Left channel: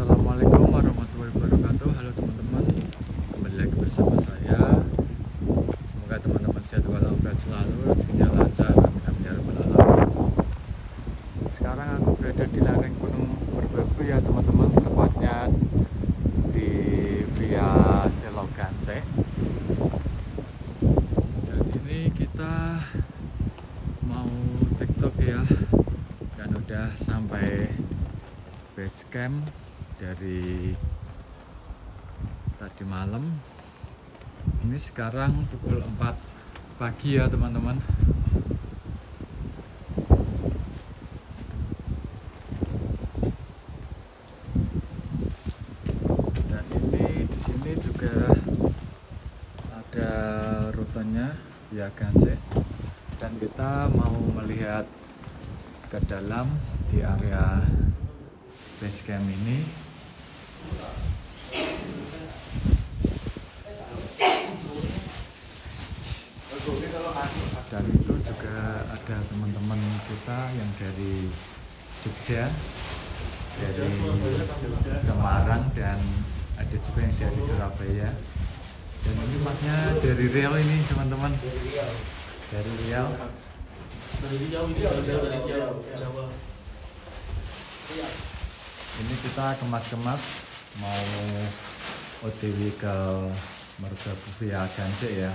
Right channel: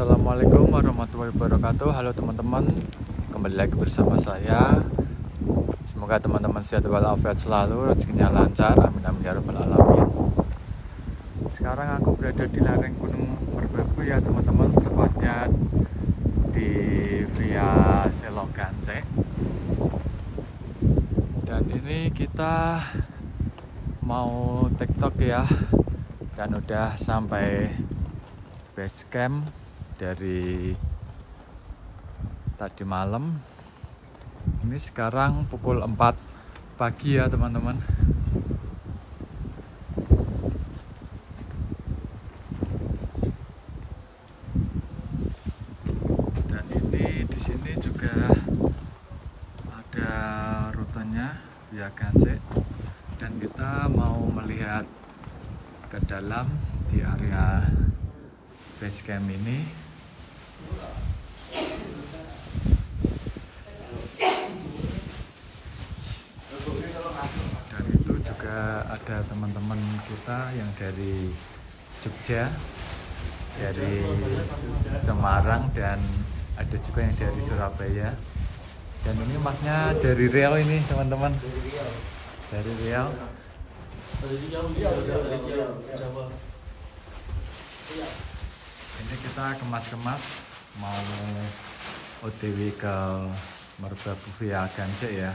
Assalamualaikum warahmatullahi wabarakatuh. Halo teman-teman, kembali lagi bersama saya. Semoga teman-teman sehat walafiat selalu, rezekinya lancar, amin amin ya rabbal alamin. Sekarang aku berada di lereng Gunung Merbabu ya teman-teman, tepatnya di Via Selogance. Dan ini kita mau TikTok ya, dan udah sampai base camp dari tadi malam. Ini sekarang pukul 4 pagi ya teman-teman. Dan ini di sini juga ada rutenya Via Gance, dan kita mau melihat ke dalam di area base camp ini. Dan itu juga ada teman-teman kita yang dari Jogja, dari Semarang, dan ada juga yang dari Surabaya. Dan ini masnya dari Riau ini teman-teman, dari Riau. Ini kita kemas-kemas mau OTW ke Merbabu Via Gance ya.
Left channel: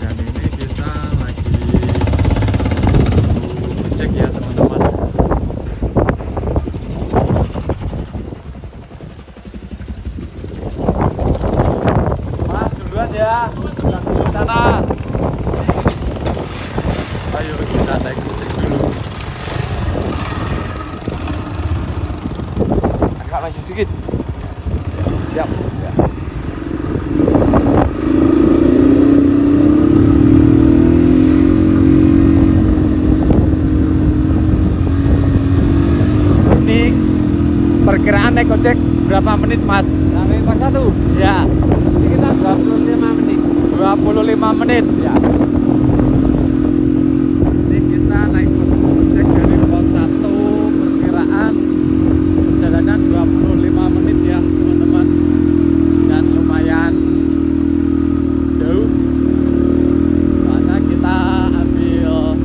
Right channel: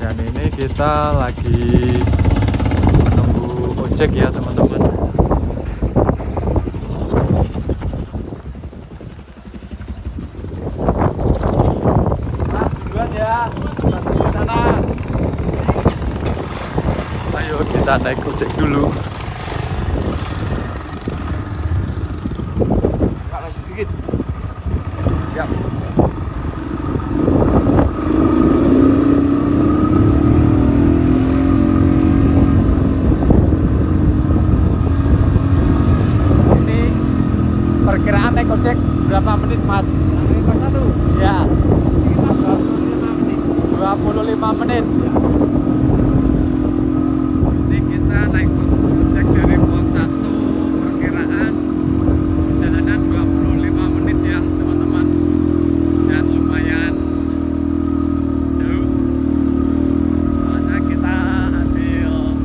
Dan ini kita lagi nunggu ojek ya teman-teman. Mas duluan ya, di sana. Ayo kita naik ojek dulu. Sedikit. Siap. Ini perkiraan naik ojek berapa menit Mas? Sampai pos 1? Ya. Ini kita 25 menit. 25 menit ya. Ini kita naik ojek dari pos 1, perkiraan jalanan 25 menit ya teman-teman, dan lumayan jauh, soalnya kita ambil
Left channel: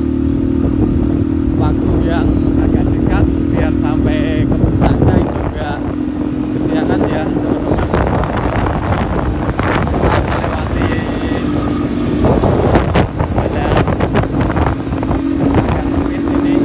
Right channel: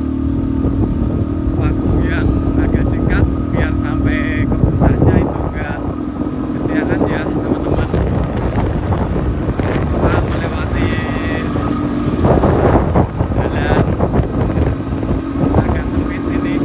waktu yang agak singkat biar sampai ke tujuannya itu enggak kesiangan ya teman-teman. Melewati jalan agak sempit ini.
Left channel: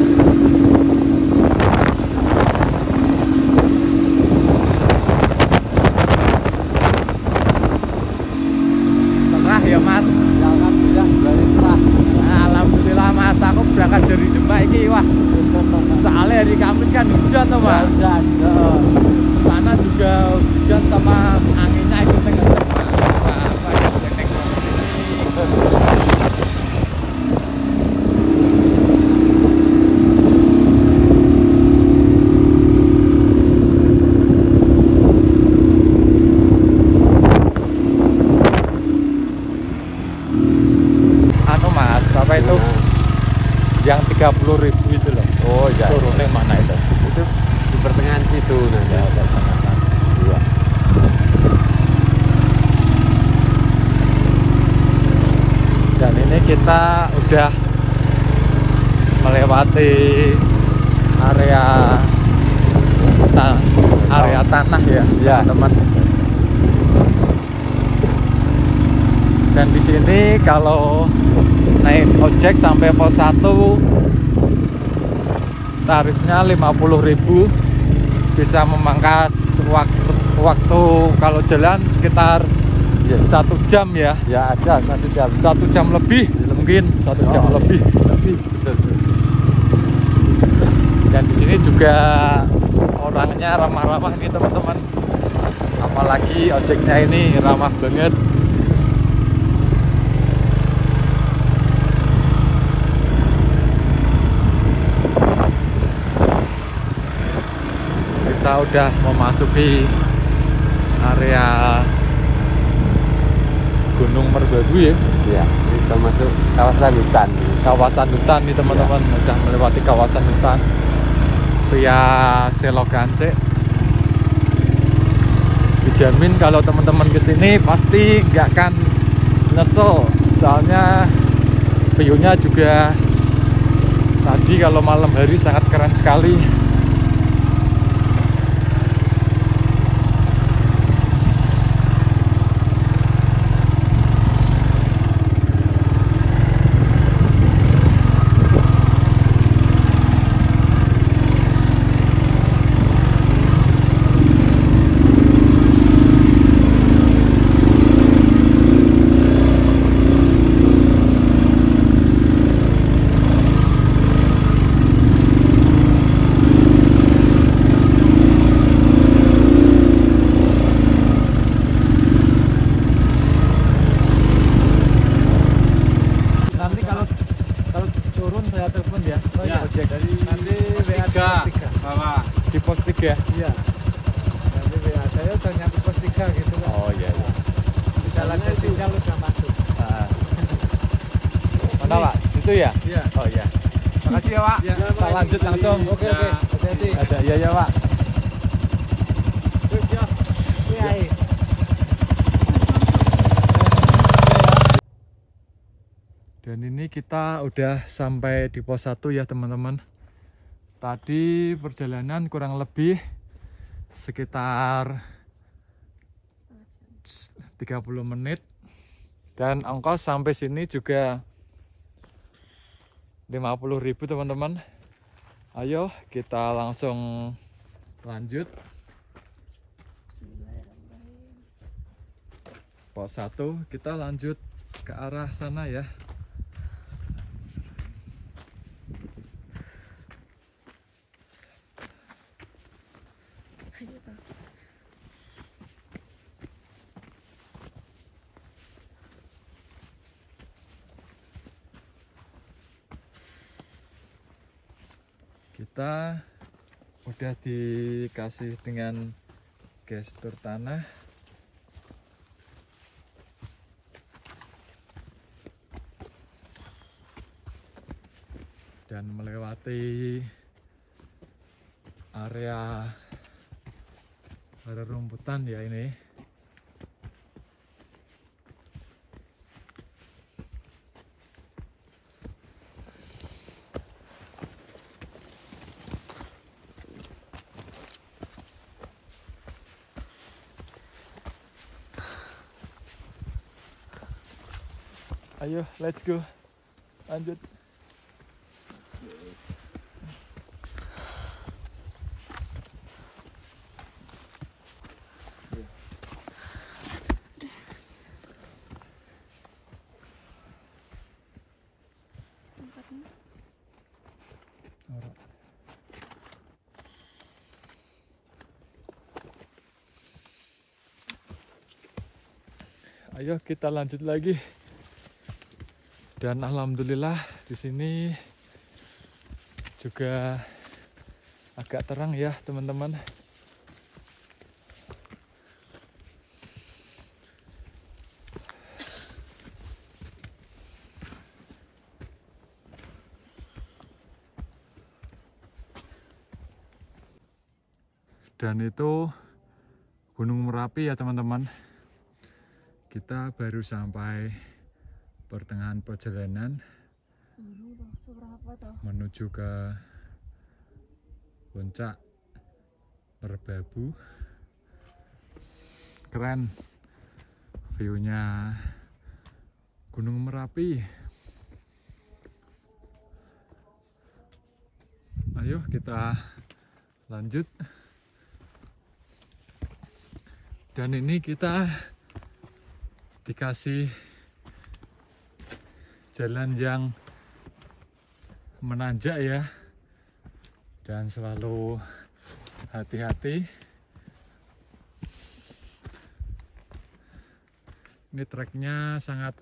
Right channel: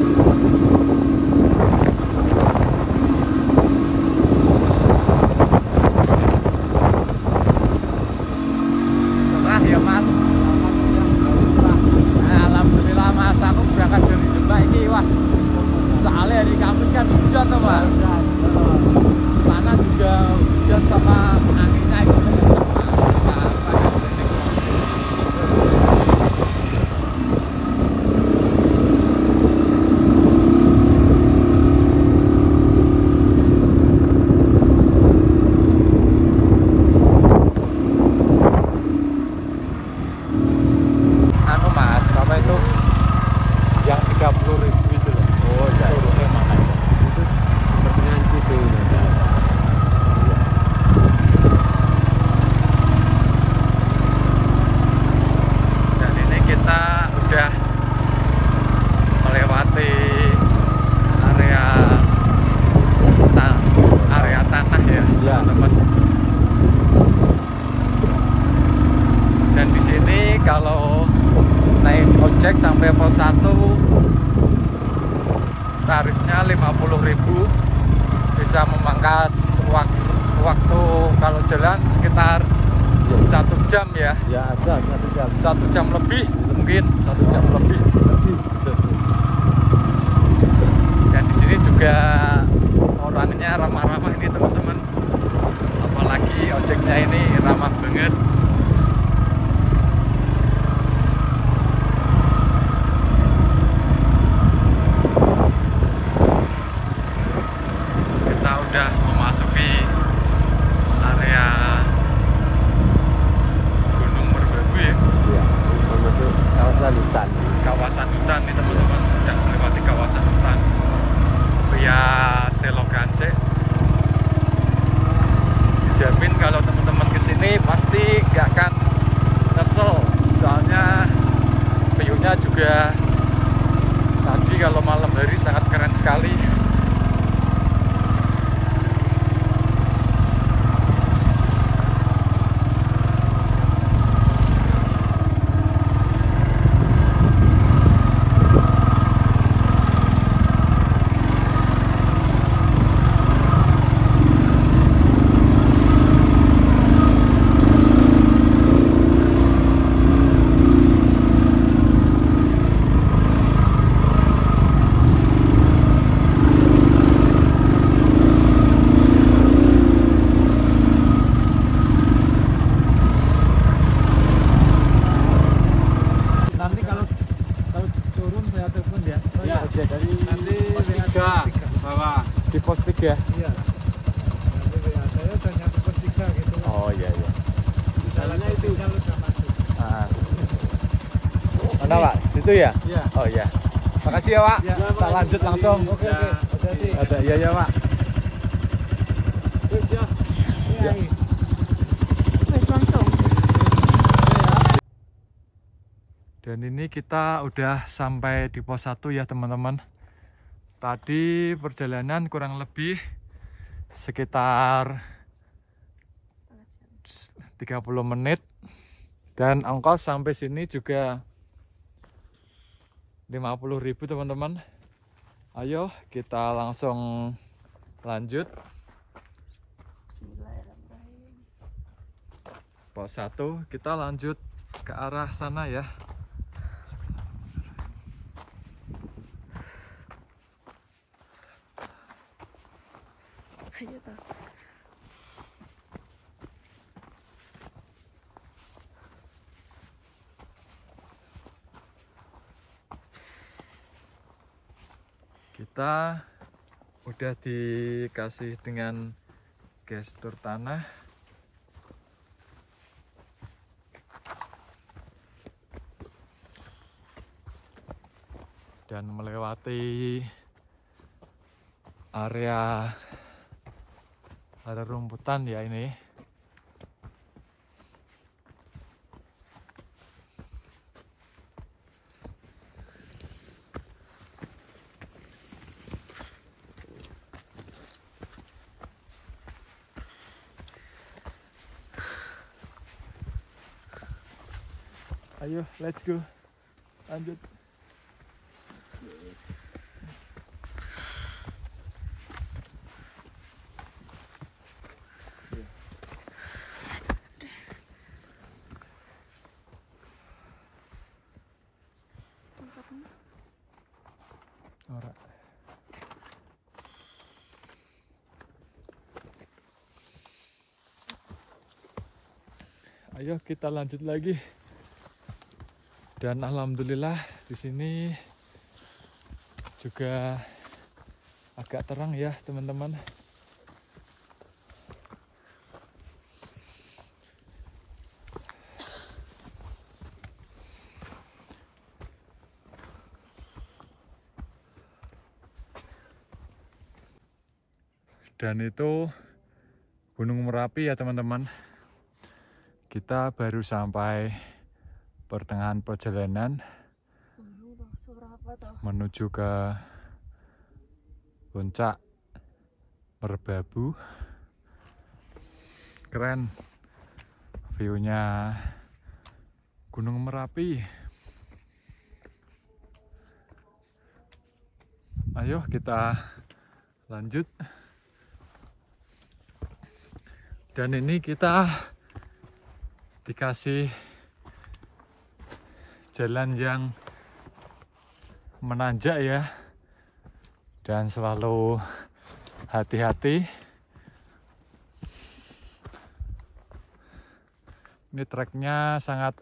Udah melewati area tanah ya teman-teman. Dan di sini kalau naik ojek sampai pos 1 tarifnya 50.000, bisa memangkas waktu kalau jalan sekitar 1 jam ya. Ya ada 1 jam. 1 jam lebih mungkin 1 jam lebih. Dan di sini juga orangnya ramah-ramah ini teman-teman. Apalagi ojeknya ini ramah banget. Kita udah memasuki area Gunung Merbabu ya. Iya, itu kawasan hutan. Kawasan hutan nih teman-teman, udah melewati kawasan hutan via selokan cek. Dijamin kalau teman-teman kesini pasti nggak akan nyesel, soalnya view-nya juga tadi kalau malam hari sangat keren sekali. Di pos 3? Iya. Nanti WA saya udah nyampe pos 3 gitu. Oh iya iya. Misalnya sinyal udah masuk. Mana Pak? Itu ya? Iya. Oh iya. Makasih ya Pak. Ya, Kita lanjut langsung. Oke, oke. Hati-hati. Ada iya ya Pak. Yuk, ya. Iya. Dan ini kita udah sampai di pos 1 ya teman-teman. Tadi perjalanan kurang lebih sekitar 30 menit. Dan ongkos sampai sini juga 50.000 teman-teman. Ayo kita langsung lanjut. Pos 1 kita lanjut ke arah sana ya. Kita udah dikasih dengan gestur tanah. Dan melewati area rumputan ya ini. Ayo, let's go. Lanjut. Ora. Ayo kita lanjut lagi. Dan alhamdulillah di sini juga agak terang ya teman-teman. Dan itu Gunung Merapi ya teman-teman. Kita baru sampai pertengahan perjalanan menuju ke puncak Merbabu. Keren view-nya Gunung Merapi. Ayo kita lanjut. Dan ini kita dikasih jalan yang menanjak ya, dan selalu hati-hati. Ini treknya sangat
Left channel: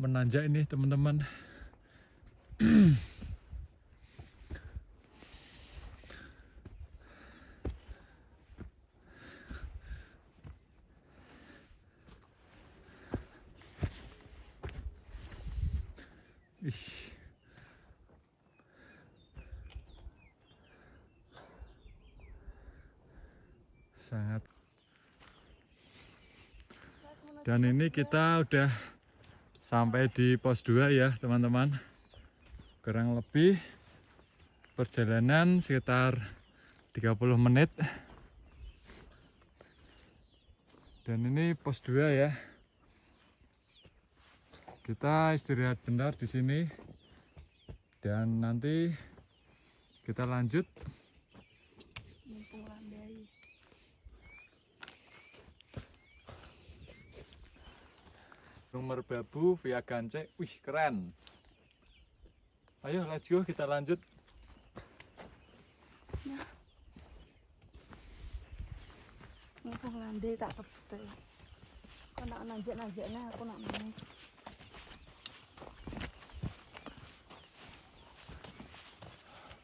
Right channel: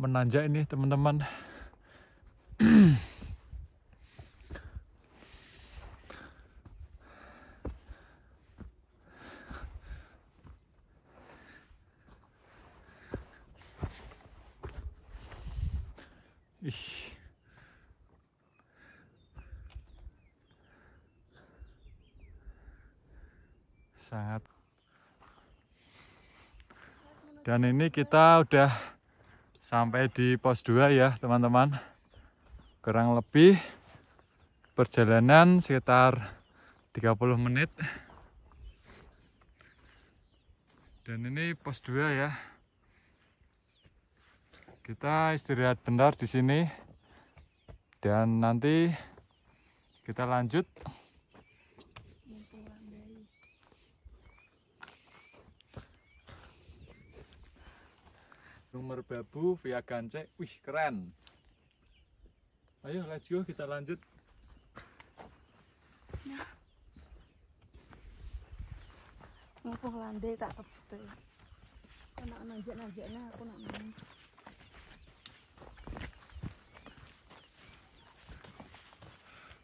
menanjak ini teman-teman. sangat. Dan ini kita udah sampai di pos 2 ya teman-teman. Kurang lebih perjalanan sekitar 30 menit. Dan ini pos 2 ya. Kita istirahat bentar di sini. Dan nanti kita lanjut. Merbabu via Gancek. Wih, keren. Ayo, let's go, kita lanjut. Nah. Ngapung landai tak kebet. Kau nak nanjak-nanjaknya, aku nak nangis.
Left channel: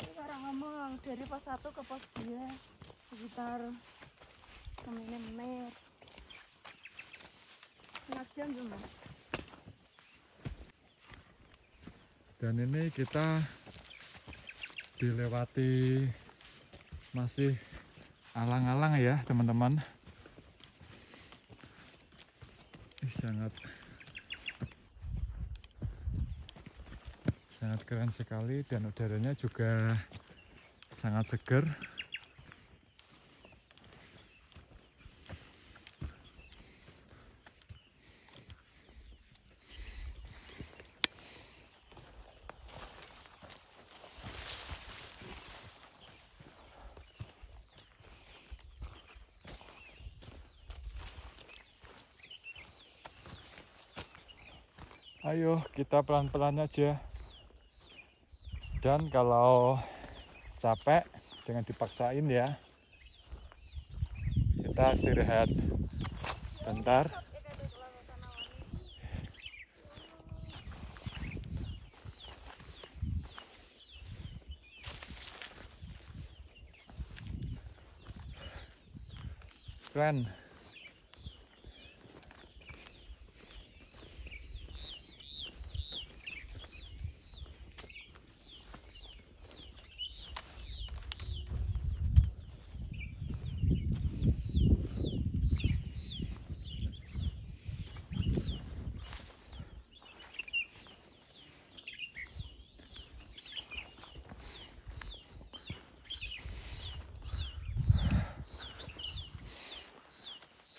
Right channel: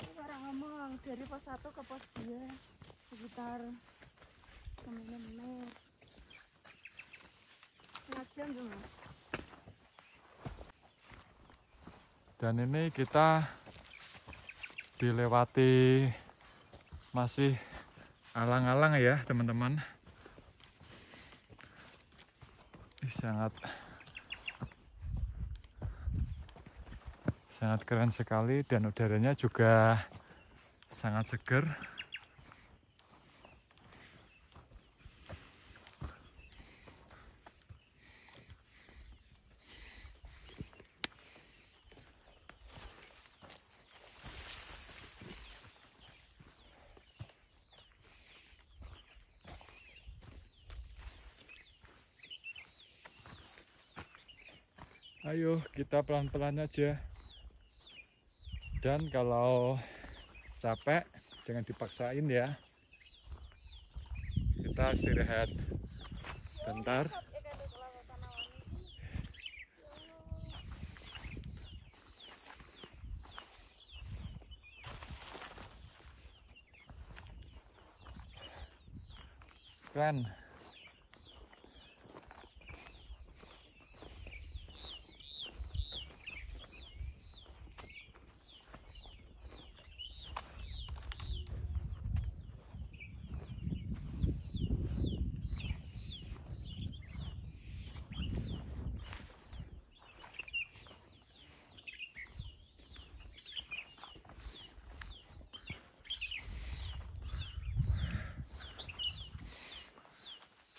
Sekarang ngomong dari pos 1 ke pos 2 sekitar 9 menit. Setengah jam cuma. Dan ini kita dilewati masih alang-alang ya teman-teman. Sangat keren sekali dan udaranya juga sangat segar. Ayo kita pelan-pelan aja. Dan kalau capek jangan dipaksain ya. Kita istirahat bentar. Keren.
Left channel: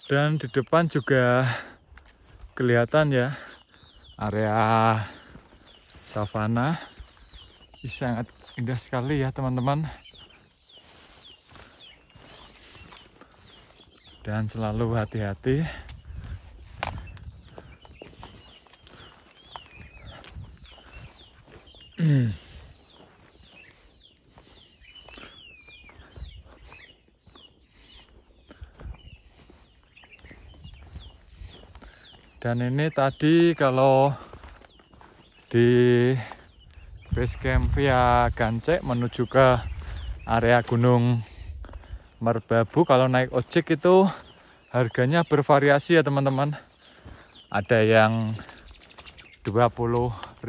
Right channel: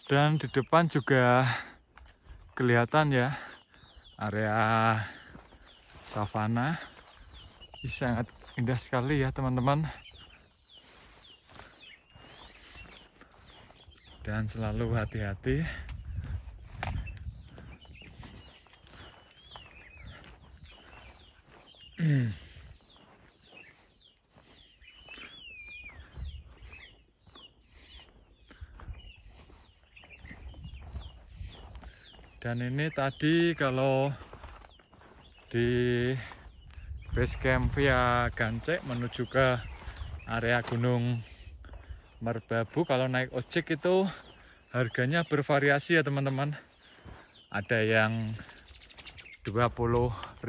Dan di depan juga kelihatan ya area savana. Ini sangat indah sekali ya teman-teman. Dan selalu hati-hati. Dan ini tadi kalau di base camp via Gancek menuju ke area Gunung Merbabu, kalau naik ojek itu harganya bervariasi ya teman-teman. Ada yang 20.000,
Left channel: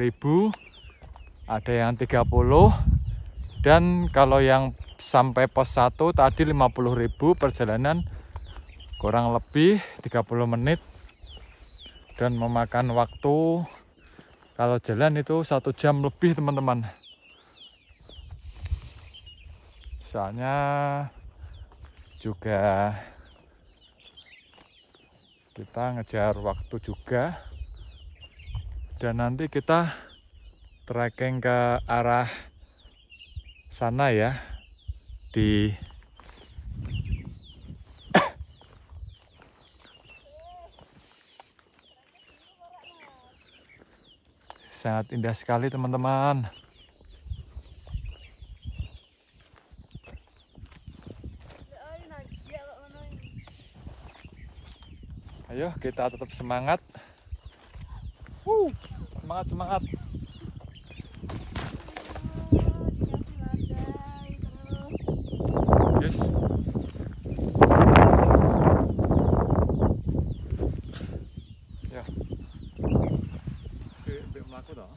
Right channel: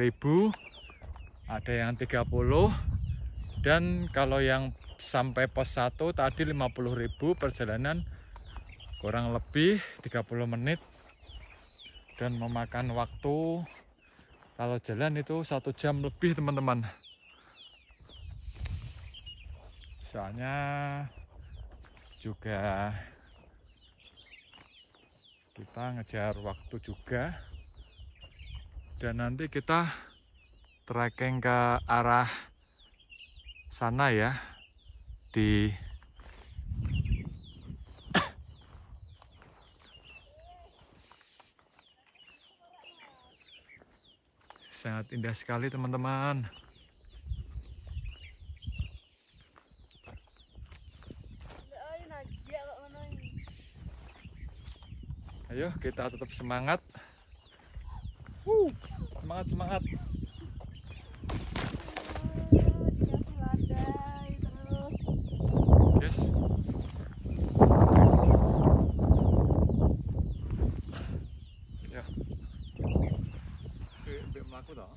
ada yang 30, dan kalau yang sampai pos 1 tadi 50.000 perjalanan kurang lebih 30 menit. Dan memakan waktu kalau jalan itu 1 jam lebih teman-teman. Soalnya juga kita ngejar waktu juga. Dan nanti kita trekking ke arah sana ya. Di sangat indah sekali teman-teman. Ayo kita tetap semangat. Semangat. Yes. Ya. Be melaku toh.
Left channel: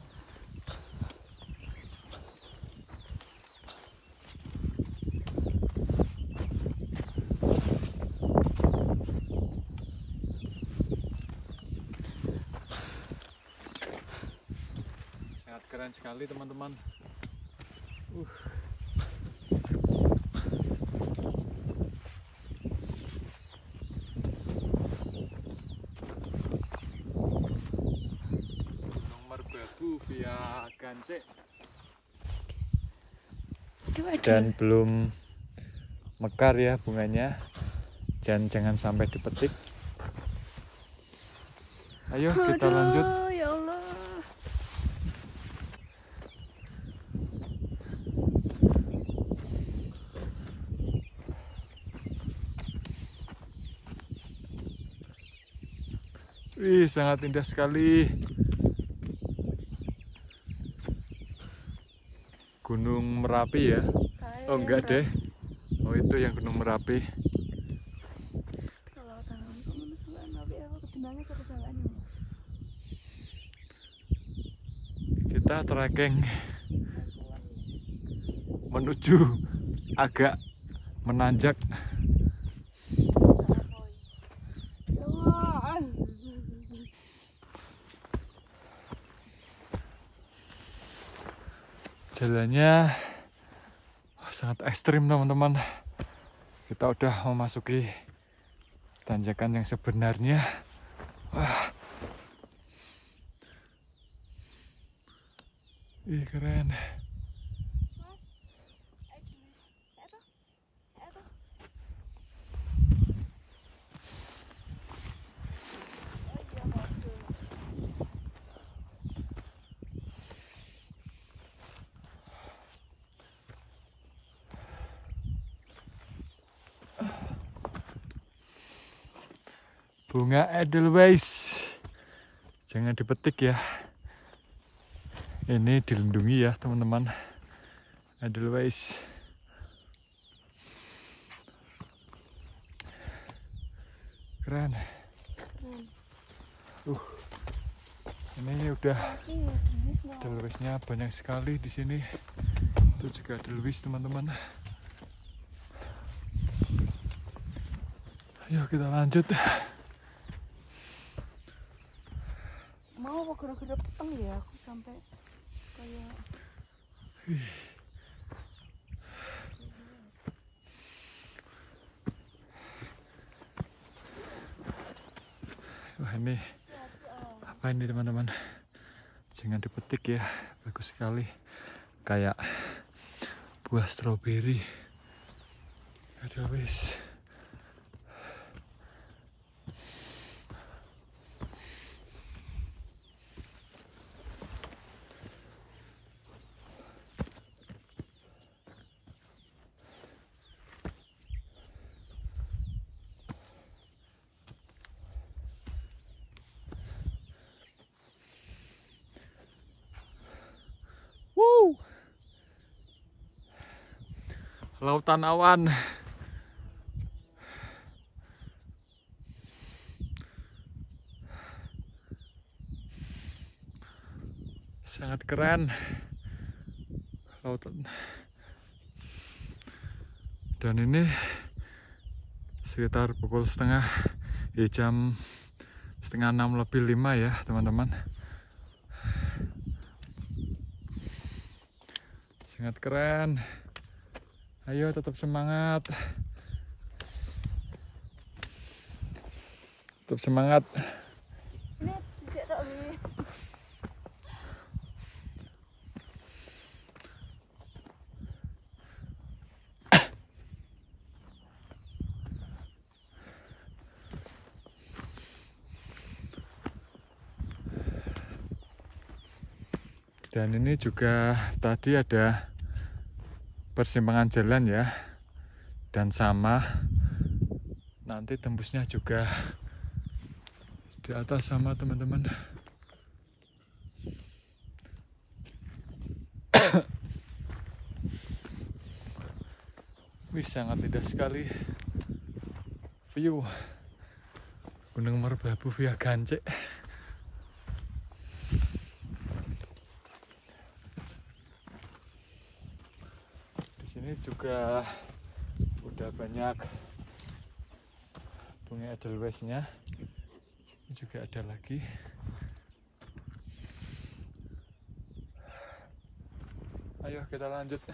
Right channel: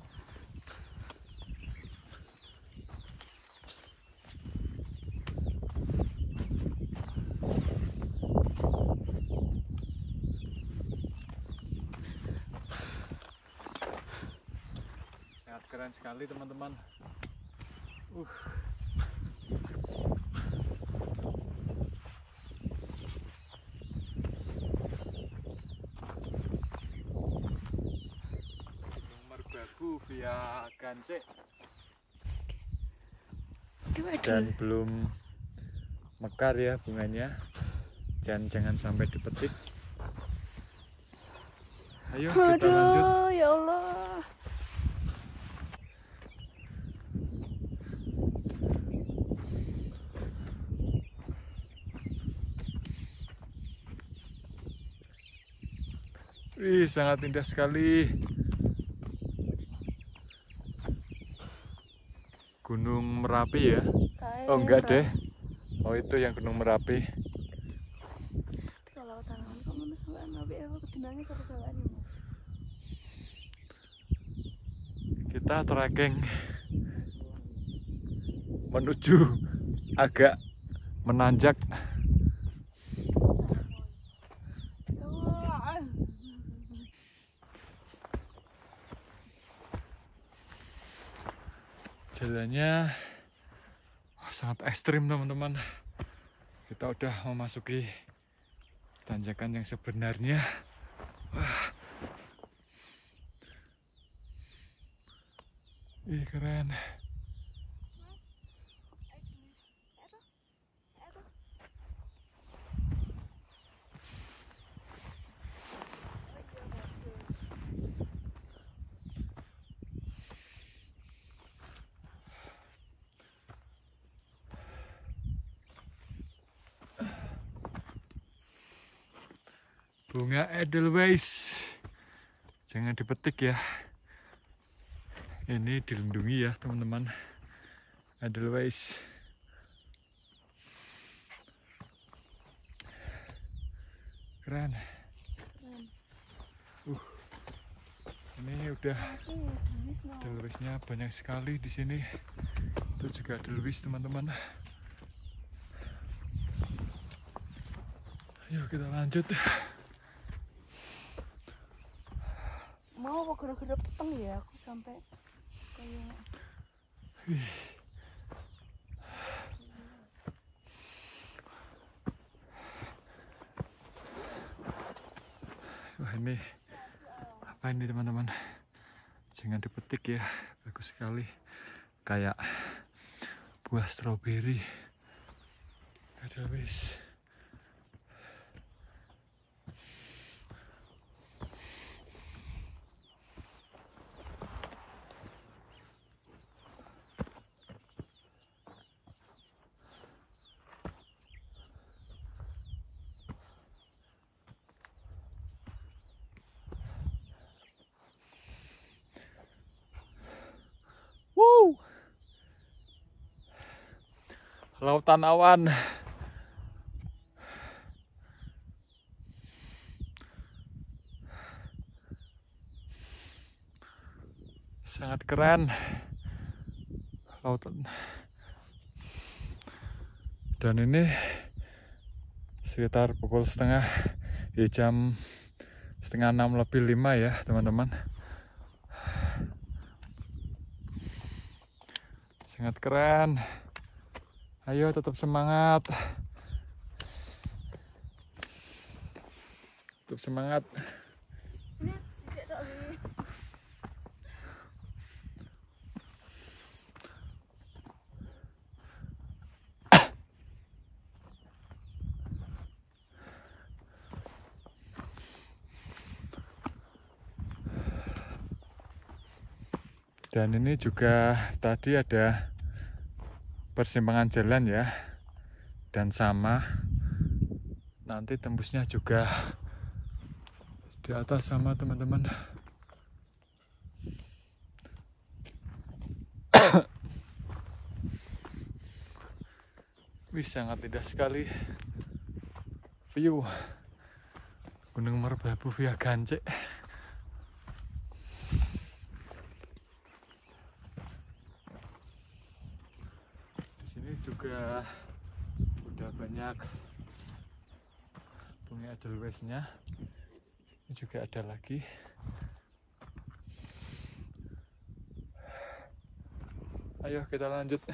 keren sekali teman-teman. Gunung Merbabu via Gancik. Dan belum mekar ya bunganya. Jangan sampai dipetik. Ayo kita lanjut. Ya Allah. Wih, sangat indah sekali. Gunung Merapi ya. Oh enggak deh. Oh itu yang Gunung Merapi. Kalau tangan kok minus Merapi, aku kedengarannya satu sama ini, Mas. Kita trekking menuju agak menanjak. Ya Allah. Jalannya sangat ekstrim teman-teman. Kita udah memasuki tanjakan yang sebenarnya. Wah. Ih keren. Bunga Edelweiss, jangan dipetik ya. Ini dilindungi ya teman-teman. Edelweiss. Keren. Ini udah Edelweissnya banyak sekali di sini. Itu juga Edelweiss teman-teman. Ayo kita lanjut. Mau apa gara-gara peteng ya aku sampai kayak Wah ini apa ini teman-teman? Jangan dipetik ya, bagus sekali. Kayak buah stroberi. Edelweiss. Lautan awan. Sangat keren. Lautan. Dan ini sekitar pukul jam 5:30 lebih 5 ya teman-teman. Sangat keren. Ayo tetap semangat. Tetap semangat. ini sejak tak ini. Dan ini juga tadi ada persimpangan jalan ya, dan sama nanti tembusnya juga di atas sama teman-teman. Wih sangat indah sekali view Gunung Merbabu via Gancik. Ini juga udah banyak bunga Edelweiss-nya. Ini juga ada lagi. Ayo kita lanjut.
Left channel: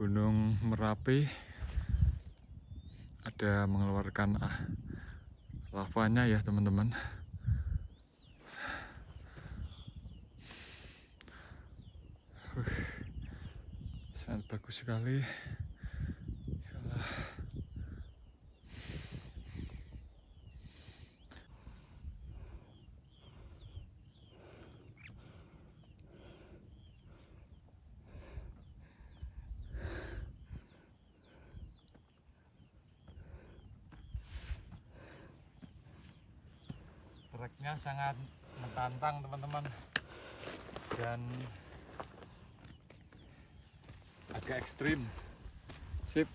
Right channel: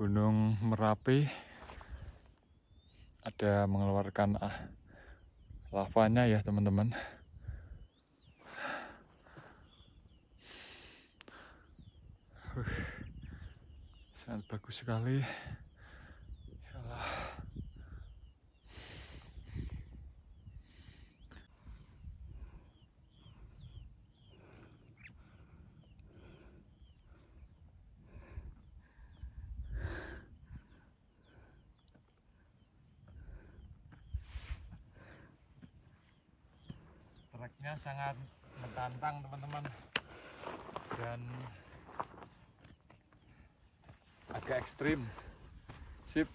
Gunung Merapi ada mengeluarkan lavanya ya teman-teman. Sangat bagus sekali. Yalah. Treknya sangat menantang teman-teman dan agak ekstrim. Sip.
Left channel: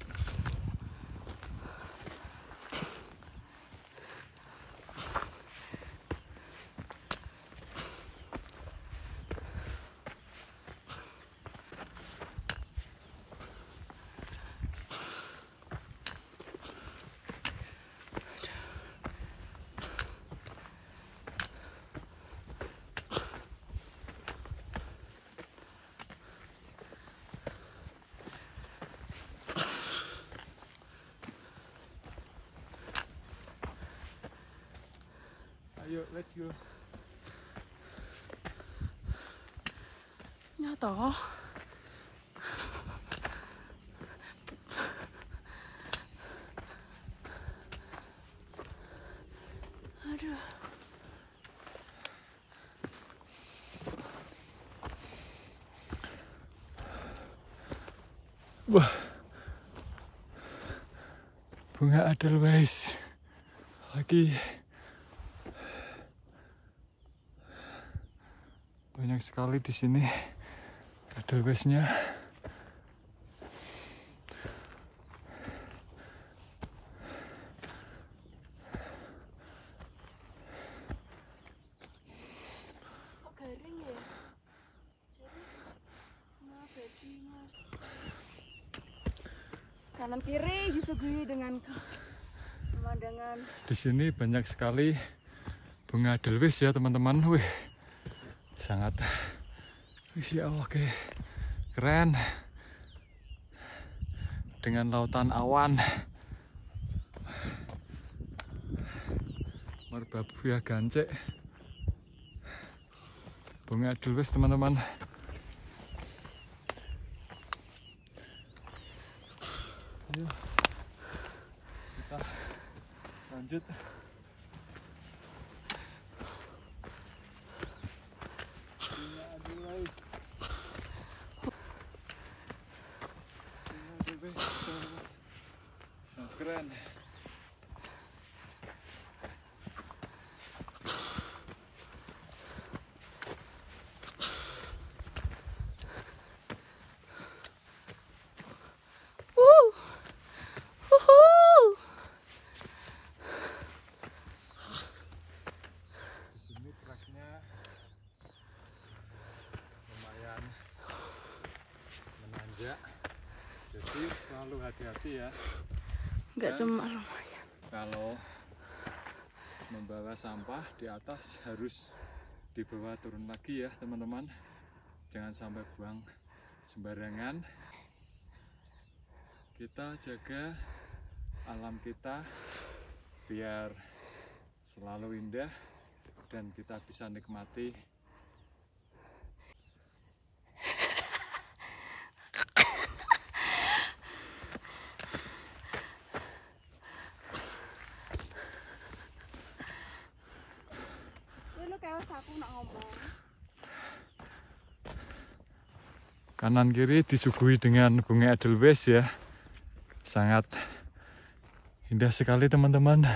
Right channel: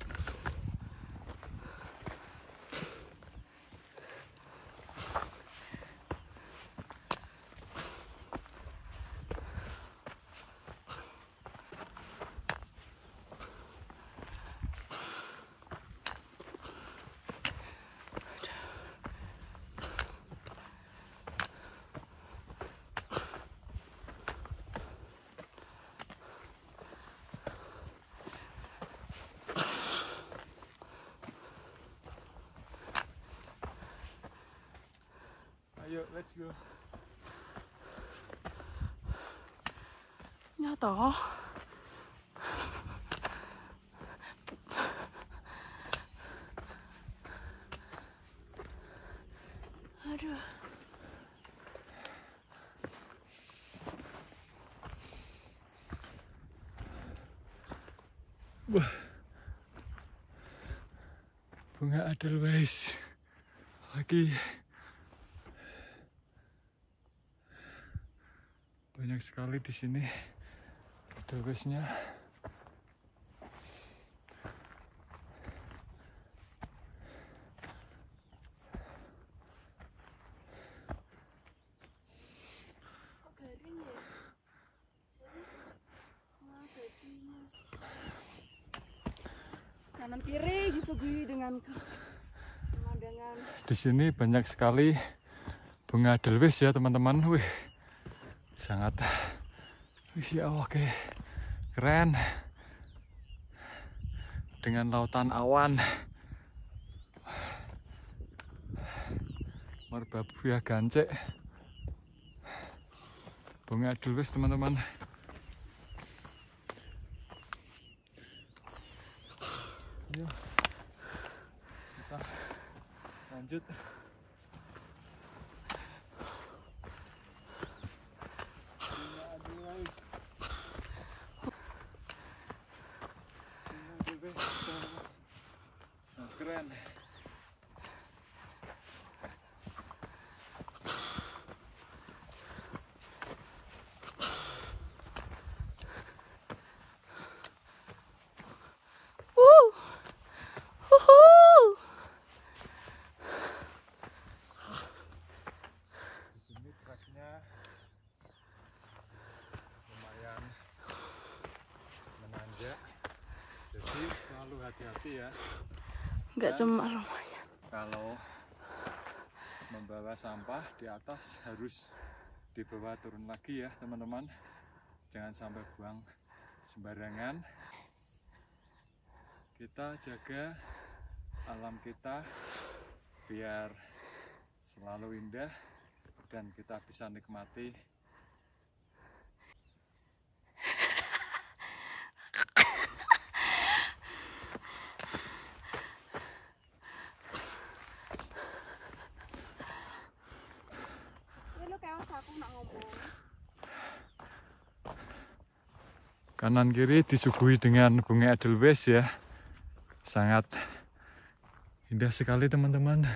Ayo, let's go. Ya toh. Aduh. Wah. Bunga edelweiss. Lagi. Banyak sekali di sini edelweissnya. Garing ya. Jadi kanan kiri disuguhi dengan pemandangan. Di sini banyak sekali bunga edelweiss ya teman-teman. Wih. Sangat, ya oke, keren. Dengan lautan awan, merbabu ya gancek, bunga edelweiss teman-teman. Ayo, kita lanjut. Sangat keren. Di sini treknya lumayan menanjak, jadi selalu hati-hati ya. Nggak cuma lumayan. Kalau membawa sampah di atas harus dibawa turun lagi ya teman-teman. Jangan sampai buang sembarangan. Kita jaga alam kita biar selalu indah dan kita bisa nikmati aku nak ngomong. Kanan kiri disuguhi dengan bunga edelweiss ya. Sangat indah sekali teman-teman.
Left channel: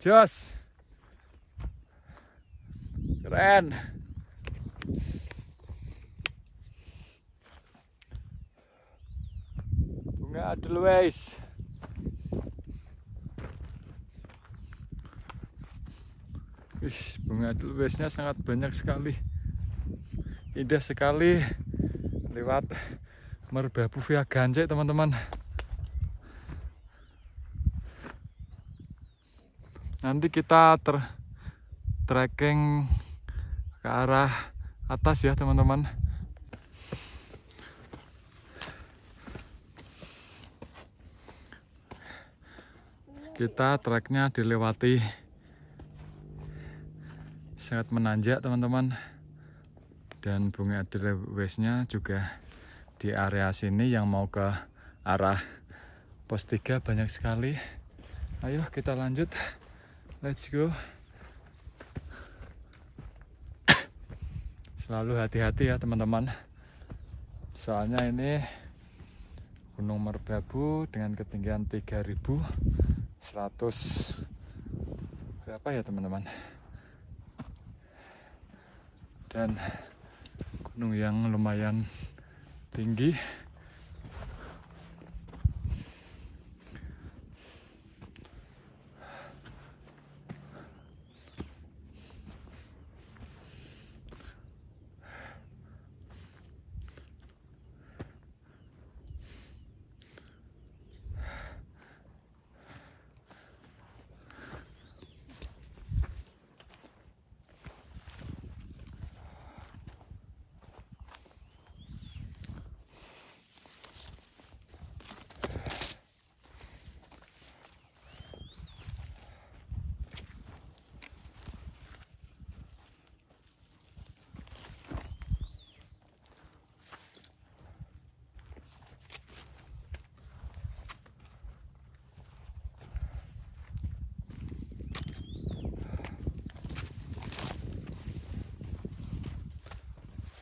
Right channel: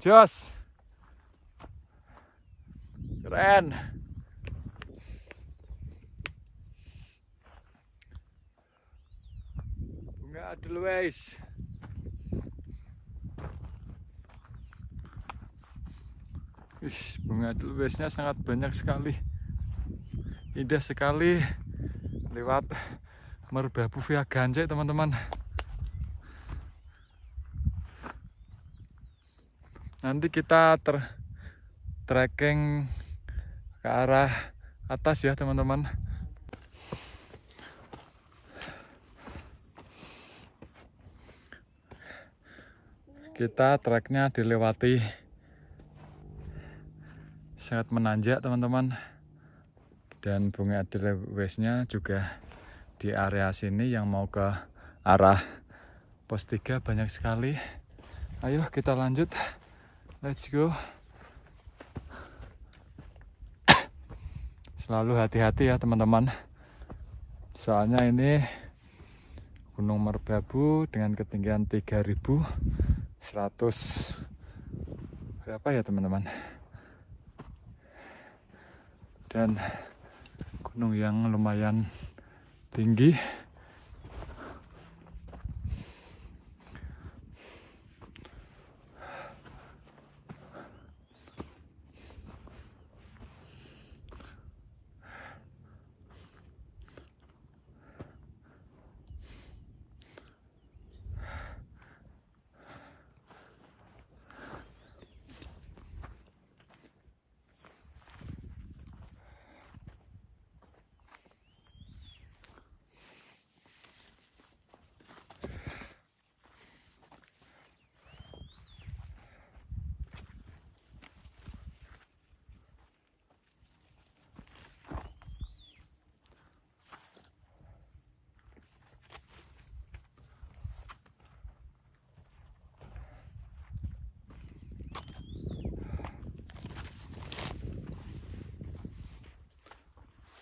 Jos. Keren. Bunga edelweiss. Bunga edelweissnya sangat banyak sekali. Indah sekali lewat Merbabu via Gancik teman-teman. Nanti kita trekking ke arah atas ya teman-teman. Kita treknya dilewati sangat menanjak teman-teman, dan bunga edelweissnya juga di area sini yang mau ke arah pos 3 banyak sekali. Ayo kita lanjut, let's go. Selalu hati-hati ya teman-teman, soalnya ini Gunung Merbabu dengan ketinggian 3100 berapa ya teman-teman, dan gunung yang lumayan tinggi.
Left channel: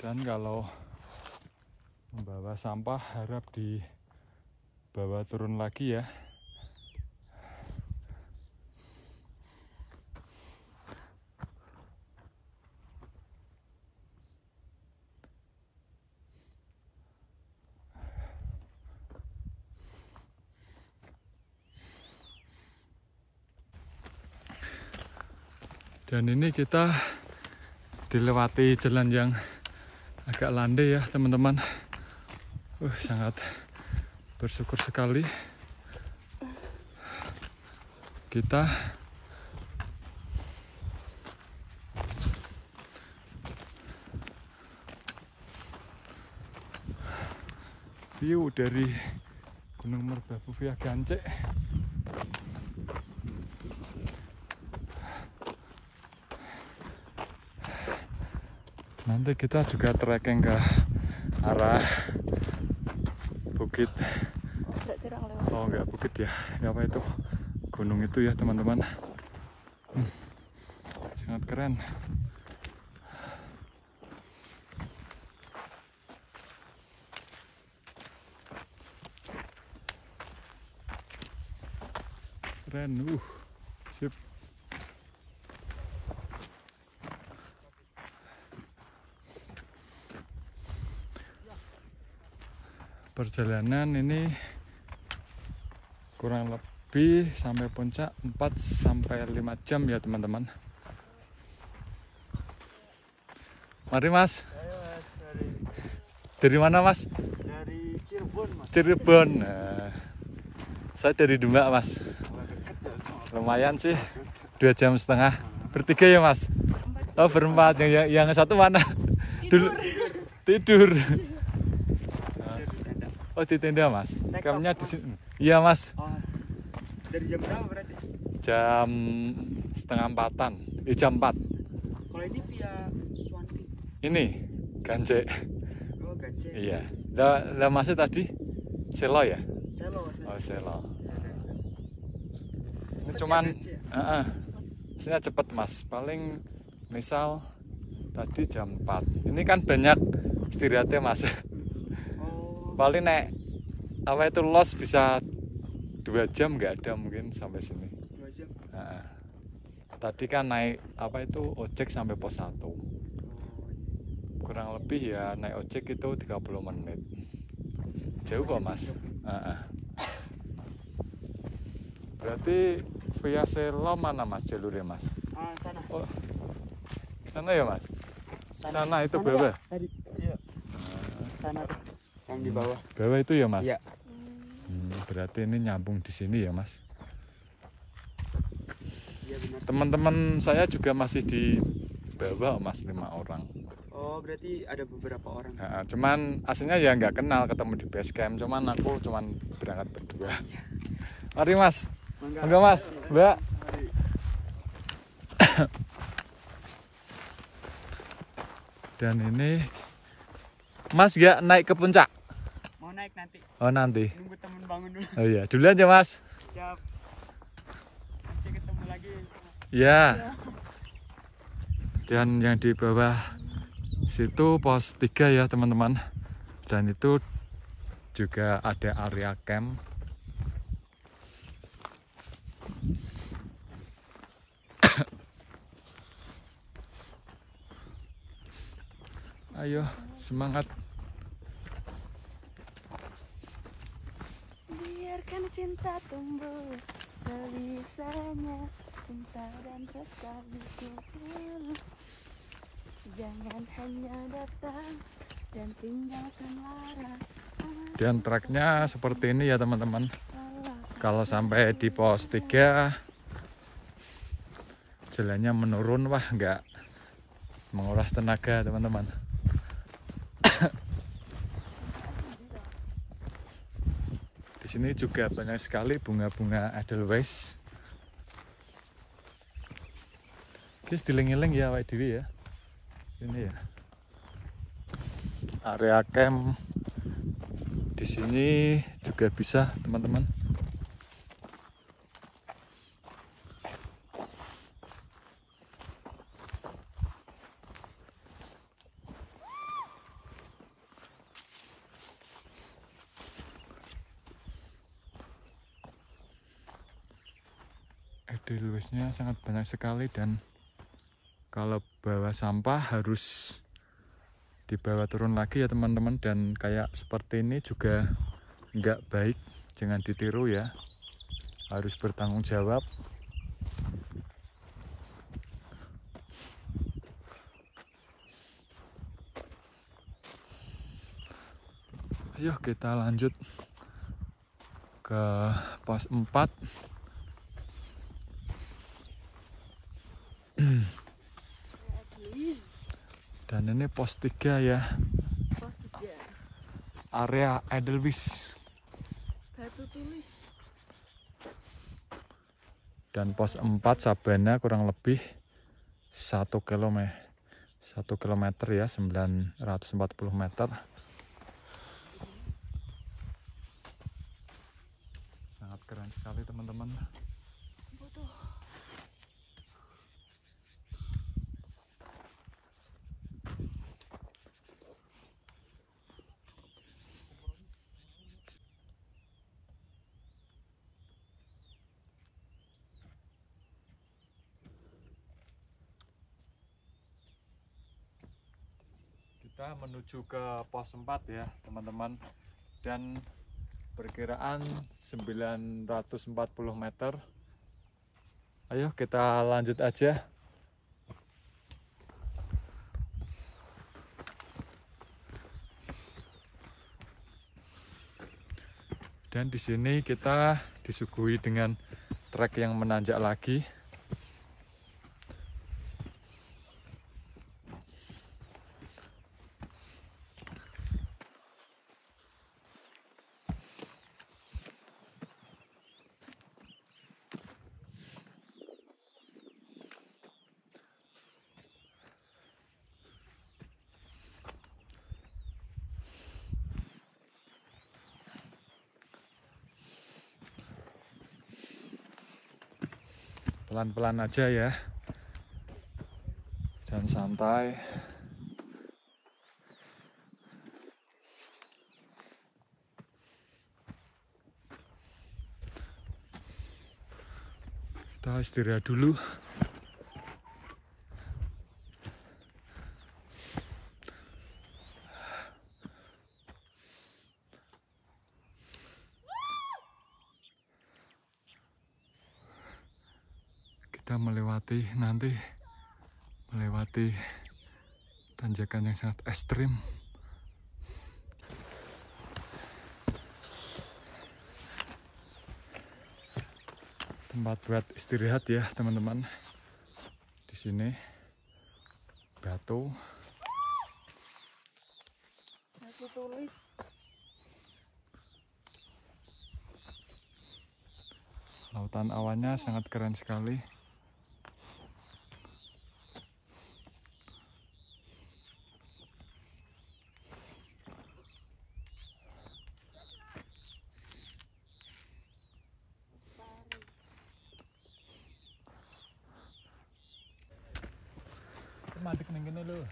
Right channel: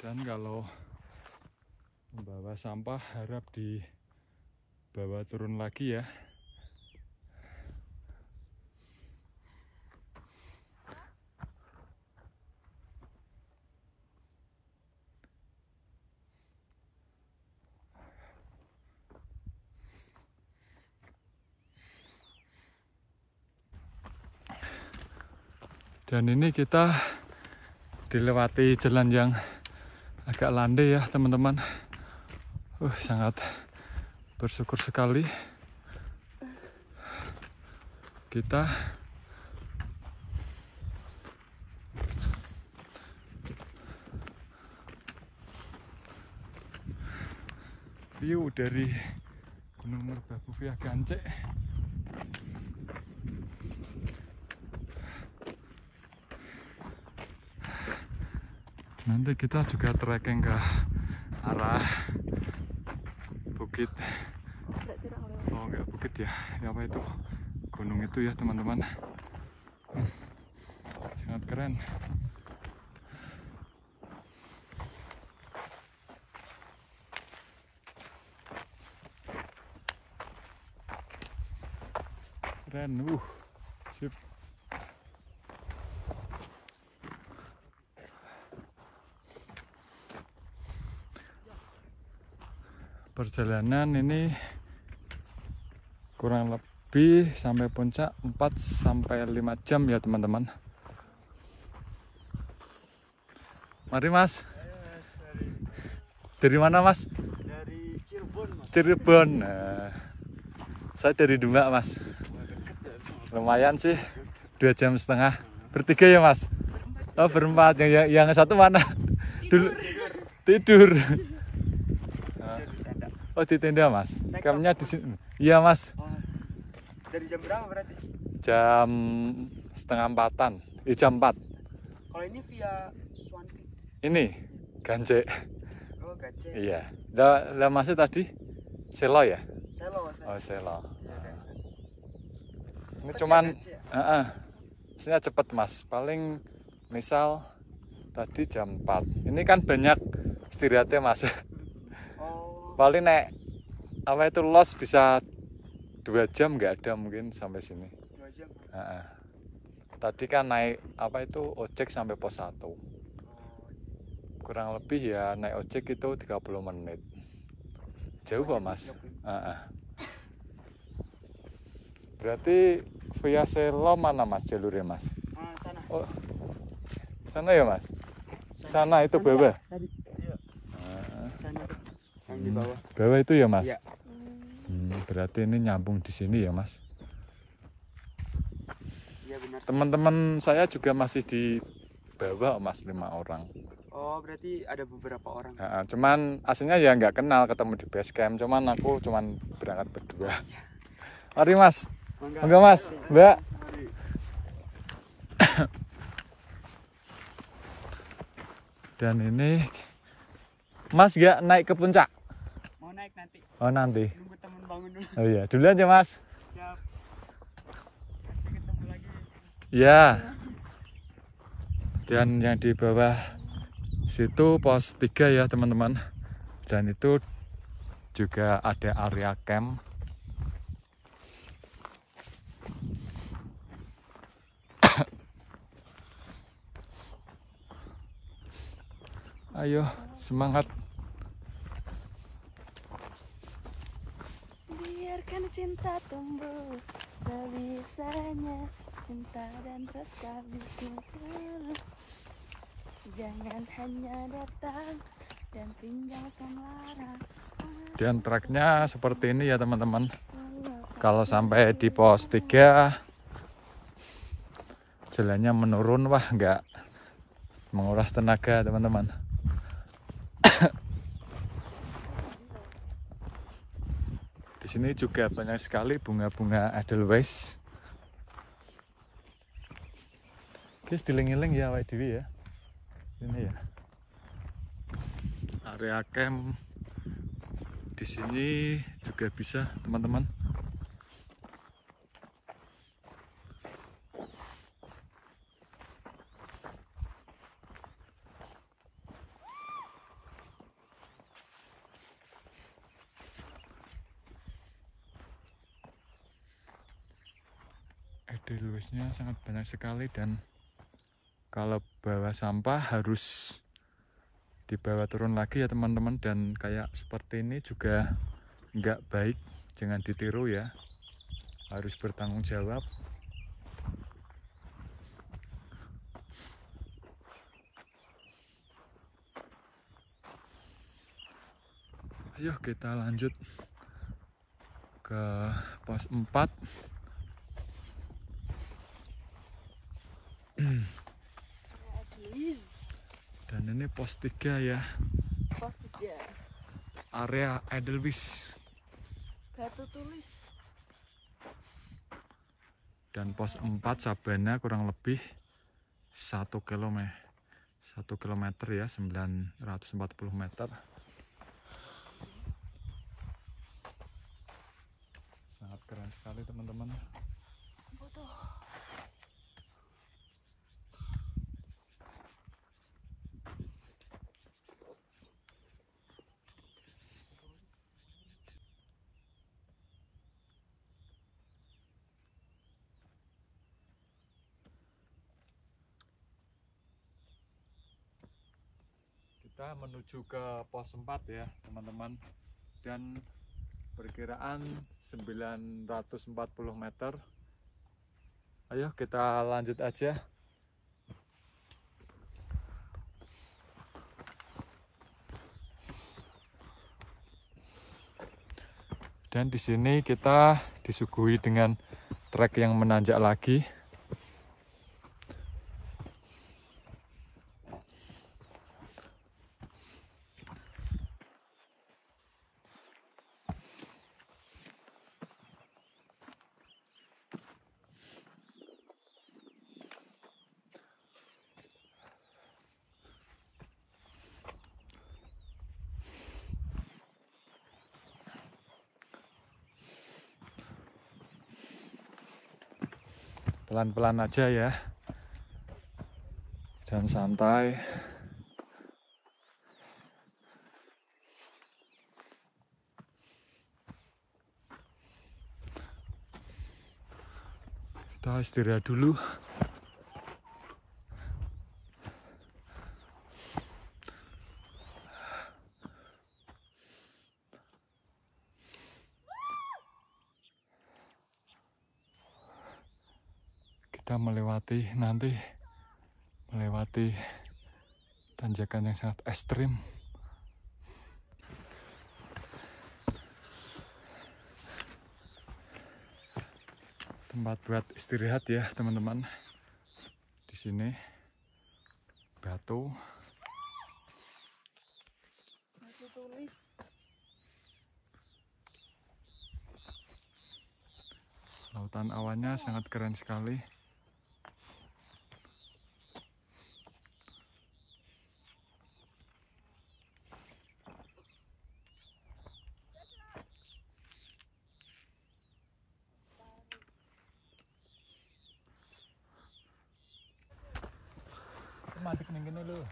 Dan kalau membawa sampah harap dibawa turun lagi ya. Dan ini kita dilewati jalan yang agak landai ya teman-teman. Sangat bersyukur sekali kita view dari Gunung Merbabu via Gancik. Nanti kita juga trekking ke arah bukit. Oh enggak bukit ya, apa itu? Gunung itu ya teman-teman. Sangat keren. Keren, sip. Perjalanan ini kurang lebih sampai puncak 4-5 jam ya teman-teman. Mari mas. Dari mana mas? Dari Cirebon mas. Cirebon. Saya dari Demak mas. Lumayan sih, 2,5 jam. Bertiga ya mas? Oh berempat. Yang satu mana? Dulu tidur. Oh di tenda mas, kampnya di sini. Iya mas. Dari jam berapa berarti? Jam 3:30-an, jam 4. Kalau ini via Swanti. Ini Gancik. Oh Gancik. Iya. Lah masih tadi Selo ya? Selo. Oh Selo. Ya, Ini cuman Hasilnya cepet mas, paling misal tadi jam 4. Ini kan banyak istirahatnya mas. Oh, Paling nek apa itu los bisa 2 jam nggak ada mungkin sampai sini. 2 jam. Nah, tadi kan naik apa itu ojek sampai pos 1. Oh, Kurang lebih ya naik ojek itu 30 menit. Jauh kok mas. Berarti via Selo mana mas jalurnya mas? sana. Oh, sana ya mas? Sana itu bawah? Tadi. Iya. Sana tuh. Yang di bawah. Bawah itu ya mas? Iya. Berarti ini nyambung di sini ya mas? Iya benar. Teman-teman saya juga masih di bawah mas, 5 orang. Oh, berarti ada beberapa orang. Nah, cuman aslinya ya nggak kenal, ketemu di base camp. Cuman aku cuman berangkat berdua. Mari mas. Enggak mas, mbak. Dan ini mas nggak naik ke puncak? Mau naik nanti. Oh nanti. Nunggu temen bangun dulu. Oh iya, dulu aja mas. Siap. Nanti ketemu lagi. Ya. Dan yang di bawah situ pos 3 ya teman-teman. Dan itu juga ada area camp. Ayo semangat. Biarkan cinta tumbuh sebisanya, cinta dan rasa bikin. Jangan hanya datang dan tinggalkan lara. Dan treknya seperti ini ya teman-teman. Kalau sampai di pos 3 jalannya menurun, wah nggak menguras tenaga teman-teman. Di sini juga banyak sekali bunga-bunga Edelweiss. Guys, diling-iling ya awake dhewe ya. Ini ya. Area camp di sini juga bisa, teman-teman. Edelweissnya sangat banyak sekali, dan kalau bawa sampah harus dibawa turun lagi ya teman-teman. Dan kayak seperti ini juga nggak baik, jangan ditiru ya, harus bertanggung jawab. Ayo kita lanjut ke pos 4. Dan ini pos 3 ya, Pos 3. area Edelweiss. Batu tulis. Dan pos 4 Sabana kurang lebih 1 kilometer ya, 940 meter. Sangat keren sekali teman-teman. Kita menuju ke pos 4 ya teman-teman, dan perkiraan 940 meter. Ayo kita lanjut aja. Dan di sini kita disuguhi dengan trek yang menanjak lagi. pelan-pelan aja ya, dan santai. Kita istirahat dulu. Kita melewati tanjakan yang sangat ekstrim. Tempat buat istirahat ya teman-teman. Di sini batu. Masih tulis. Lautan awannya sangat keren sekali. Mandek ning kene lho.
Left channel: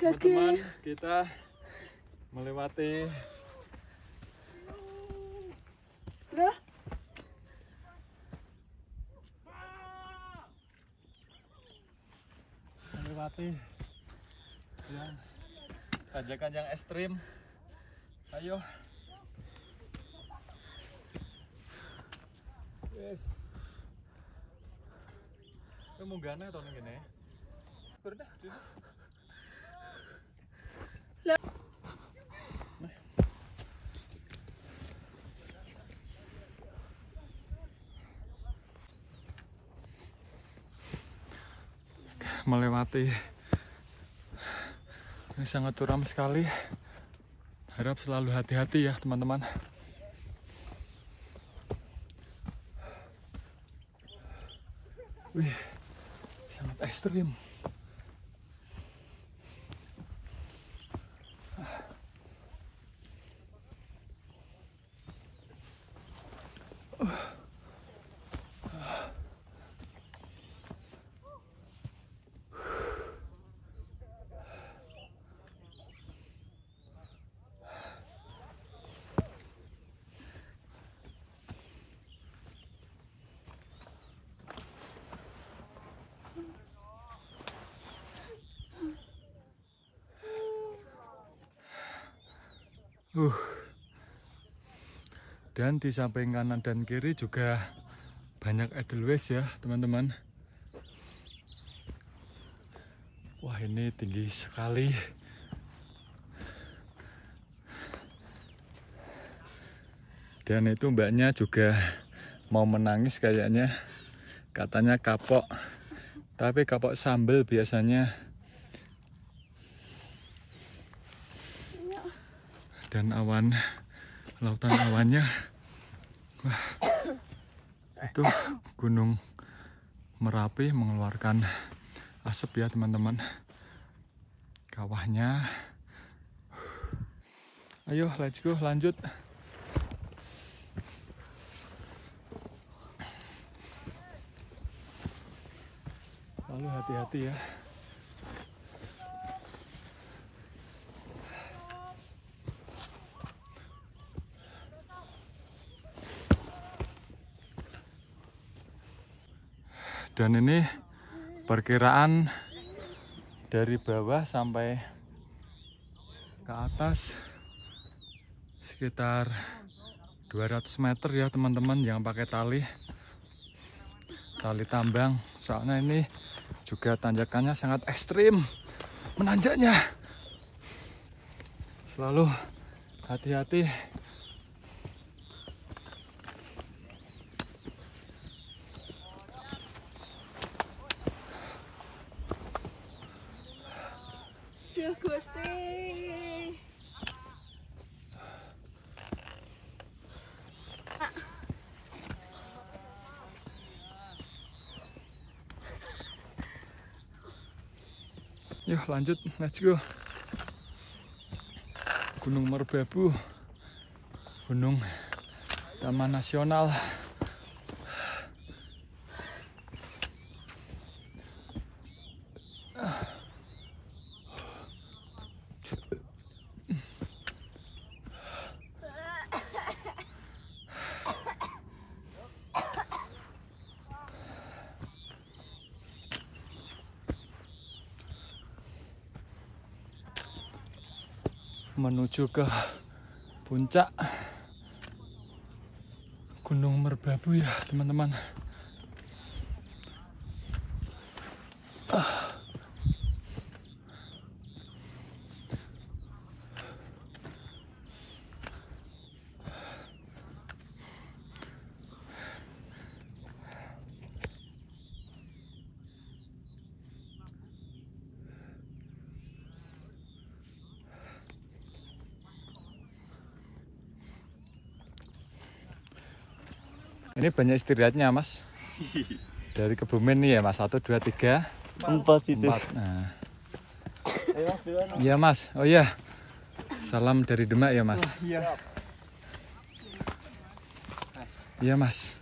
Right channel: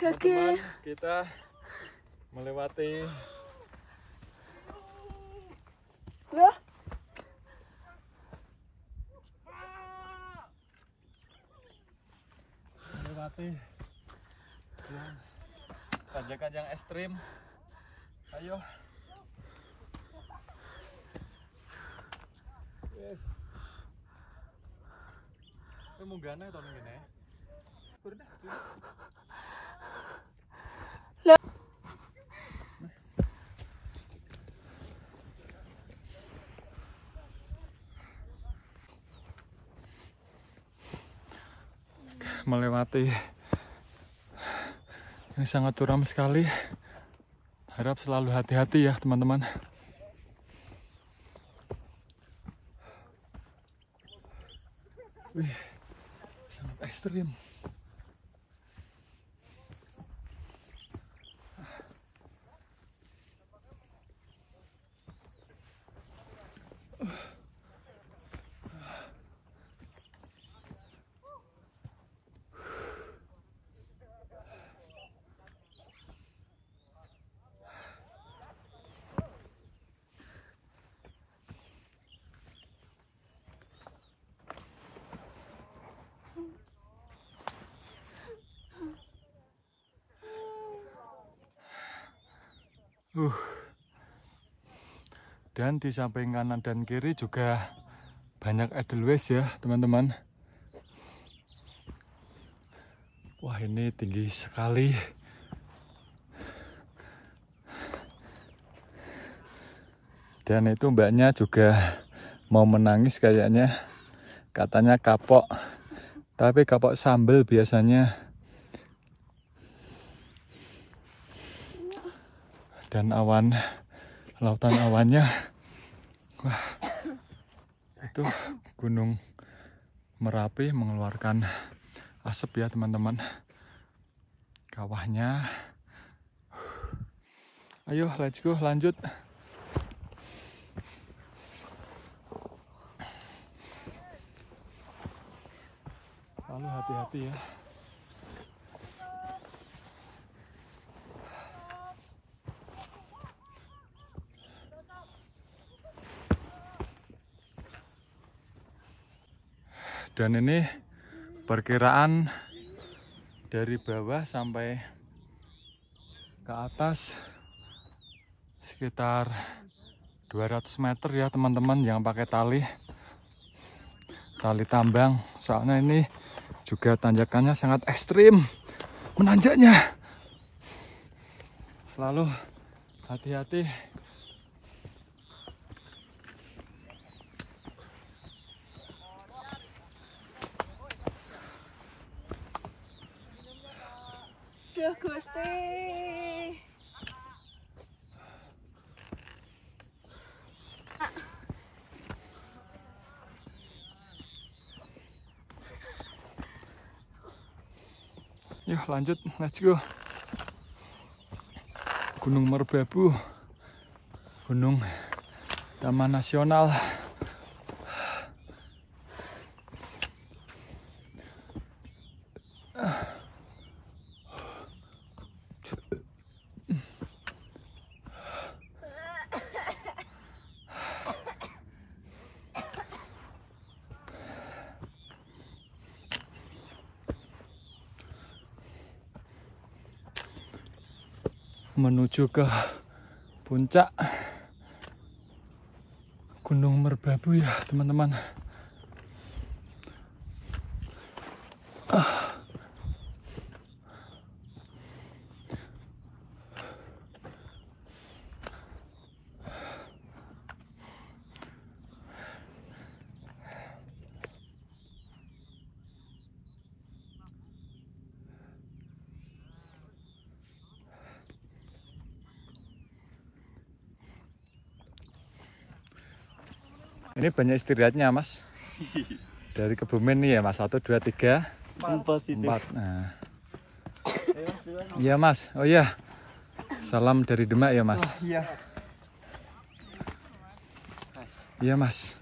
Teman-teman, kita melewati Loh, yang tanjakan yang ekstrim. Ayo. Yes. Munggahnya atau ning kene? Pernah. Melewati ini sangat curam sekali. Harap selalu hati-hati ya teman-teman. Wih, sangat ekstrim. Dan di samping kanan dan kiri juga banyak edelweiss ya teman-teman. Wah, ini tinggi sekali. Dan itu mbaknya juga mau menangis kayaknya. Katanya kapok. Tapi kapok sambal biasanya. Dan lautan awannya, wah, itu Gunung Merapi mengeluarkan asap ya teman-teman. Kawahnya, ayo let's go, lanjut. Lalu hati-hati ya. Dan ini perkiraan dari bawah sampai ke atas sekitar 200 meter ya teman-teman, yang pakai tali tambang. Soalnya ini juga tanjakannya sangat ekstrim menanjaknya. Selalu hati-hati. Duh Gusti. Yuk lanjut, let's go. Gunung Merbabu, Gunung Taman Nasional. menuju ke puncak Gunung Merbabu ya teman-teman. Ini banyak istirahatnya mas. Dari Kebumen nih ya mas. 1, 2, 3, 4. Nah. Iya mas. Oh iya. Salam dari Demak ya mas. Iya. Iya mas.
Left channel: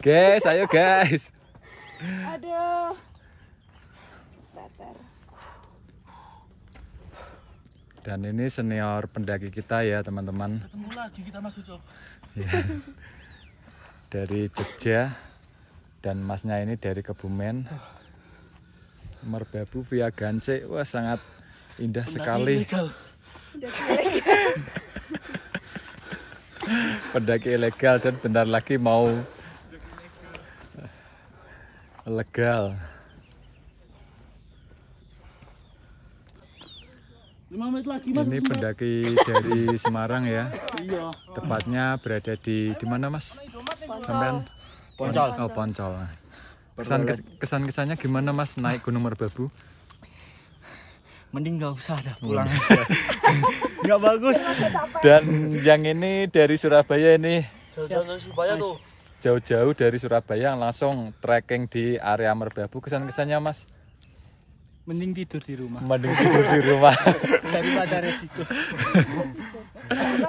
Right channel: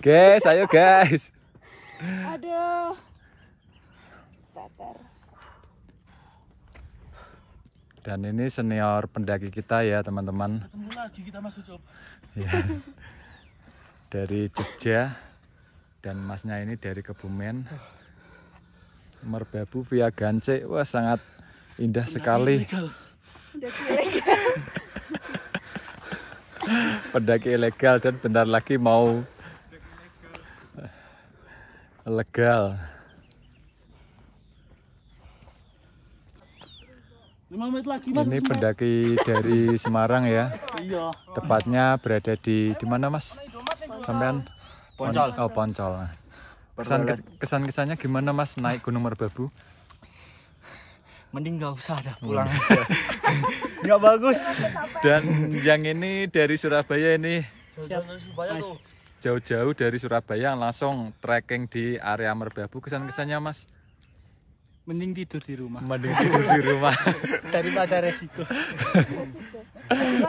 Guys, ayo guys. Aduh. Dan ini senior pendaki kita ya teman-teman. Ketemu lagi kita Mas Ucop. Ya. Dari Jogja dan masnya ini dari Kebumen. Merbabu via Gance. Wah sangat indah sekali. Pendaki ilegal dan bentar lagi mau legal. 5 menit lagi Mas. Ini pendaki dari Semarang ya. Iya. Tepatnya berada di mana Mas? Sampean? Poncol. Oh, Poncol. Kesan-kesannya gimana Mas naik Gunung Merbabu? Mending nggak usah dah pulang. Nggak bagus. Dan yang ini dari Surabaya ini. Jauh-jauh dari Surabaya langsung trekking di area Merbabu. Kesan-kesannya Mas? Mending tidur di rumah. Mending tidur di rumah. Daripada resiko.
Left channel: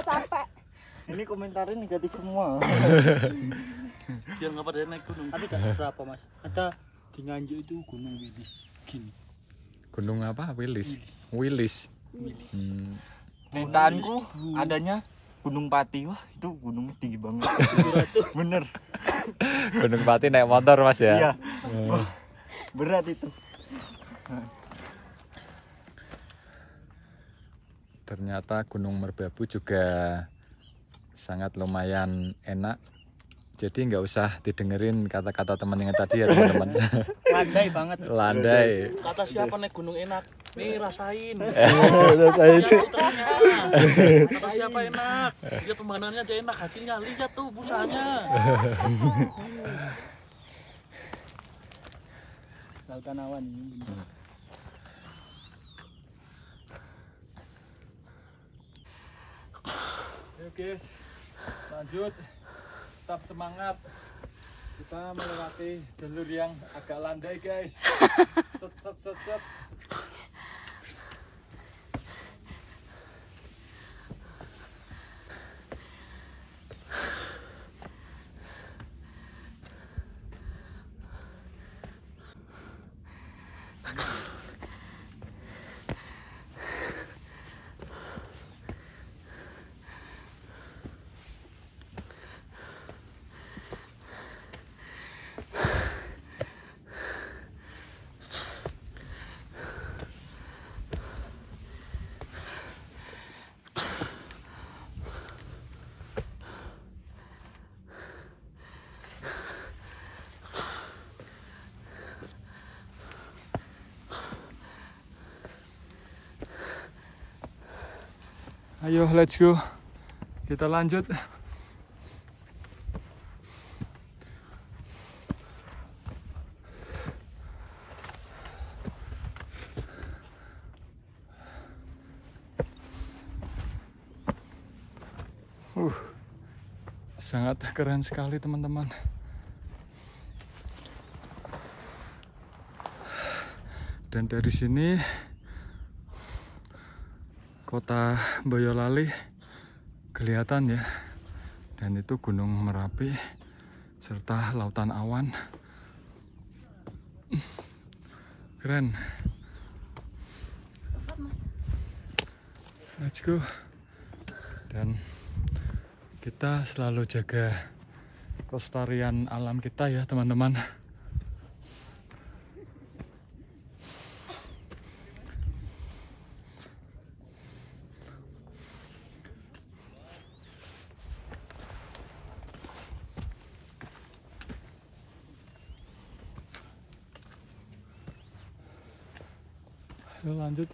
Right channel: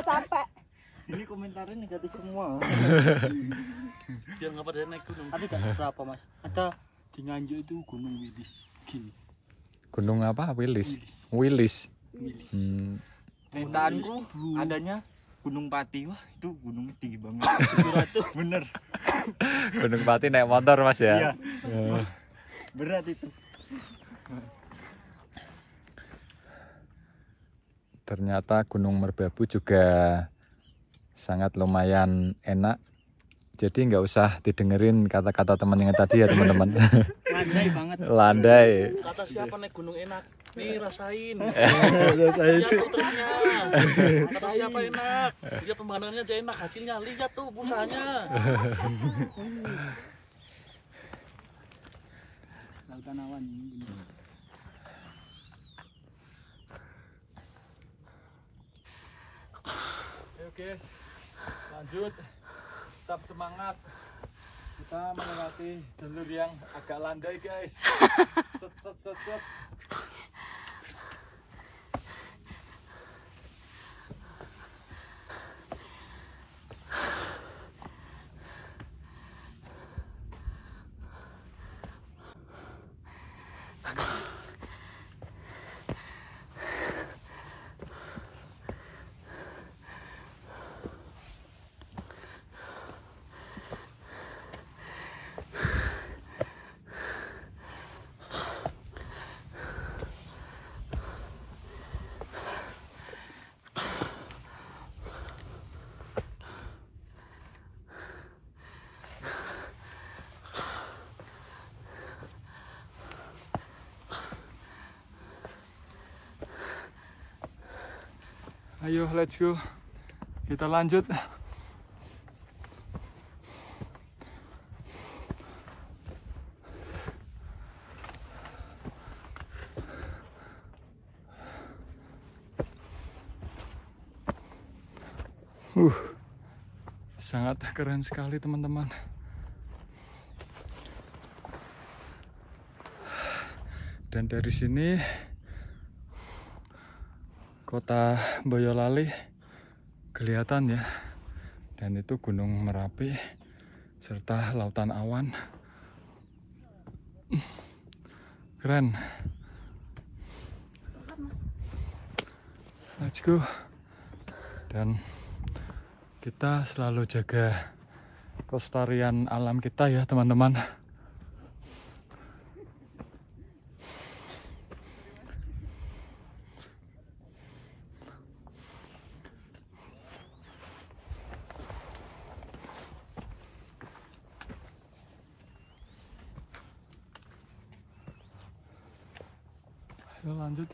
Capek. Ini komentarnya negatif semua. Biar nggak pada naik gunung. Tadi kan berapa Mas? Ada di Nganjuk itu Gunung Wilis. Gini. Gunung apa? Wilis. Permintaanku adanya Gunung Pati. Wah itu gunungnya tinggi banget. Bener. Gunung Pati naik motor Mas ya? Iya. Wah, berat itu. Ternyata Gunung Merbabu juga sangat lumayan enak. Jadi nggak usah didengerin kata-kata teman yang tadi ya teman-teman. Landai banget. Landai. Kata siapa naik gunung enak? Nih rasain. Rasain. Lihat putranya. Kata siapa enak? Lihat pemandangannya aja enak, hasilnya lihat tuh busanya. Lautan awan ini. Ayo guys, lanjut. Tetap semangat. Kita melewati jalur yang agak landai guys. Set. Ayo let's go. Kita lanjut. Sangat keren sekali teman-teman. Dan dari sini kota Boyolali kelihatan ya. Dan itu Gunung Merapi serta lautan awan. Keren. Let's go. Dan kita selalu jaga kelestarian alam kita ya teman-teman. Yuk lanjut.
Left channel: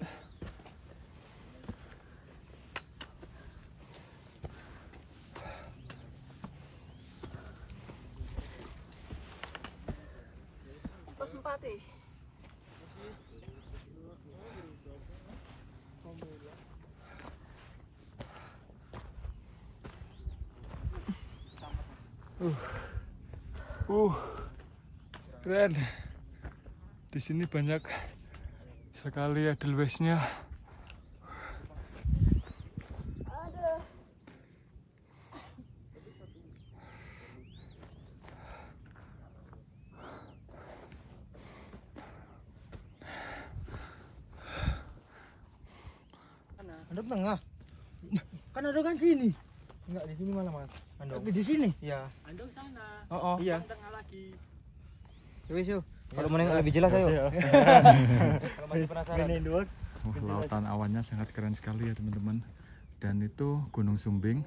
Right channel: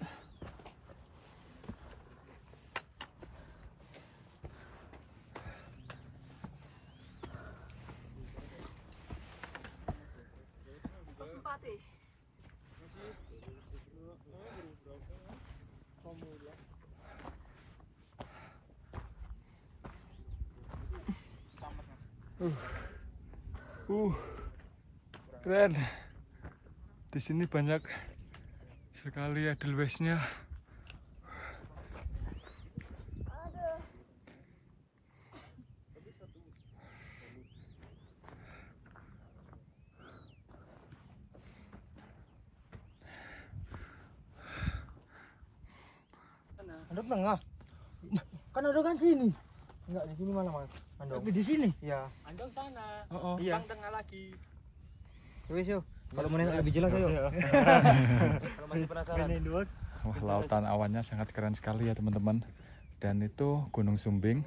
Sempati. Keren. Di sini banyak sekali edelweissnya. Ada tengah. Kan ada kan sini. Enggak di sini malah mas. Tapi di sini. Iya. Andong sana. Oh, iya. Tengah lagi. Wes yuk. Kalau mau nengok lebih jelas ayo. Kalau masih penasaran. Wah, lautan awannya sangat keren sekali ya teman-teman. Dan itu Gunung Sumbing.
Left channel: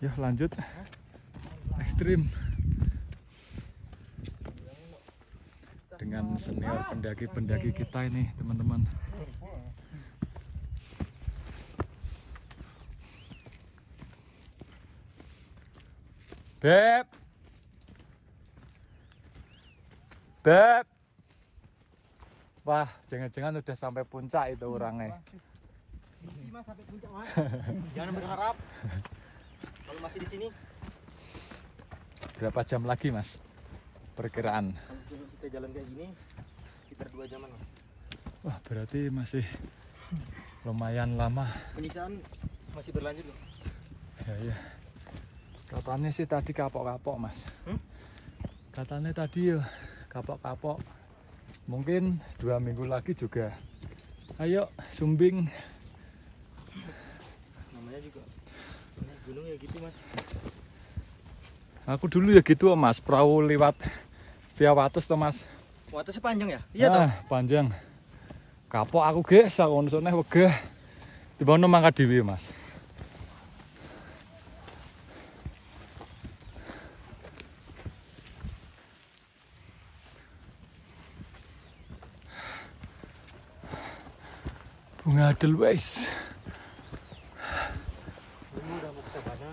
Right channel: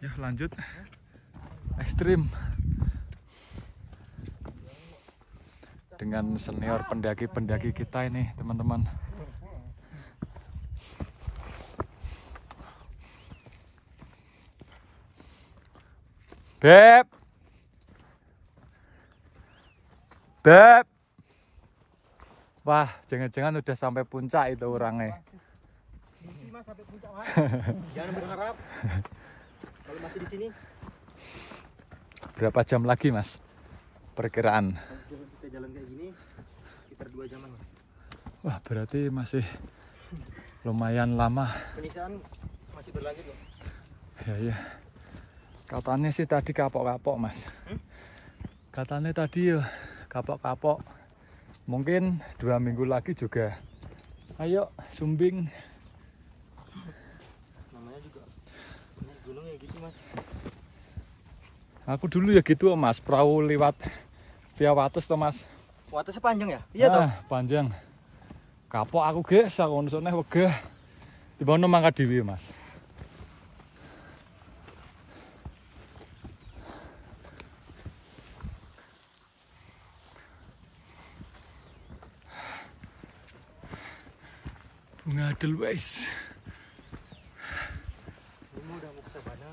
Yuk lanjut. Ekstrim. Dengan senior pendaki-pendaki kita ini teman-teman. Beb. Beb. Wah, jangan-jangan udah sampai puncak itu orangnya. Mimpi mas sampai puncak mas. Jangan berharap. Kalau masih di sini. Berapa jam lagi mas? Perkiraan. Kalau kita jalan kayak gini, sekitar 2 jaman mas. Wah, berarti masih lumayan lama. Penyiksaan masih berlanjut loh. Ya. Katanya sih tadi kapok-kapok mas. Katanya tadi ya kapok-kapok. Mungkin 2 minggu lagi juga. Ayo Sumbing. Namanya juga ini gunung ya gitu mas. Aku dulu ya gitu mas. Perahu lewat via Wates tuh mas. Watasnya panjang ya? Iya toh. Panjang. Kapok aku guys. Aku nusuknya wegah. Tiba-tiba mangkat dhewe mas. Bunga edelweiss. Ini udah mau ke sana.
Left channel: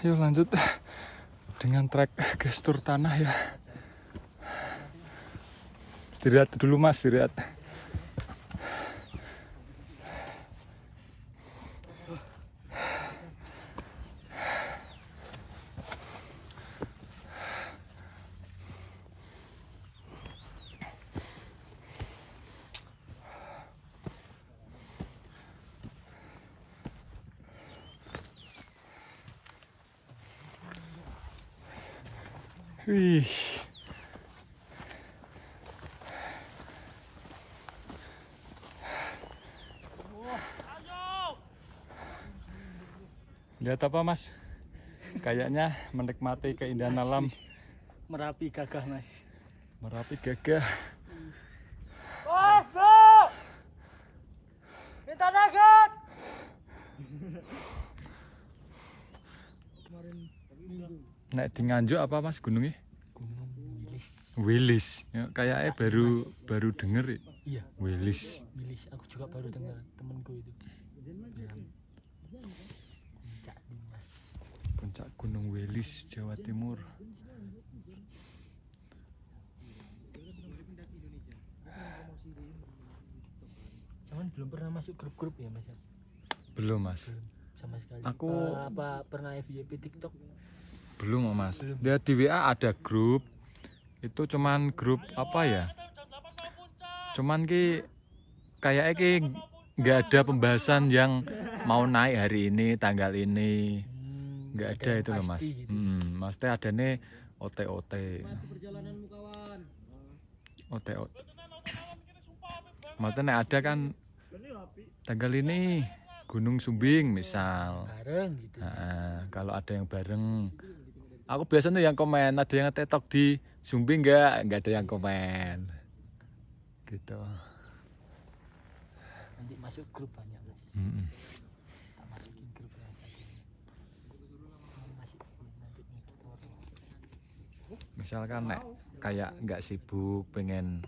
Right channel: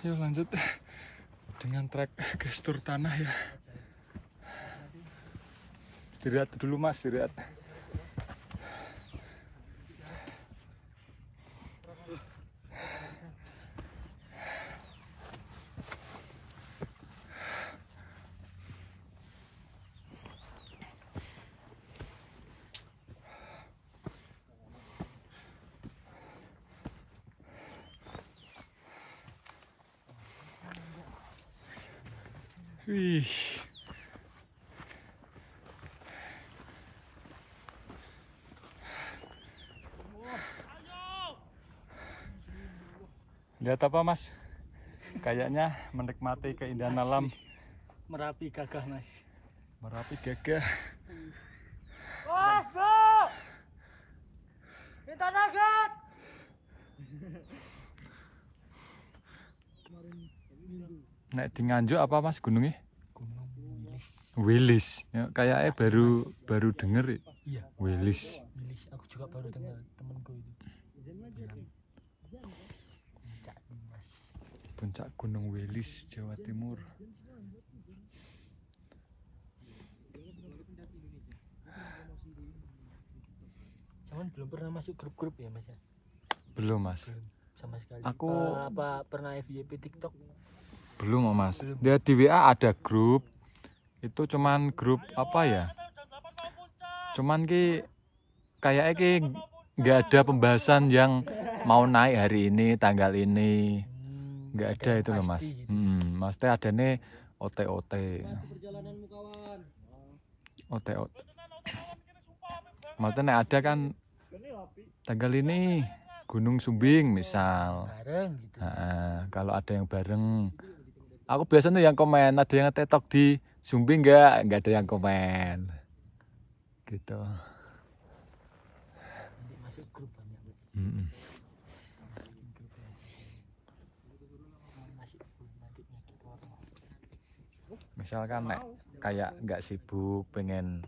Yuk lanjut dengan trek gestur tanah ya. Istirahat dulu mas, istirahat. Wih. Lihat apa mas? Kayaknya menikmati keindahan alam. Merapi gagah mas. Merapi gagah. Mas bro, kita naik. Nek di Nganjuk apa mas gunungnya? Gunung Wilis. Wilis. Ya, kayaknya baru denger. Iya. Wilis. Wilis. Aku juga baru dengar temanku itu bilang puncak Dimas. Puncak Gunung Wilis, Jawa Timur. Jangan belum pernah masuk grup-grup ya mas ya? Belum mas. Belum sama sekali. Aku apa pernah FYP TikTok? belum mas. Dia di WA ada grup. Itu cuman grup apa ya? Cuman kayaknya nggak ada pembahasan yang mau naik hari ini, tanggal ini. Nggak ada itu loh mas. Gitu. Maksudnya ada nih OT-OT. OT-OT. Maksudnya ada kan tanggal ini Gunung Sumbing misal. Bareng gitu. Kalau ada yang bareng. Aku biasanya yang komen, ada yang tetok di Sumbing nggak ada yang komen. Gitu. Misalkan nek kayak nggak sibuk pengen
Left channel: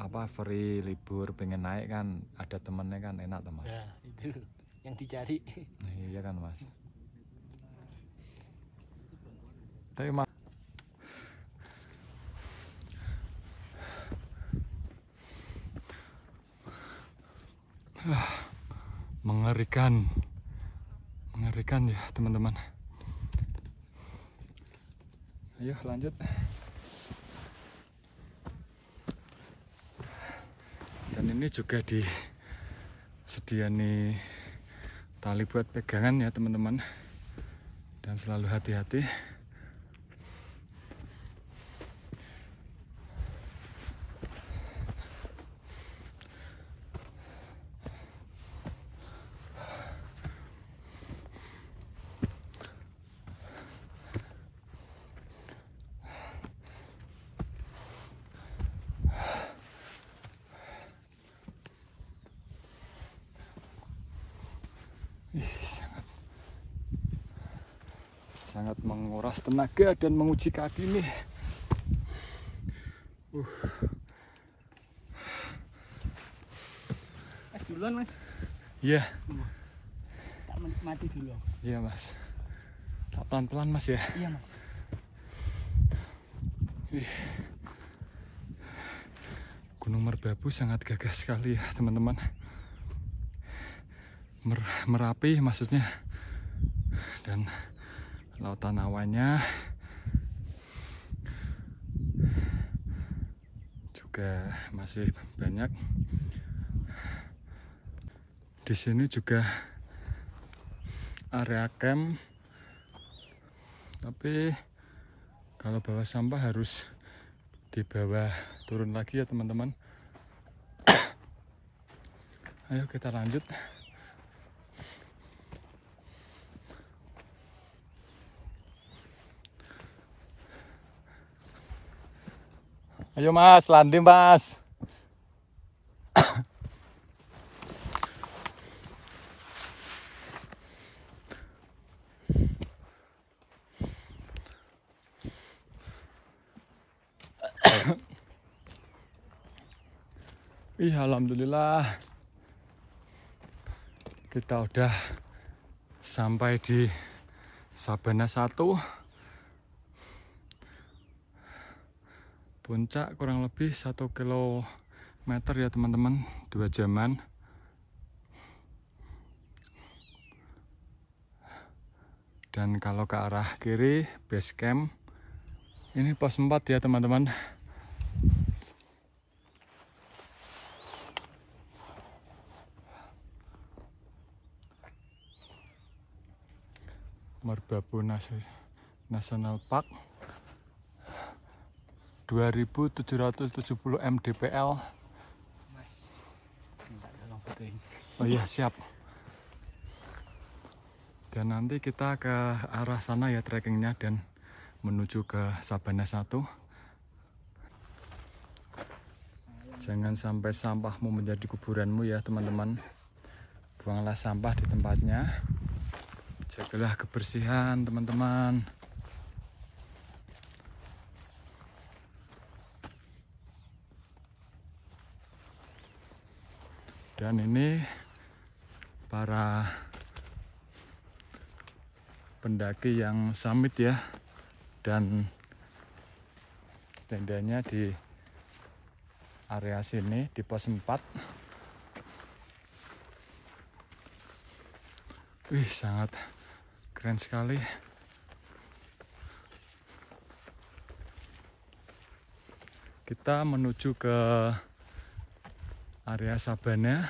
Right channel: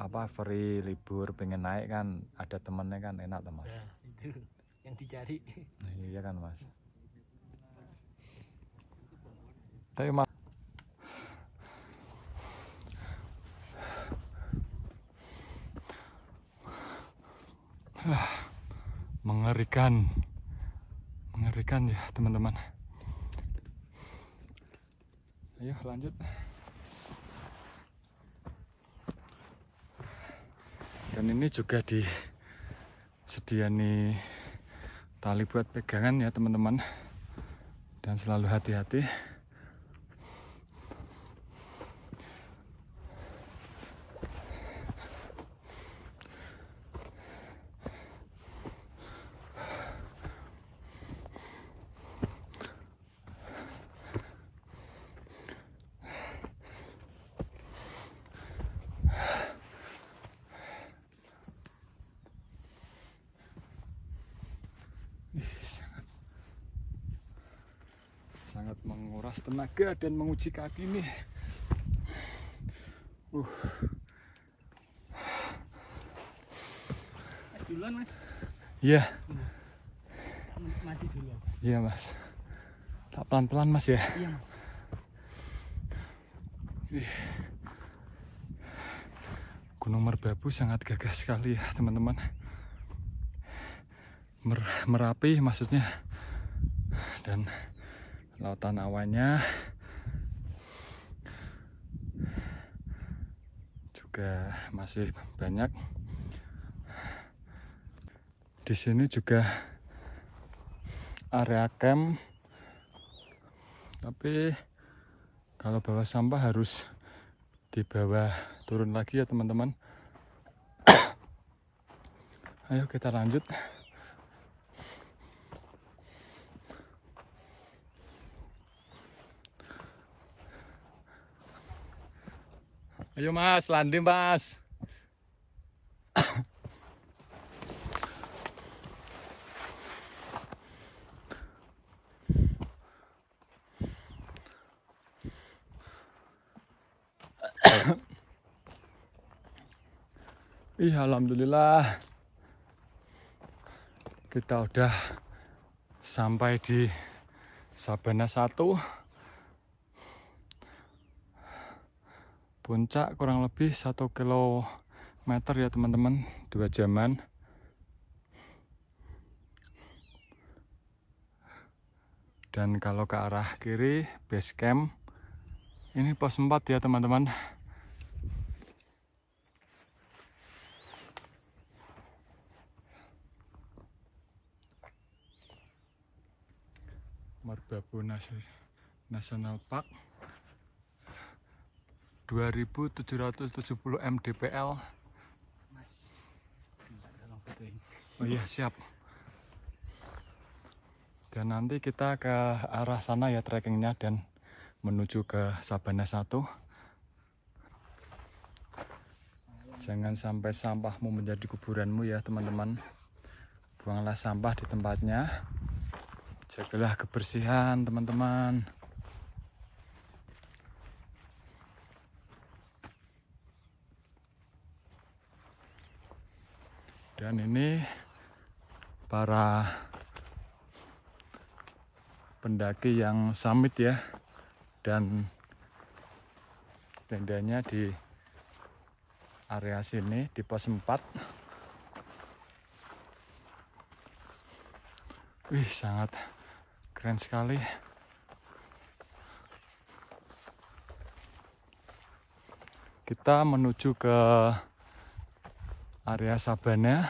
apa free libur pengen naik kan ada temennya kan enak tuh Mas. Ya, itu yang dicari. Nah, iya kan Mas. Tapi Mas mengerikan ya teman-teman. Ayo lanjut. Dan ini juga disediani tali buat pegangan ya teman-teman. Dan selalu hati-hati. Sangat menguras tenaga dan menguji kaki nih. Duluan Mas. Iya. Tak menikmati dulu. Iya Mas. Tak pelan-pelan Mas ya. Iya Mas. Gunung Merbabu sangat gagah sekali ya teman-teman. Merapi maksudnya. Dan lautan awannya juga masih banyak. Di sini juga area camp. Tapi kalau bawa sampah harus dibawa turun lagi ya teman-teman. Ayo kita lanjut. Ayo Mas, landing Mas. Alhamdulillah kita udah sampai di Sabana 1. Puncak kurang lebih 1 kilometer ya teman-teman, 2 jaman. Dan kalau ke arah kiri base camp, ini pos 4 ya teman-teman. Merbabu National Park 2770 mdpl. Oh iya siap. Dan nanti kita ke arah sana ya trekkingnya dan menuju ke Sabana 1. Jangan sampai sampahmu menjadi kuburanmu ya teman-teman. Buanglah sampah di tempatnya. Jagalah kebersihan teman-teman. Dan ini para pendaki yang summit ya. Dan tendanya di area sini di pos 4. Wih, sangat keren sekali. Kita menuju ke area Sabana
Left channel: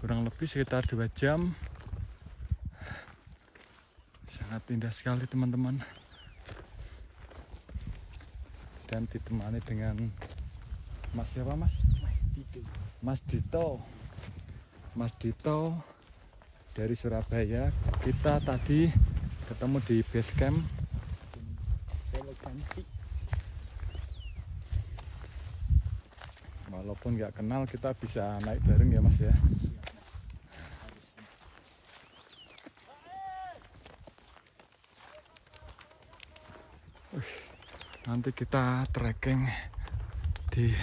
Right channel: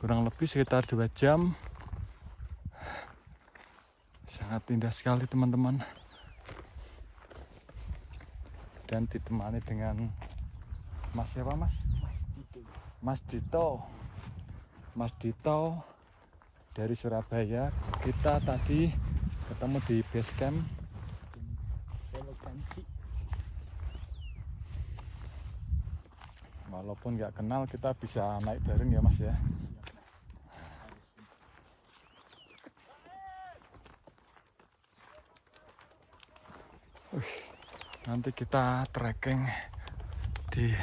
kurang lebih sekitar 2 jam. Sangat indah sekali teman-teman. Dan ditemani dengan Mas siapa Mas? Mas Dito. Mas Dito. Mas Dito dari Surabaya. Kita tadi ketemu di base camp Selokanci. Walaupun nggak kenal kita bisa naik bareng ya Mas ya. Nanti kita trekking di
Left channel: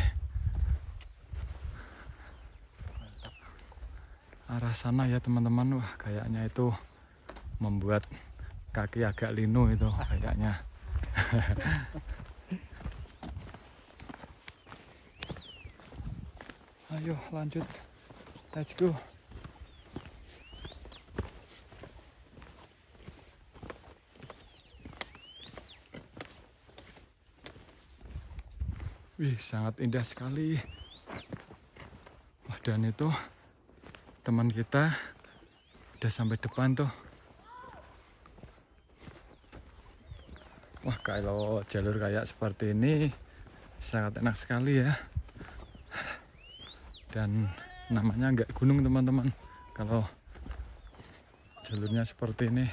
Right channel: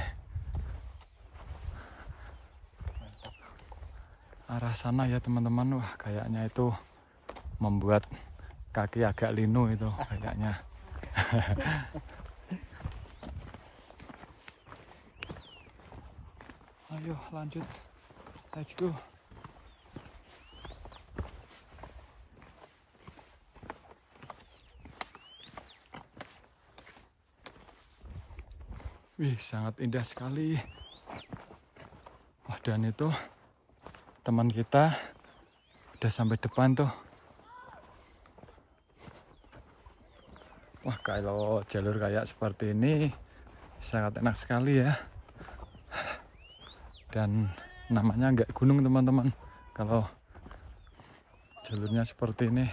arah sana ya teman-teman. Wah, kayaknya itu membuat kaki agak linu itu kayaknya. Ayo lanjut, let's go. Wih, sangat indah sekali. Wah, dan itu teman kita udah sampai depan tuh. Wah, kalau jalur kayak seperti ini sangat enak sekali ya. Dan namanya nggak gunung teman-teman. Kalau jalurnya seperti ini.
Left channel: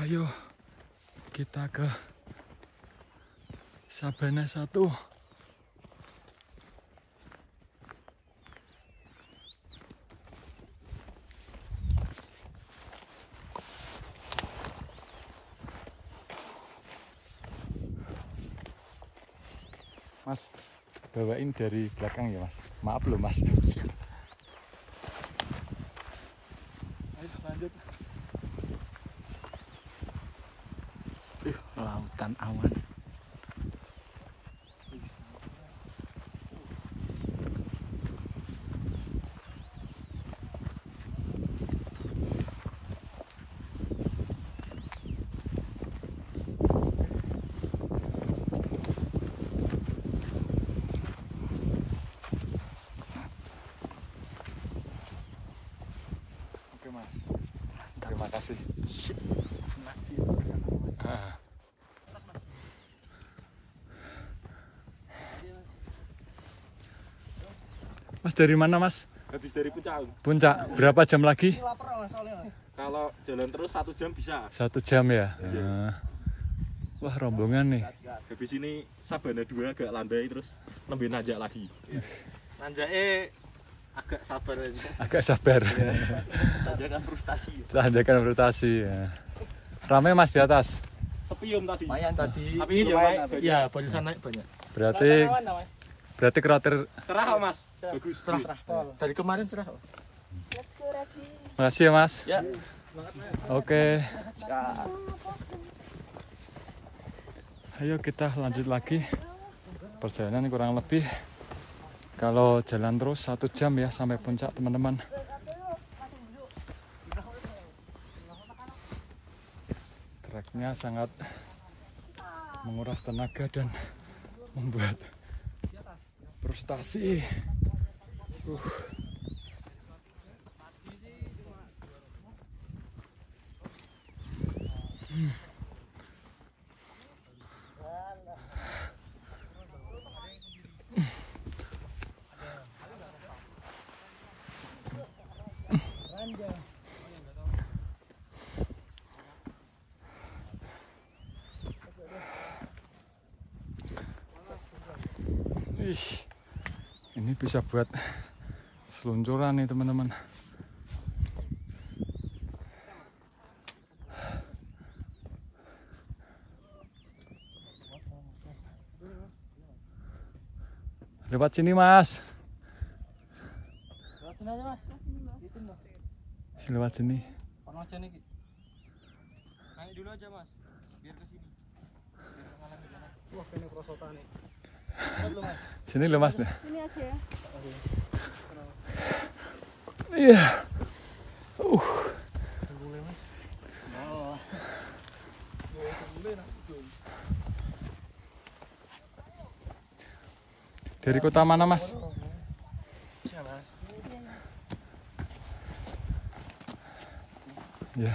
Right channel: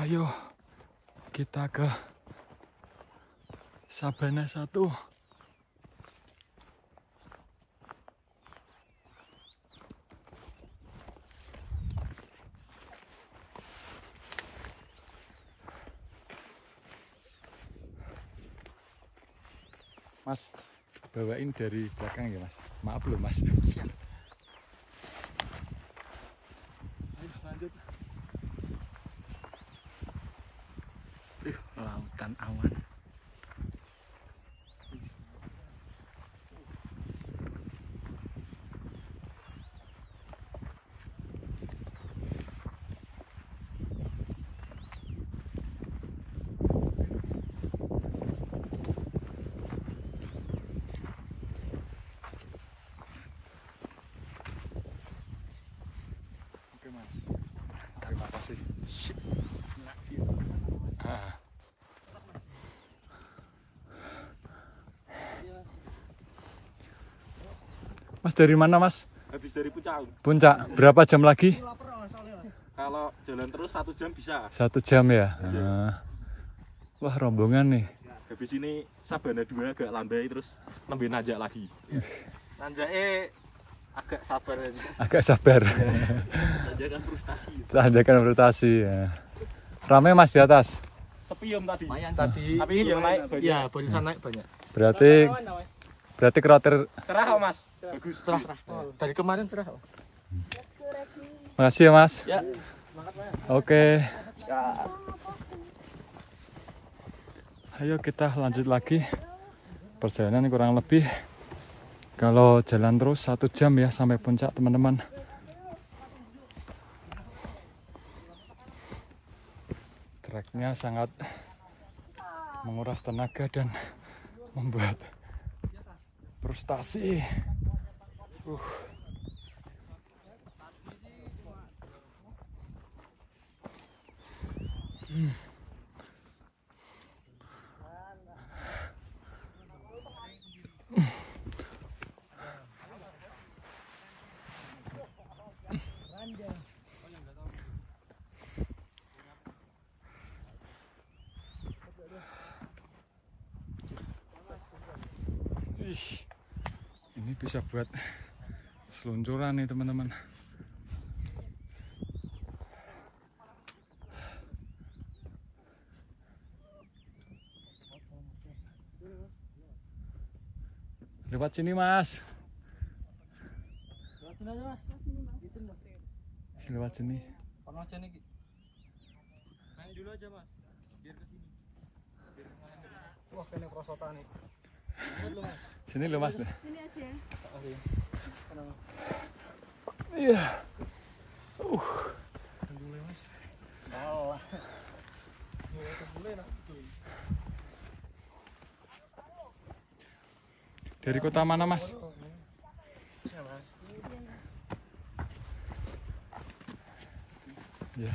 Ayo kita ke Sabana 1. Mas, bawain dari belakang ya mas. Maaf loh mas. Siap. Ayo lanjut. Lautan awan. Oke mas. Terima kasih. Mas dari mana mas? Habis dari Puncak. Puncak. Berapa jam lagi? Kalau jalan terus 1 jam bisa. 1 jam ya. Wah, rombongan nih. Habis ini Sabana 2 agak landai terus lebih nanjak lagi. Nanjaknya agak sabar aja. Agak sabar. Tanjakan frustasi. Tanjakan frustasi ya. Rame mas di atas. Sepi om tadi. Lumayan tadi. Tapi ini naik. Iya, barusan naik banyak. Berarti kroter. Cerah kok mas. Bagus. Cerah. Dari kemarin cerah. Makasih ya mas. Ya. Oke. Ayo kita lanjut lagi. Perjalanan kurang lebih kalau jalan terus 1 jam ya sampai puncak teman-teman. Treknya sangat menguras tenaga dan membuat frustasi. Ini bisa buat seluncuran nih teman-teman. Lewat sini mas. Lewat sini aja mas. Lewat sini. Pernah aja nih. Naik dulu aja mas. Biar ke sini. Wah, kena perosotan nih. Sini loh mas. Sini aja ya. Iya. Dari kota mana mas? Ya.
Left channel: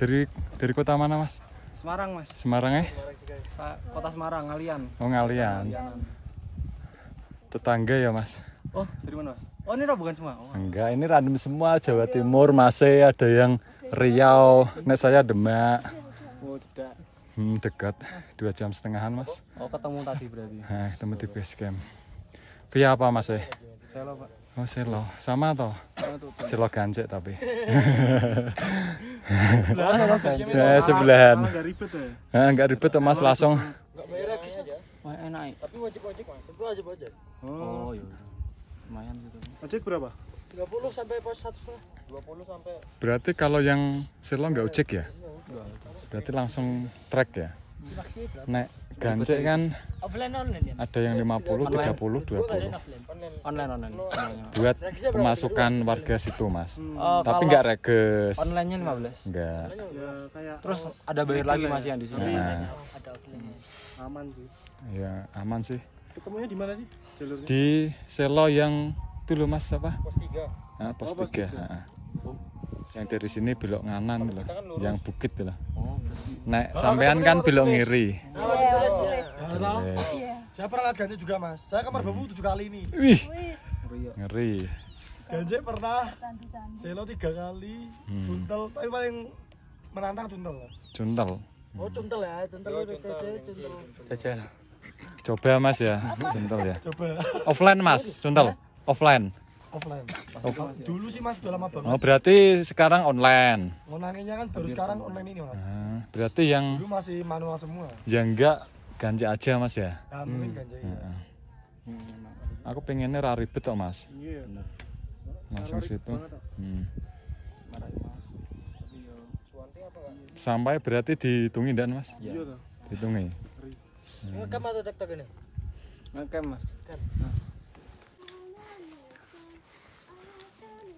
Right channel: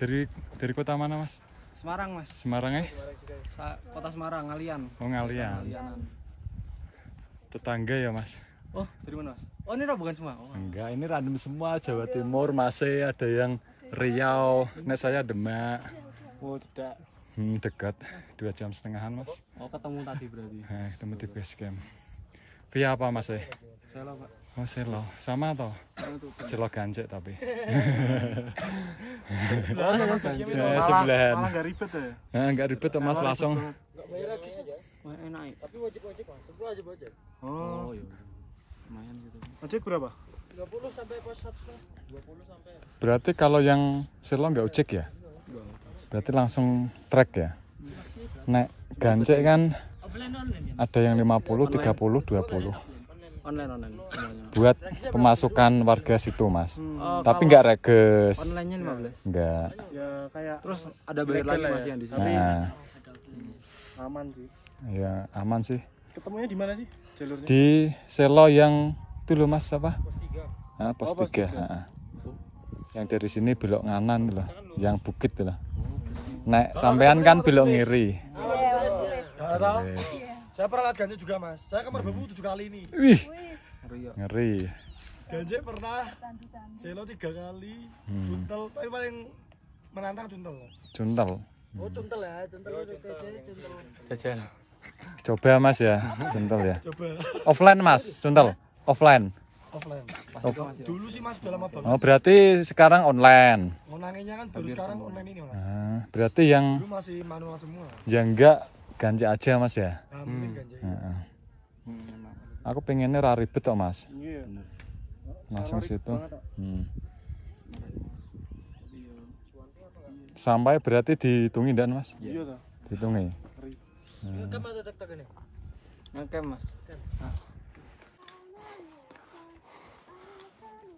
Dari kota mana mas? Semarang mas. Semarang ya? Kota Semarang, Ngalian. Oh Ngalian. Tetangga ya mas? Oh, dari mana mas? Oh, ini bukan semua? Oh. Enggak, ini random semua. Jawa Timur masih ada yang Riau. Nek saya Demak. Muda. Dekat 2,5 jam mas. Oh, ketemu tadi berarti. Nah, ketemu di base camp. Via apa mas? Selo pak. Oh selo, sama toh? Selo gancek tapi. Oh, selo gancek. Saya sebelahan. Enggak ribet ya. Nah, enggak ribet tuh Mas langsung. Wah, enak. Tapi wajib-wajib mas, itu wajib-wajib. Oh, iya. Lumayan gitu. Ojek berapa? 30 sampai pos 1,5. 20 sampai. Berarti kalau yang selo nggak ojek ya? Berarti langsung trek ya? Nek gancek kan Offline online ya. ada yang 50, 30, 20. Online. Buat pemasukan warga situ Mas. Tapi nggak reges. Online-nya 15. Nggak. Ya kayak Terus ada bayar lagi Mas yang di sana. Nah, aman sih. ya aman sih. Ketemunya di mana sih jalurnya? Di selo yang itu loh Mas apa? Pos 3. Nah, pos 3. Yang dari sini belok nganan loh. Yang bukit loh. Nek sampean kan belok ngiri. Ya tahu. Wes. Saya pernah lihat ganjek juga mas. Saya kamar babu 7 kali ini. Wih, ngeri. Ganjek pernah, selo 3 kali, tuntel. Tapi paling menantang tuntel. Juntel. Oh tuntel ya, tuntel itu tuntel. Jajan. Coba Mas ya, juntel ya. Coba Offline Mas, juntel. Offline. offline. Dulu sih mas udah lama banget. Oh berarti sekarang online. Ngonanginnya kan baru sekarang online ini mas. Nah, berarti yang Dulu masih manual semua. enggak ganjek aja Mas ya. Nah, mungkin ganjek. Aku pengennya ra ribet kok Mas. Iya. Bener. Langsung situ. Marahin Mas. Tapi yo Sampai berarti dihitungi dan Mas? Iya toh. Dihitungi. Ngekam atau tek-tek ini? ngecam Mas.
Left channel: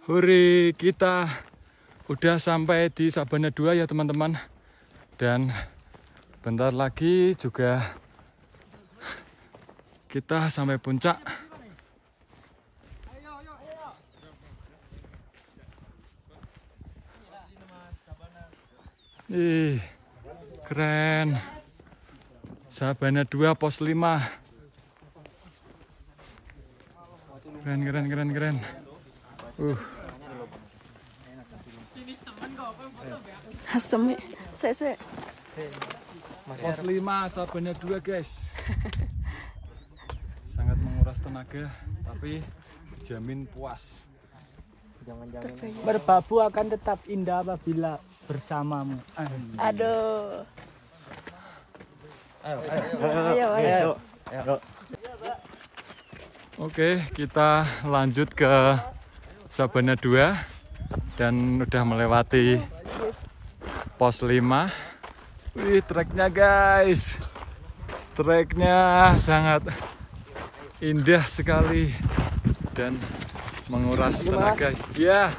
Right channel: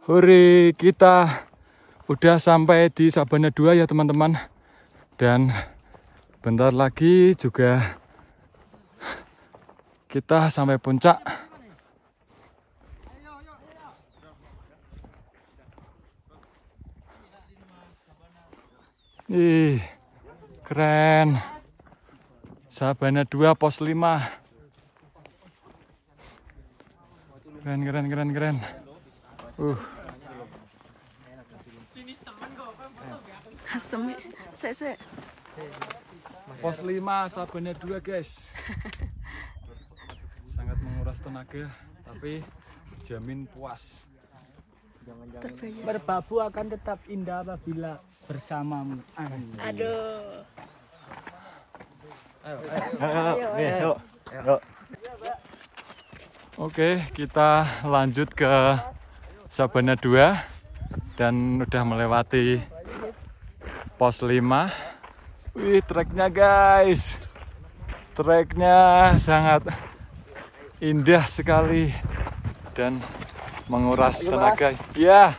Hore, kita udah sampai di Sabana 2 ya teman-teman. Dan bentar lagi juga kita sampai puncak. Ih, keren. Sabana 2 pos 5. Keren. Asem. Sek. Pos 5 Sabana 2 guys. Sangat menguras tenaga tapi dijamin puas. Terbayar. Berbabu akan tetap indah apabila bersamamu. Aduh. Ayo. Oke, kita lanjut ke Sabana 2 dan udah melewati pos 5. Wih, treknya guys. Treknya sangat indah sekali dan menguras tenaga. Ya.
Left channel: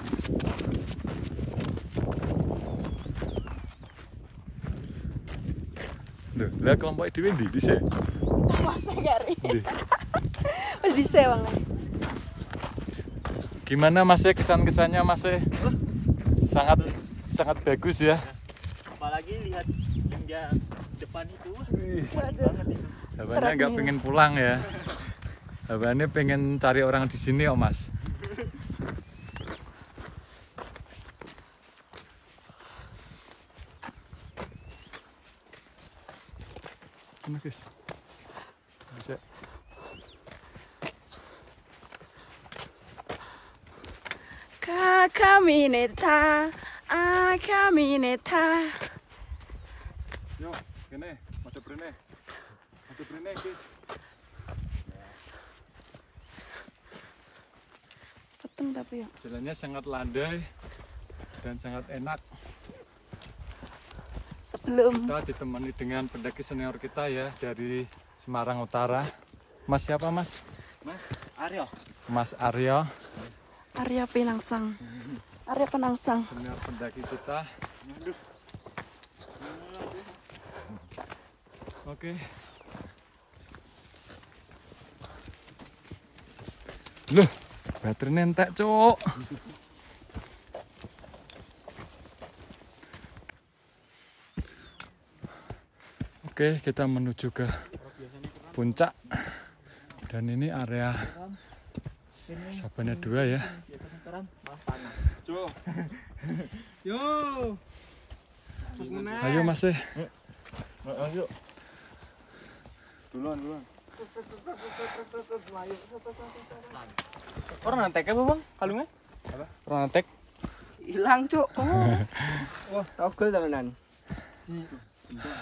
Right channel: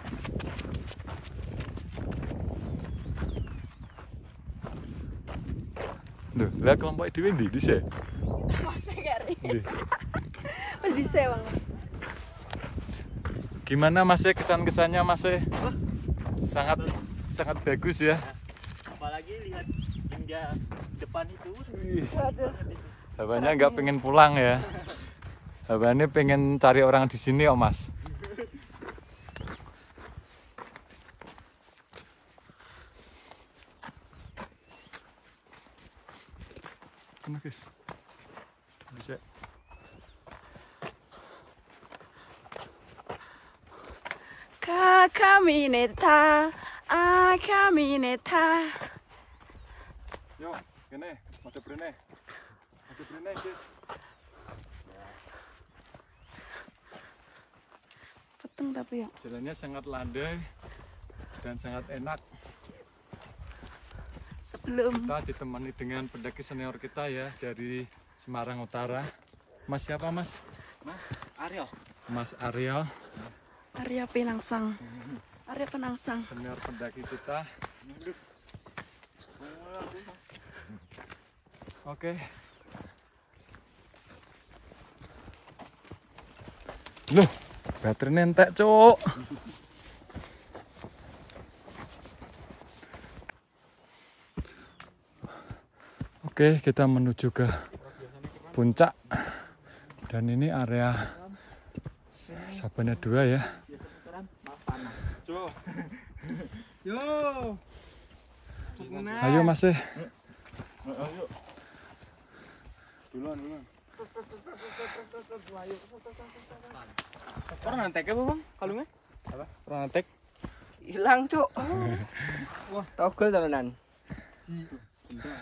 Duh, lihat kelompok dhewe ndi dhisik? Masa gari. Ndi? Wis dhisik Bang. Gimana Mas kesan-kesannya Mas? Sangat bagus ya. Apalagi lihat hingga depan itu. Abahnya nggak pengen pulang ya. Abahnya pengen cari orang di sini oh Mas. Mana guys? Bisa. Kamineta. Kamineta. Yo, ini, ada brene. Ada brene guys. Peteng tapi ya. Jalannya sangat landai dan sangat enak. Sebelum Kita ditemani dengan pendaki senior kita ya dari Semarang Utara. Mas siapa Mas? Mas Aryo. Mas Aryo, Arya Penangsang. Arya Penangsang. senior pendaki kita. Oke. Loh, baterainya entek, Cuk. Oke, kita menuju ke puncak. Dan ini area Sabana 2 ya. Yo. Ayo Mas. Duluan. Orang ngantek apa bang? Kalungnya? Apa? Orang ngantek. Hilang, Cuk. Wah, togel jalanan.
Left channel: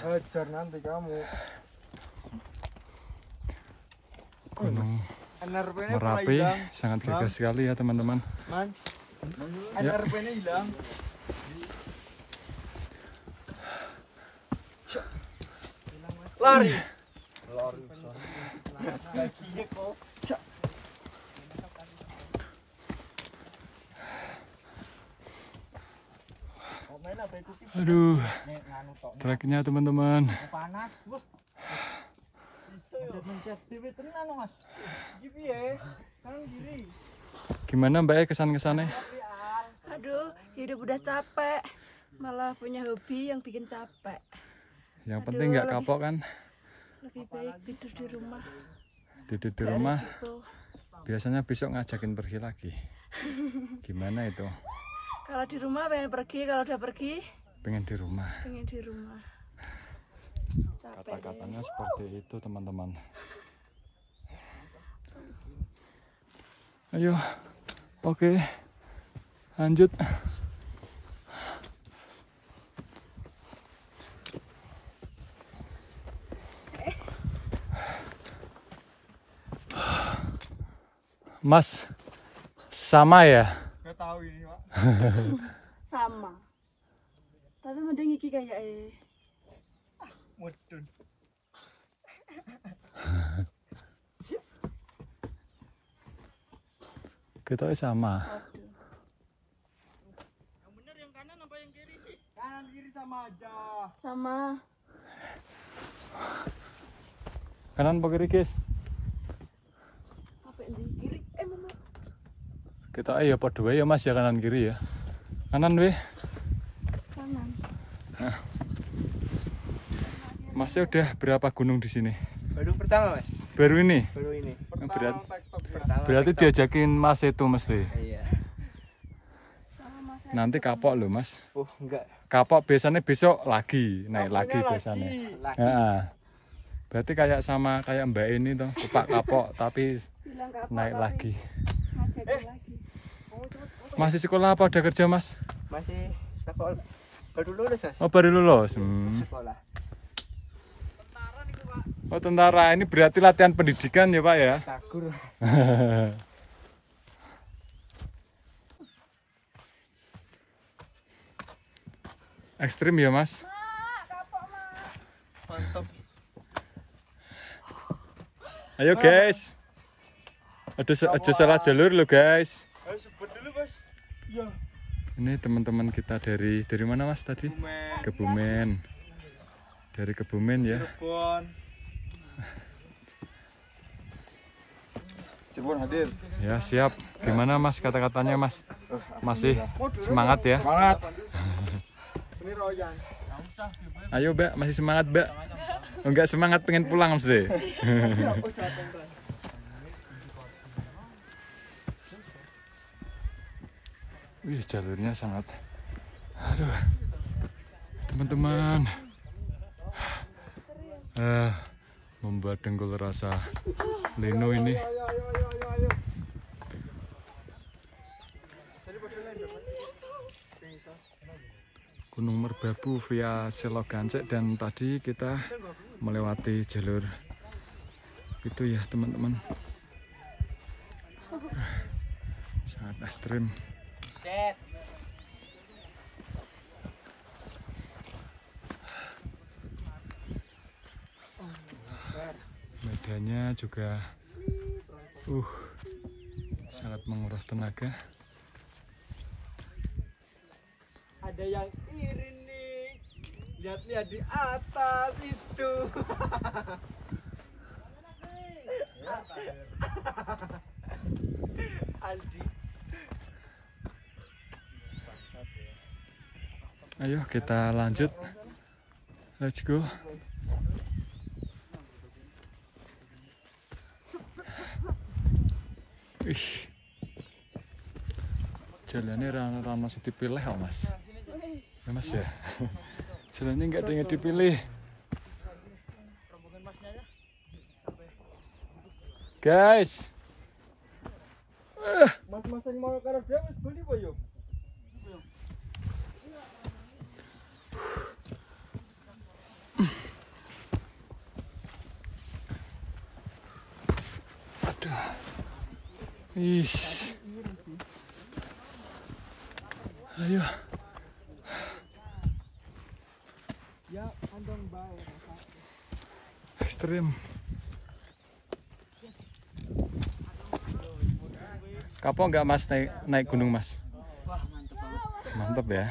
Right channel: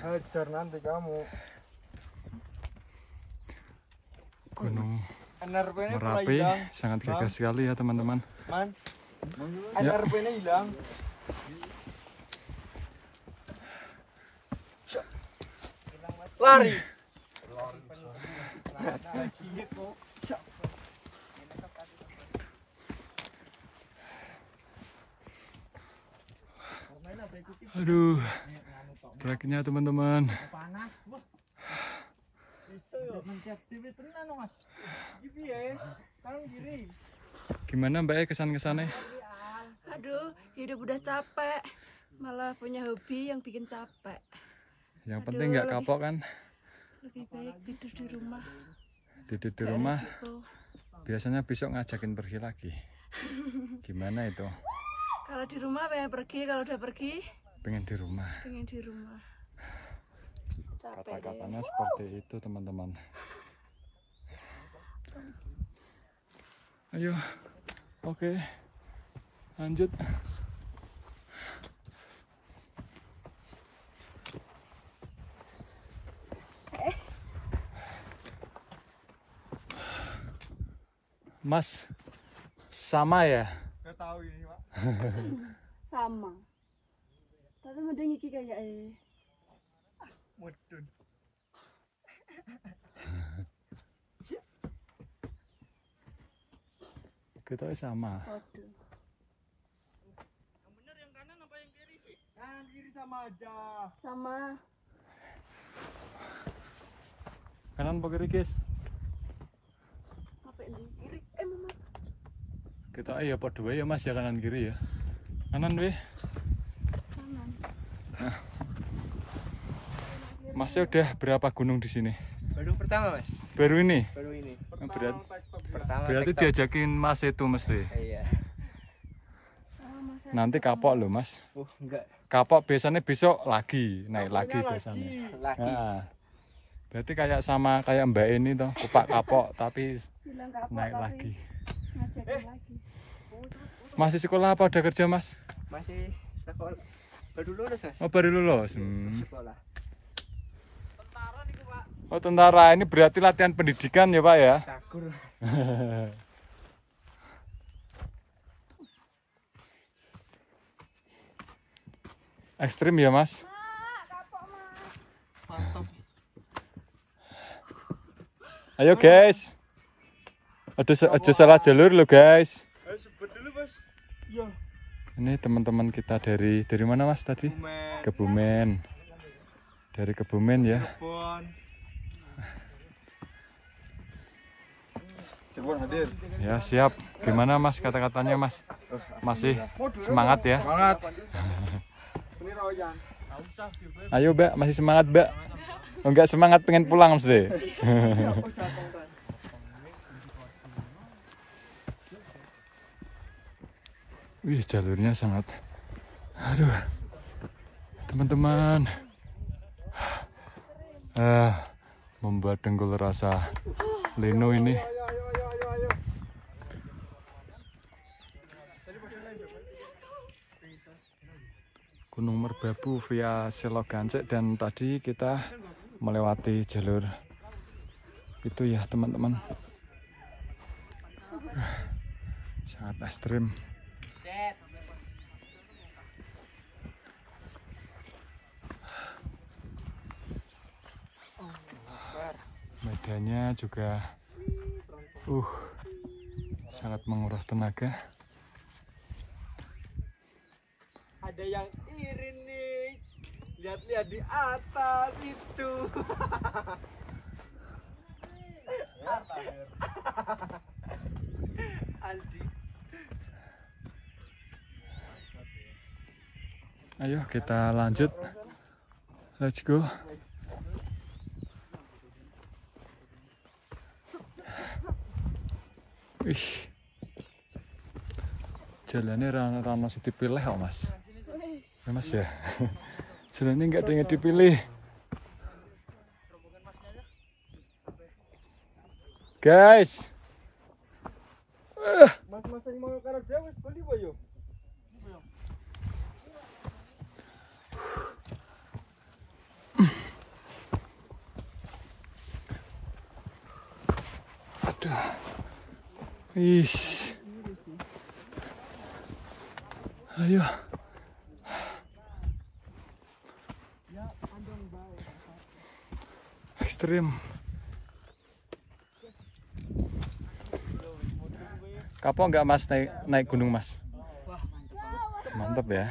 Hajar nanti kamu. Gunung NRP-nya Merapi sangat gagah sekali ya teman-teman. Man. Ya. NRP-nya hilang. Lari. Lakinya kok. Aduh, treknya teman-teman. Panas. Iso yo. Mencet TV tenan Mas. Iki piye? Kanan kiri. Gimana Mbak kesan-kesannya? Aduh, hidup udah capek. Malah punya hobi yang bikin capek. Yang Aduh, penting nggak kapok kan? Lebih baik tidur di rumah. Tidur di Gak rumah. resiko. Biasanya besok ngajakin pergi lagi. Gimana itu? Kalau di rumah pengen pergi, kalau udah pergi Pengen di rumah. pengen di rumah. Capek Kata-katanya seperti itu teman-teman. Ayo, oke, lanjut. Mas, sama ya? Enggak tahu ini, Pak. sama. Tapi mending iki kayak Mudun. Kita sama. waduh. Yang benar yang kanan apa yang kiri sih? Kanan kiri sama aja. Sama. Kanan apa kiri, guys? Apa ini kiri? Mama. Kita ya padha wae ya Mas ya, kanan kiri ya. Kanan weh. Kanan. Masnya udah berapa gunung di sini? Baru pertama, Mas. Baru ini. Baru ini. Berarti Pertama. diajakin Mas itu mesti. Iya. Sama saya. Nanti kapok loh Mas. Oh, enggak. Kapok biasanya besok lagi, naik lagi biasanya. Lagi. Nah, berarti kayak sama kayak Mbak ini toh, kupak kapok tapi Bilang gak apa naik lagi. ngajakin lagi. Masih sekolah apa udah kerja Mas? Masih sekolah. Baru lulus, Mas. Oh baru lulus. Sekolah. Oh tentara, ini berarti latihan pendidikan ya Pak ya? Cagur. Ekstrim ya Mas? Mantap. Ayo guys. Aduh salah jalur lo guys. Ayo sebut dulu, Mas. Iya. Ini teman-teman kita dari mana Mas tadi? Bumen. Kebumen. Dari Kebumen ya. Cirebon. Cirebon hadir. Ya siap. Gimana Mas kata-katanya Mas? Masih semangat ya? Semangat. Ini Royan. Ayo Mbak, masih semangat Mbak? Oh, enggak semangat pengen pulang mesti. Wih jalurnya sangat. Aduh. Teman-teman. Membuat dengkul rasa leno ini. Gunung Merbabu via Selogancek dan tadi kita melewati jalur itu ya teman-teman. Sangat ekstrim. Medannya juga sangat menguras tenaga. Ada yang iri nih. Lihat-lihat di atas itu. Aldi. Ayo kita lanjut. Let's go. Jalannya rano mesti dipilih kok Mas. Ya Mas ya. Jalannya nggak ada yang dipilih. Guys. Mas sing mau karo dhewe wis beli apa yo? Aduh. Ish. Ayo. Ya, andong bae. Ekstrim. Kapok nggak Mas naik gunung Mas? Wah, mantep banget. Mantap ya.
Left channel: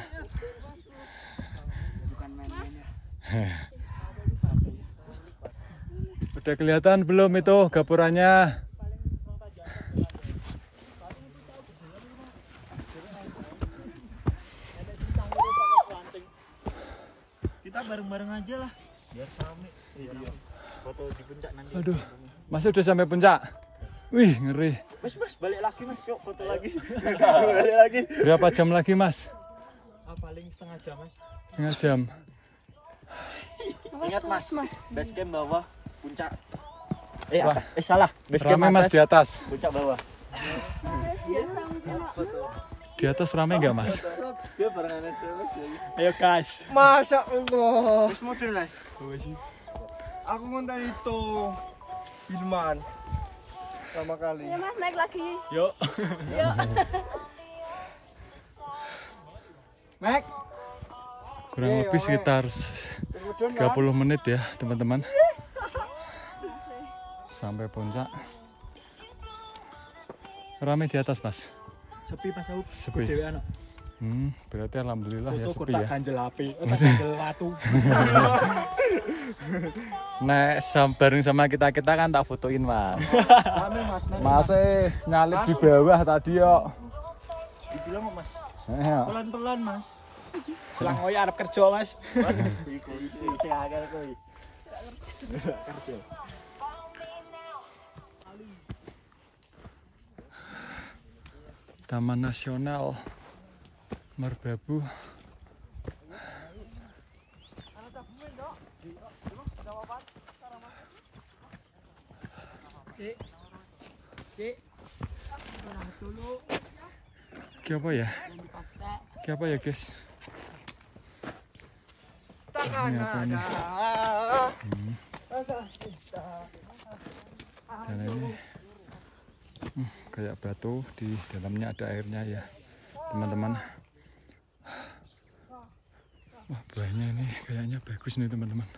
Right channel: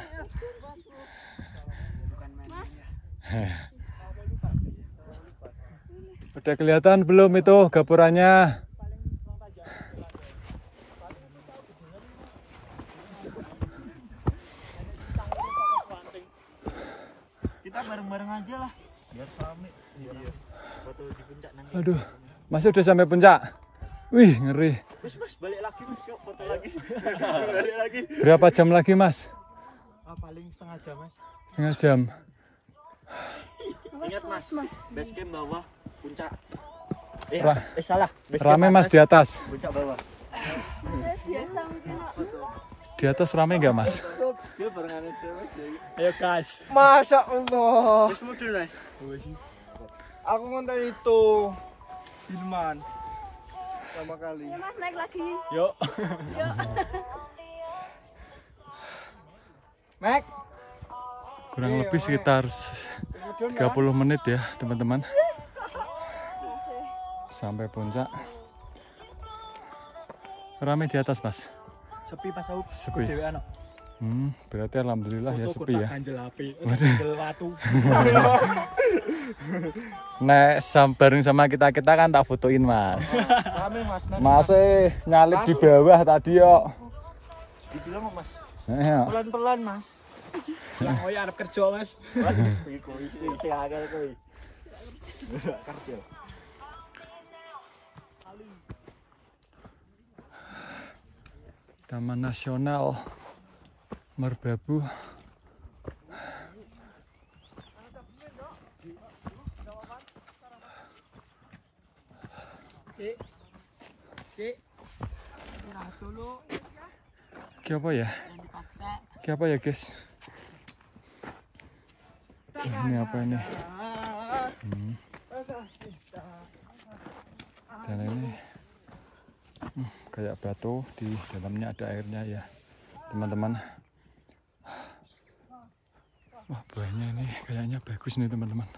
Bukan main-main ya. Udah kelihatan belum itu gapurannya? Kita bareng-bareng aja lah. Biar rame. Iya. Foto di puncak nanti. Aduh, Mas udah sampai puncak. Wih, ngeri. Mas, balik lagi Mas, yuk foto lagi. Balik lagi. Berapa jam lagi Mas? Paling setengah jam Mas. Setengah jam. Ingat Mas, base camp bawah, puncak. Atas. Salah. Base Rame camp Mas di atas. puncak bawah. Di atas rame nggak Mas? Biar barengan aja. Ayo guys. Masya Allah. Wis modul Mas. Aku ngonten itu Hilman. Pertama kali. Ya Mas naik lagi. Yuk. Mek. Kurang lebih sekitar 30 menit ya teman-teman. Sampai puncak. Rame di atas Mas. Sepi Mas aku. Sepi. Dewe anak. Berarti alhamdulillah ya Foto sepi ya. ganjel HP, ganjel watu. Nah, bareng sama kita kan tak fotoin Mas. Mas nyalip di bawah tadi yo. Dibilang Mas. Iya. Pelan-pelan Mas. Selang koyo arep kerja Mas. Iku sing akeh kuwi. Kerja. Taman Nasional Merbabu. Apa ya? Apa ya guys? Ini apa ini? Dan ini kayak batu, di dalamnya ada airnya ya teman-teman. Wah, buahnya ini kayaknya bagus nih teman-teman.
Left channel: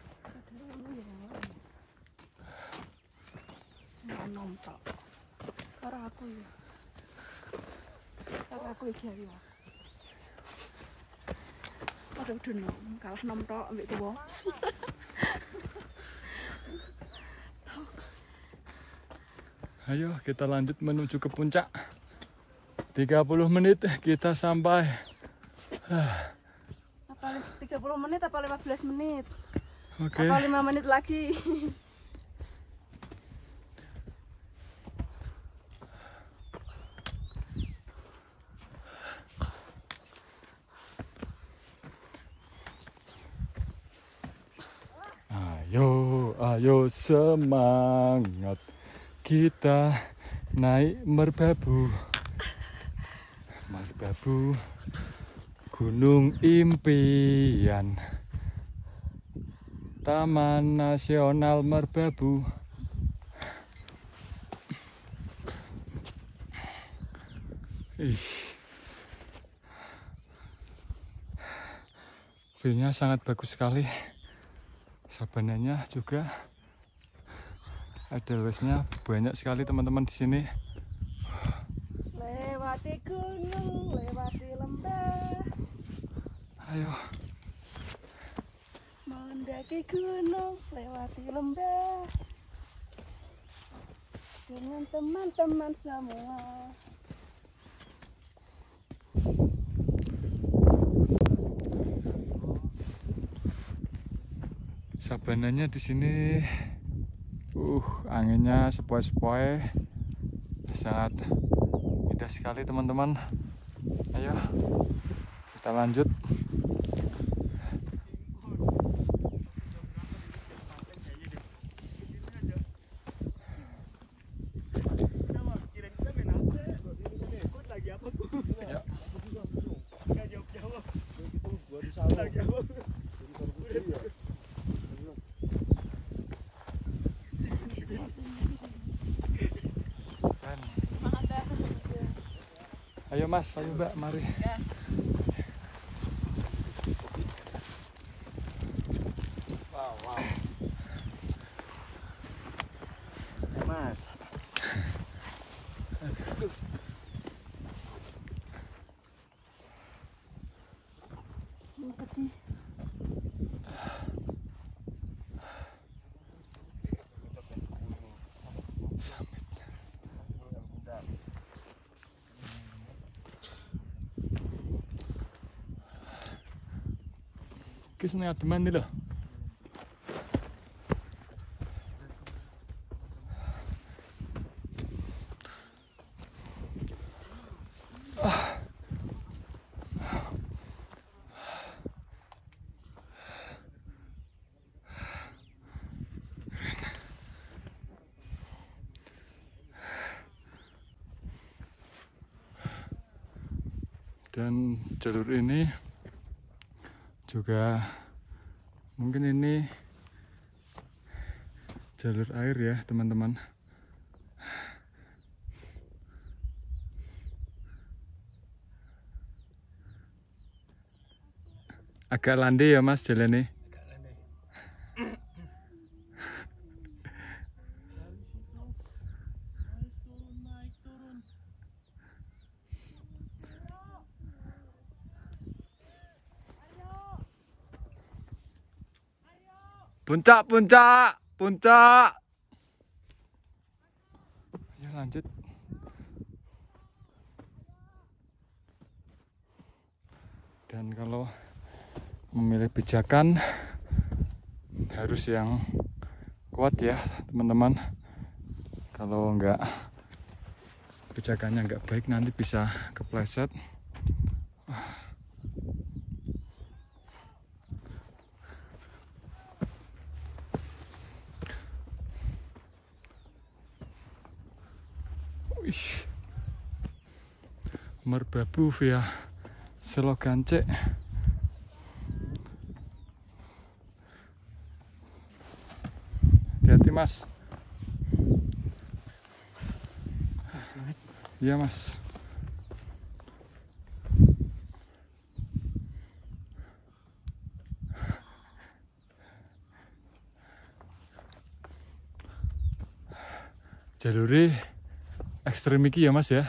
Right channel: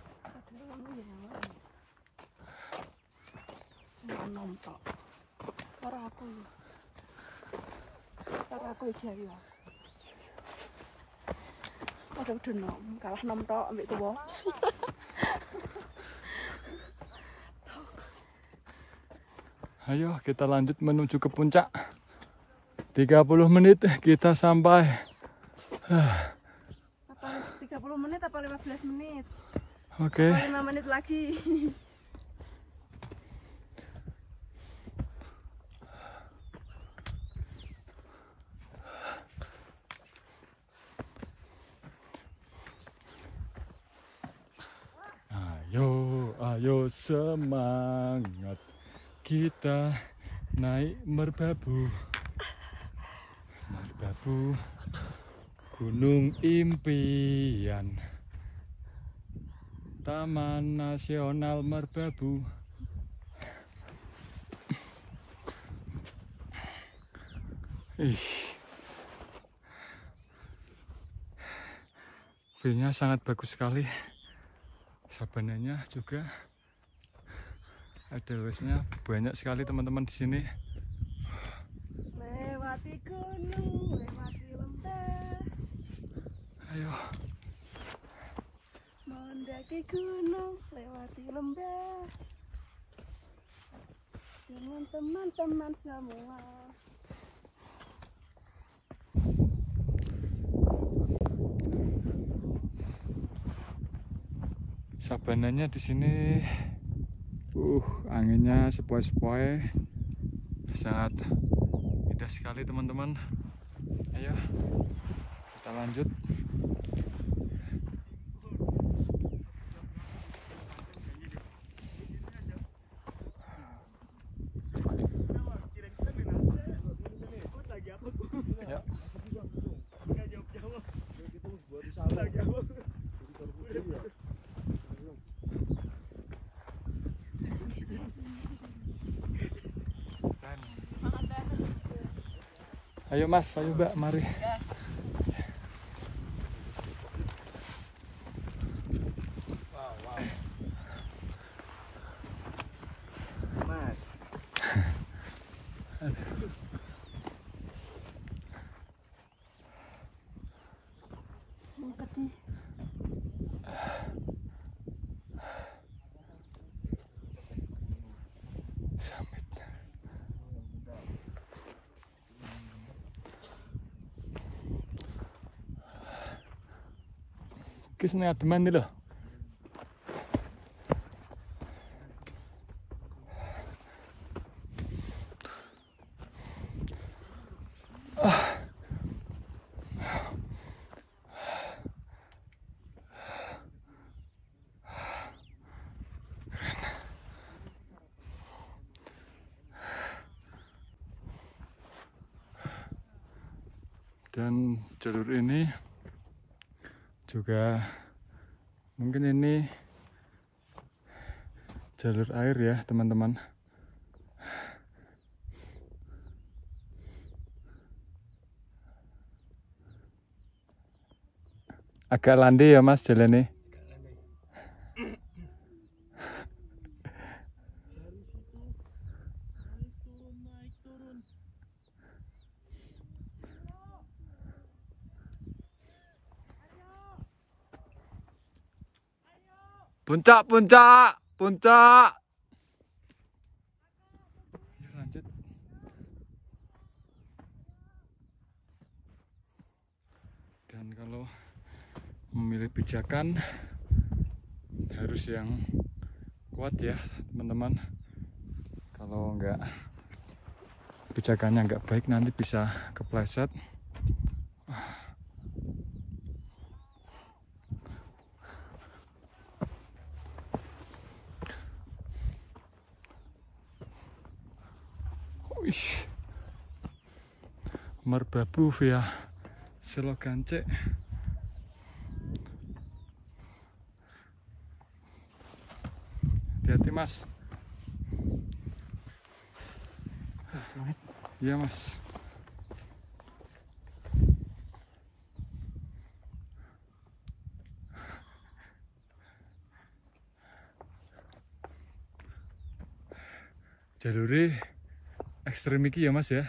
Aku Jawa. Ada udah nom, kalah nom tok ambek tuwa. Ayo kita lanjut menuju ke puncak. 30 menit kita sampai. Apa 30 menit apa 15 menit? Oke. Apa 5 menit lagi? Ayo semangat, kita naik merbabu. Merbabu, Gunung Impian, Taman Nasional Merbabu. View-nya sangat bagus sekali. Sabananya juga ada luasnya banyak sekali teman-teman di sini. Lewati gunung, lewati lembah. Ayo. Mendaki gunung, lewati lembah. Dengan teman-teman semua. Sabananya di sini, anginnya sepoi-sepoi, sangat indah sekali teman-teman. Ayo kita lanjut. Ayo Mas, ayo Mbak, mari. Gas. Mas. Ini sedih. Kisah teman nih loh. Dan jalur ini juga mungkin ini jalur air ya teman-teman. Agak landai ya Mas jalannya. Puncak, puncak, puncak. Ya lanjut. Dan kalau memilih pijakan harus yang kuat ya teman-teman. Kalau enggak pijakannya enggak baik nanti bisa kepleset. Wih, merbabu via Selogance. Hati-hati Mas. Iya Mas. Jaluri ekstrem iki ya Mas ya.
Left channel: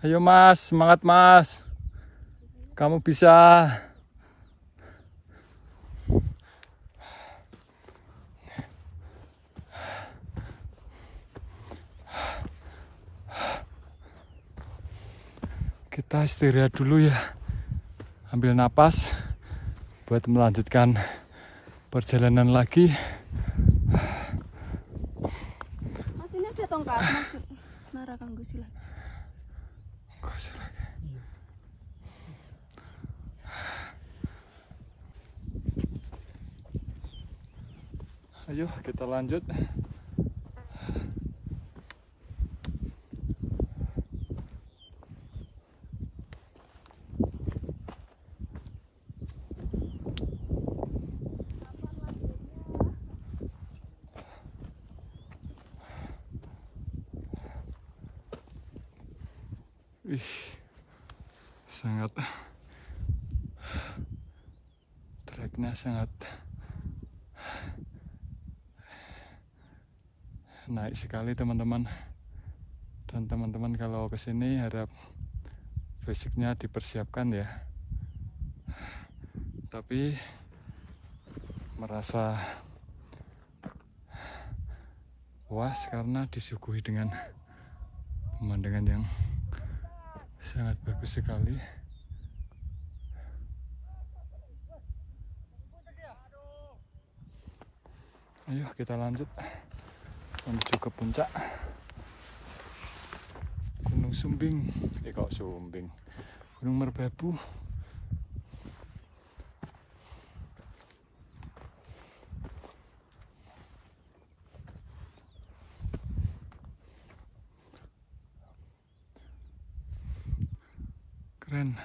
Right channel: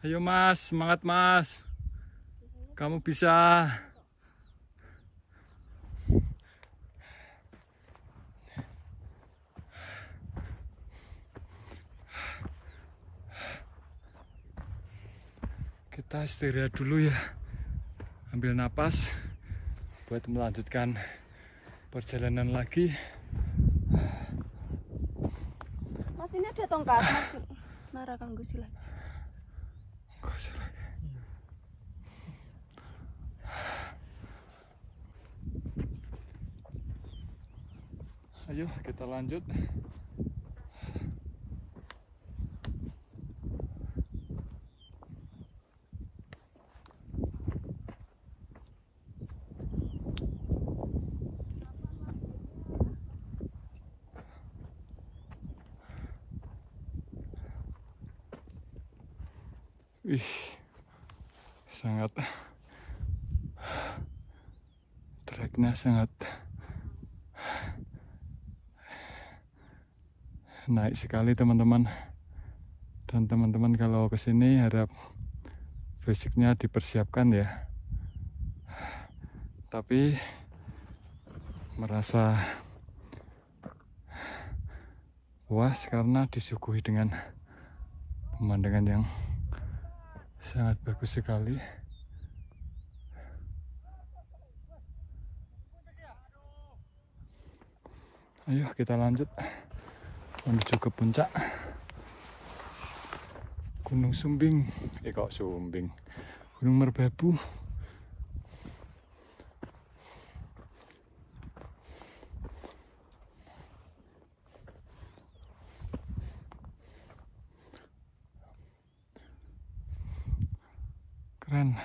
Ayo Mas, semangat Mas. Kamu bisa. Kita istirahat dulu ya. Ambil napas buat melanjutkan perjalanan lagi. Mas ini ada tongkat Mas. Nara kanggo silat. Ayo kita lanjut. Ih, sangat treknya sangat naik sekali teman-teman. Dan teman-teman kalau kesini harap fisiknya dipersiapkan ya. Tapi merasa puas karena disuguhi dengan pemandangan yang sangat bagus sekali. Ayo kita lanjut menuju ke puncak Gunung Sumbing. Kok Sumbing? Gunung Merbabu. Keren.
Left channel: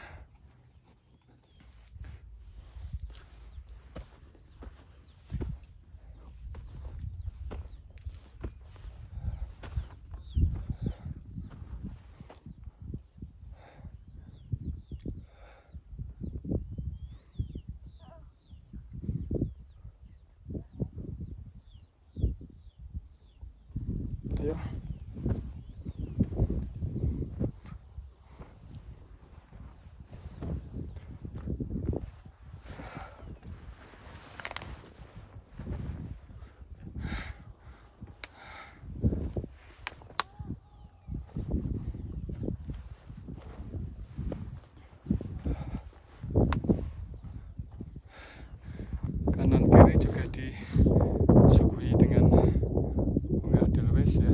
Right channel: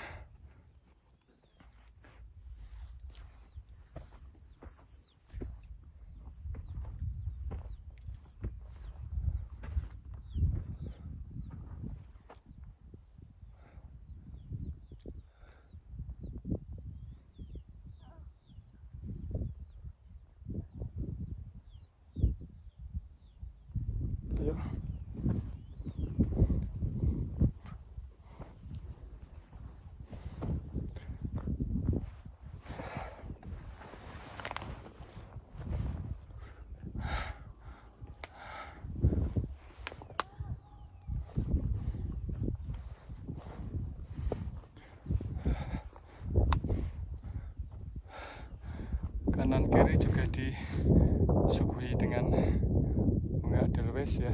Ayo. Kanan kiri juga disuguhi dengan bunga edelweiss ya.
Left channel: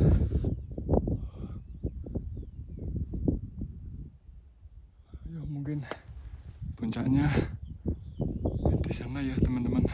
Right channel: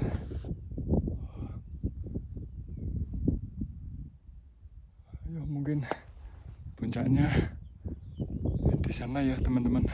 Ayo, mungkin puncaknya di sana ya teman-teman.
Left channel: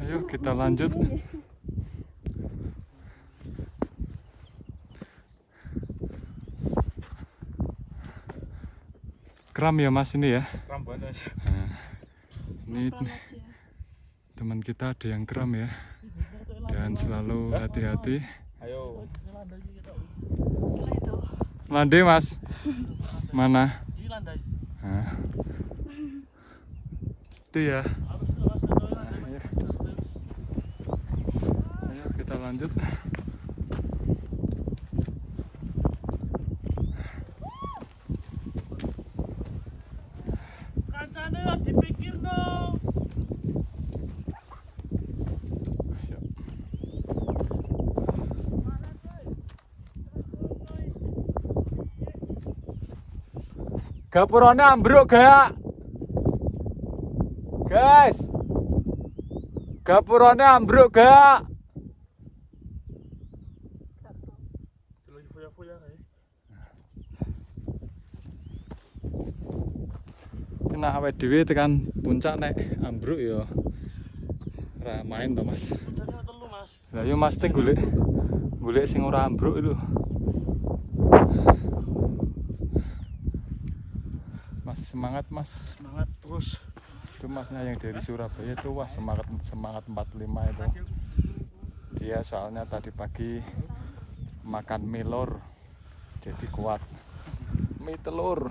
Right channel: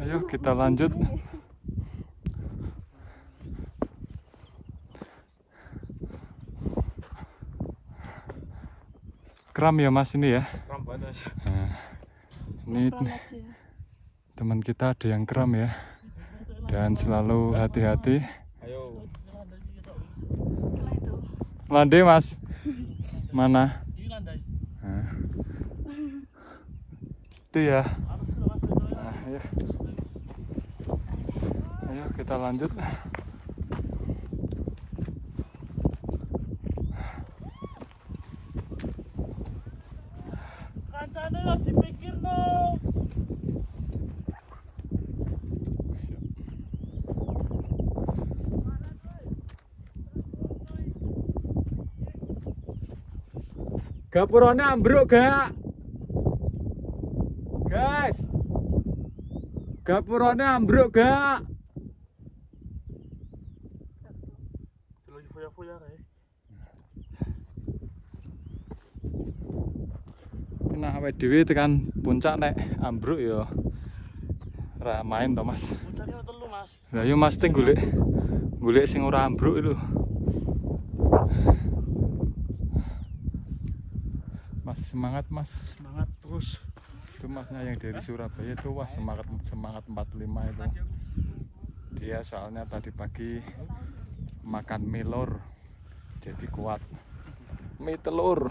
Ayo kita lanjut. Kram ya Mas ini ya. Kram banget. Nah, ini teman kita ada yang kram ya. Dan selalu hati-hati. Ayo. Setelah itu Landai Mas. Mana? Di landai. Nah. Itu ya. Ayo. Ayo kita lanjut. Kancane lah dipikir no. Gapurane ambruk gak? Guys. Gapurane ambruk gak? Lagi foya-foya kae. Nah awake dhewe tekan puncak nek ambruk ya ora main to Mas. Kancane telu Mas. Lah yo Mas ting golek sing ora ambruk itu. Masih semangat Mas. Semangat terus. Itu Masnya yang dari Surabaya itu wah semangat 45 itu. Dia soalnya tadi pagi makan mie lor jadi kuat. Mie telur.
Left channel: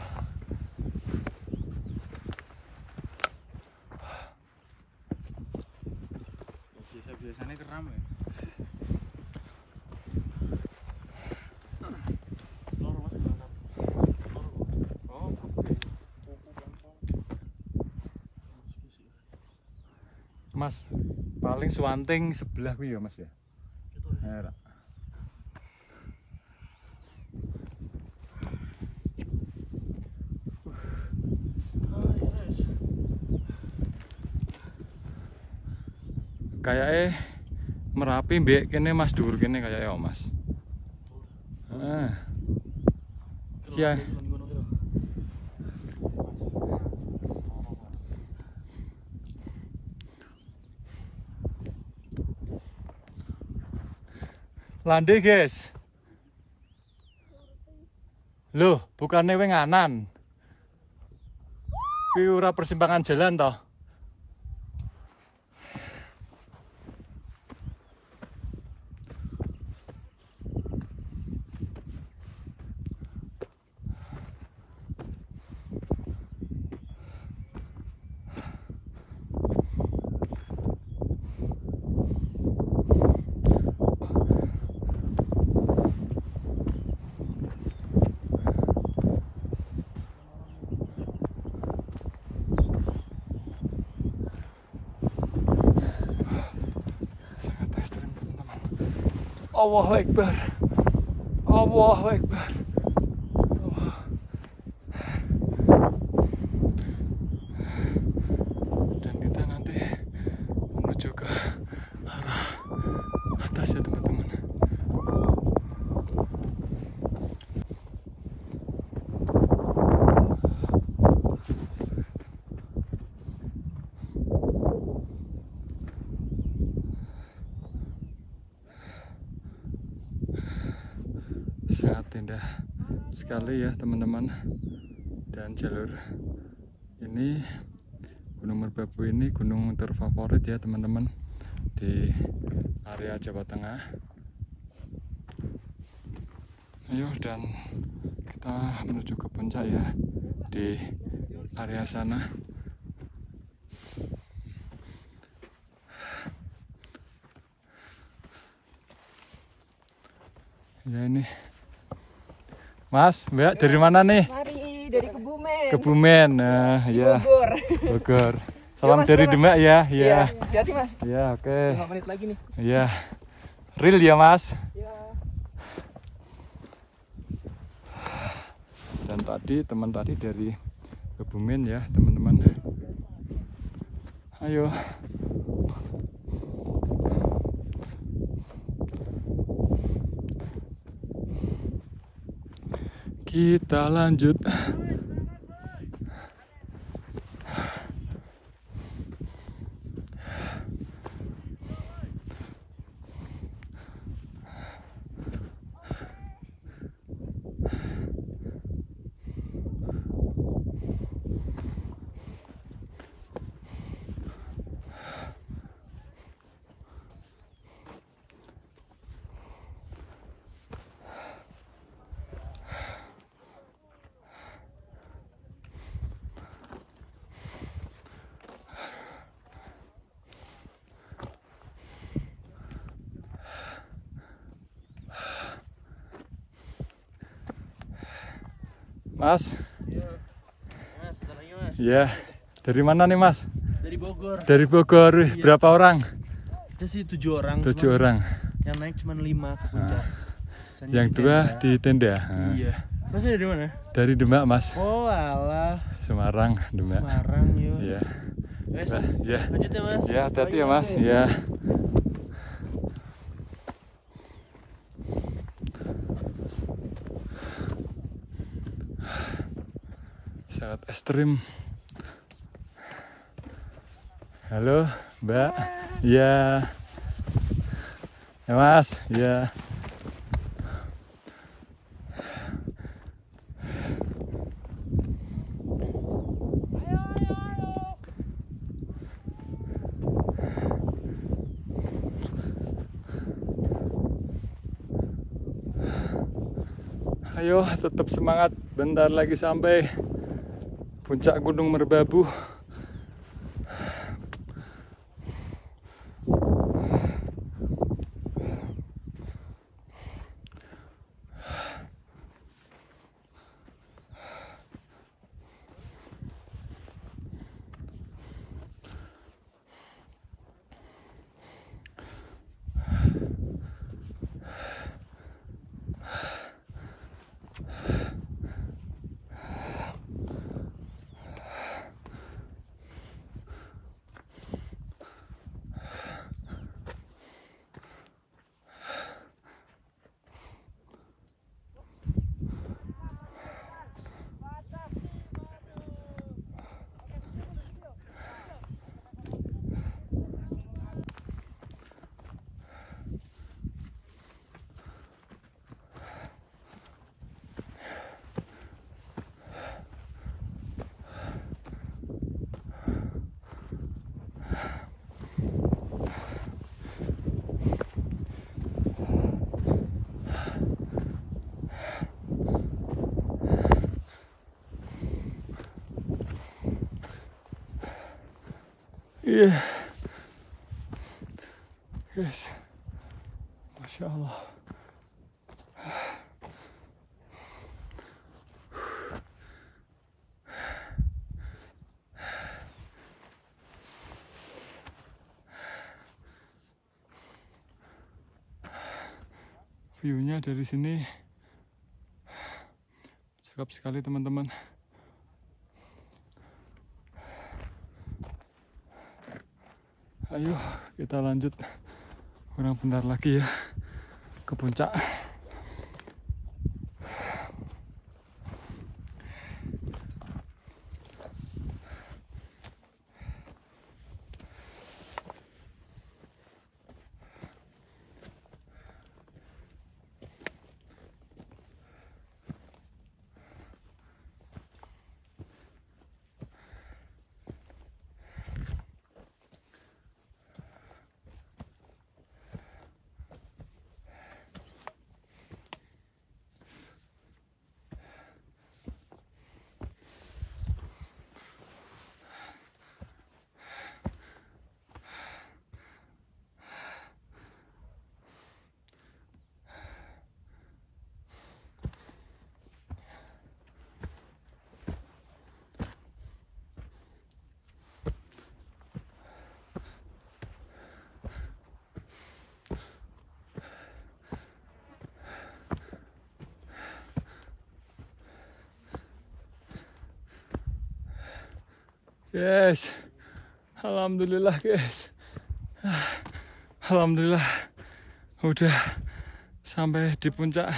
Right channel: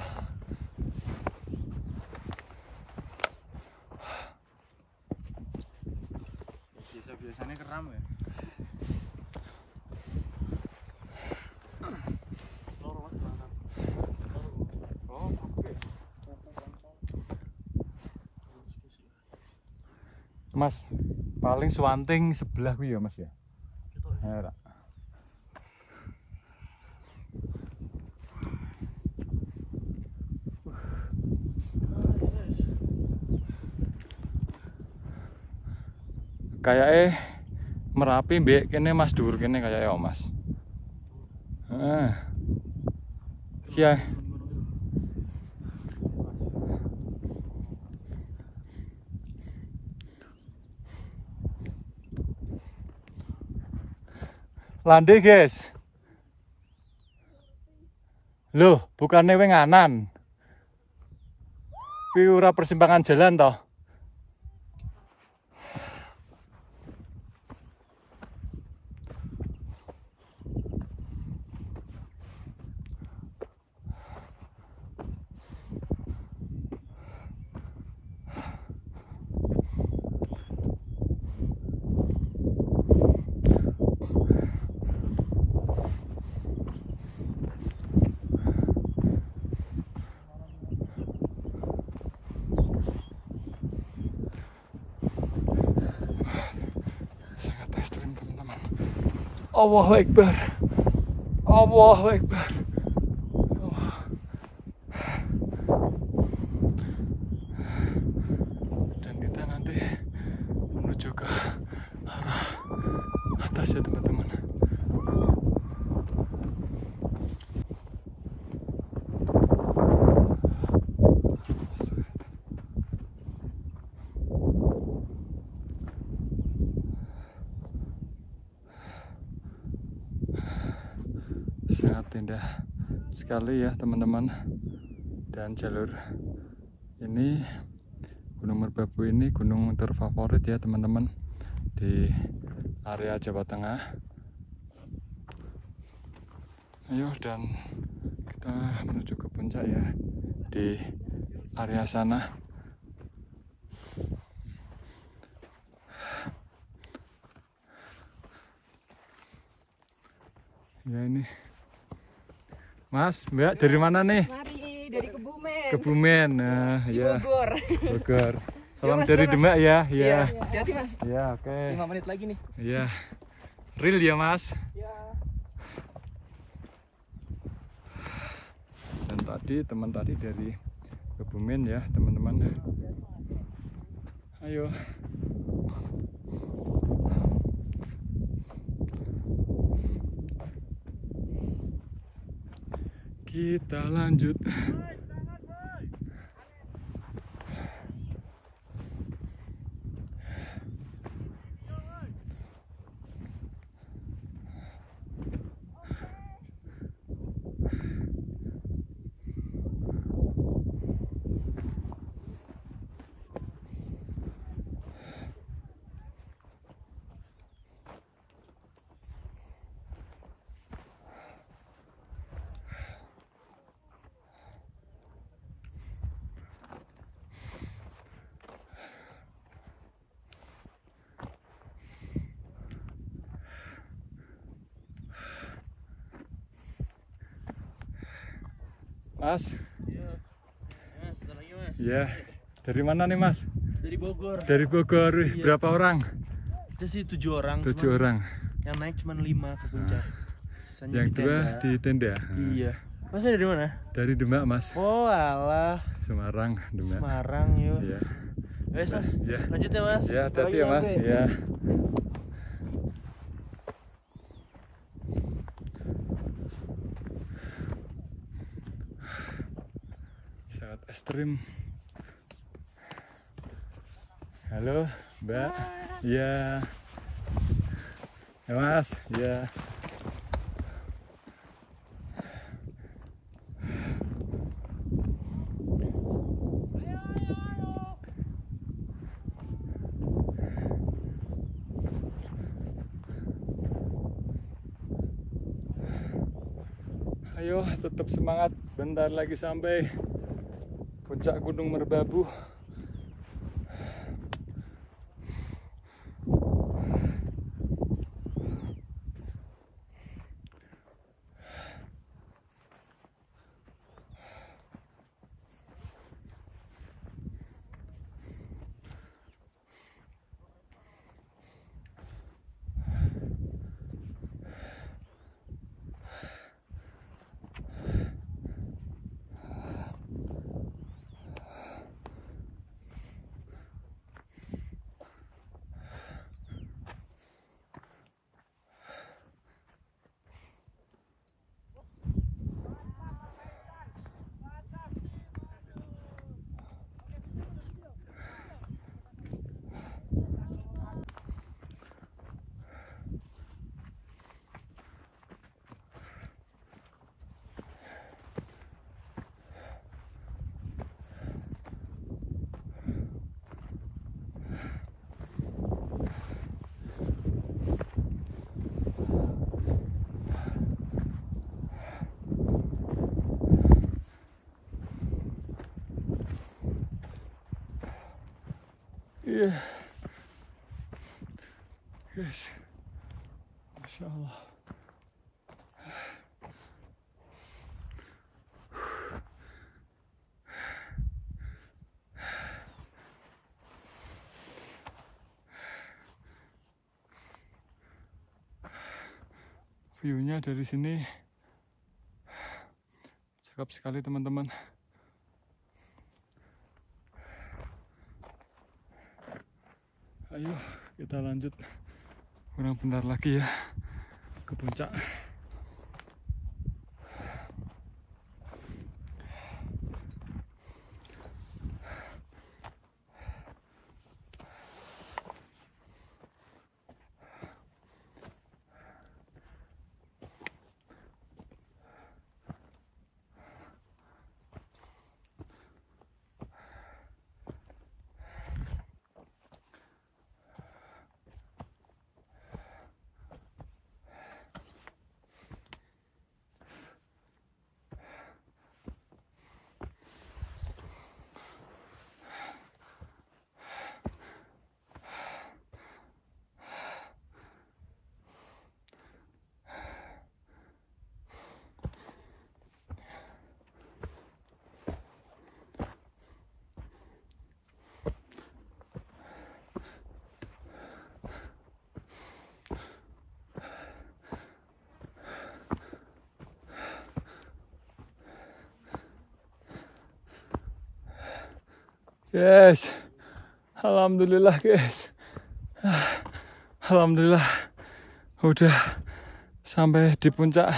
Biasanya keram ya. Loro Mas berangkat. Mas, paling suwanting sebelah kuwi ya Mas ya. Ora. Kayaknya Merapi mbek kene Mas dhuwur kene kayaknya Mas. Heeh. Iya. Landai guys. Loh, bukannya wenganan. Kuwi ora persimpangan jalan toh. Allahu Akbar. Allahu Akbar. Dan kita nanti menuju ke arah atas ya teman-teman. Sangat indah sekali ya teman-teman. Dan jalur ini, Gunung Merbabu ini gunung terfavorit ya teman-teman di area Jawa Tengah. Ayo, dan kita menuju ke puncak ya di area sana. Ya ini Mas, Mbak, dari mana nih? Mari dari Kebumen. Kebumen. Nah, Di ya. Bogor. Bogor. Salam Mas, dari Mas. Demak ya. Ya. Hati-hati Mas. Ya, oke. 5 menit lagi nih. Ya. Real ya, Mas. Ya. Dan tadi teman tadi dari Kebumen ya, teman-teman. Ayo. Kita lanjut. Mas. Iya. Mas, bentar lagi Mas. Ya. Dari mana nih, Mas? Dari Bogor. Dari Bogor. Wih, Iya. berapa orang? Itu sih 7 orang. 7 cuman orang. Yang naik cuma 5 ke puncak. Sisanya Yang di 2 tenda. di tenda. Nah, Iya. Masnya dari mana? dari Demak, Mas. Oh alah. Semarang, Demak. Semarang yuk. Iya. Mas, Mas, ya. lanjut ya Mas. Ya, hati-hati ya, Mas. Ya. Sangat ekstrim. Halo, Mbak. Ya. Ya, Mas. Ya. Ayo, tetap semangat. Bentar lagi sampai puncak Gunung Merbabu. Iya. Yes. Masya Allah. View-nya dari sini cakep sekali teman-teman. Ayo kita lanjut, kurang bentar lagi ya ke puncak. Guys, alhamdulillah guys, alhamdulillah udah sampai di puncak.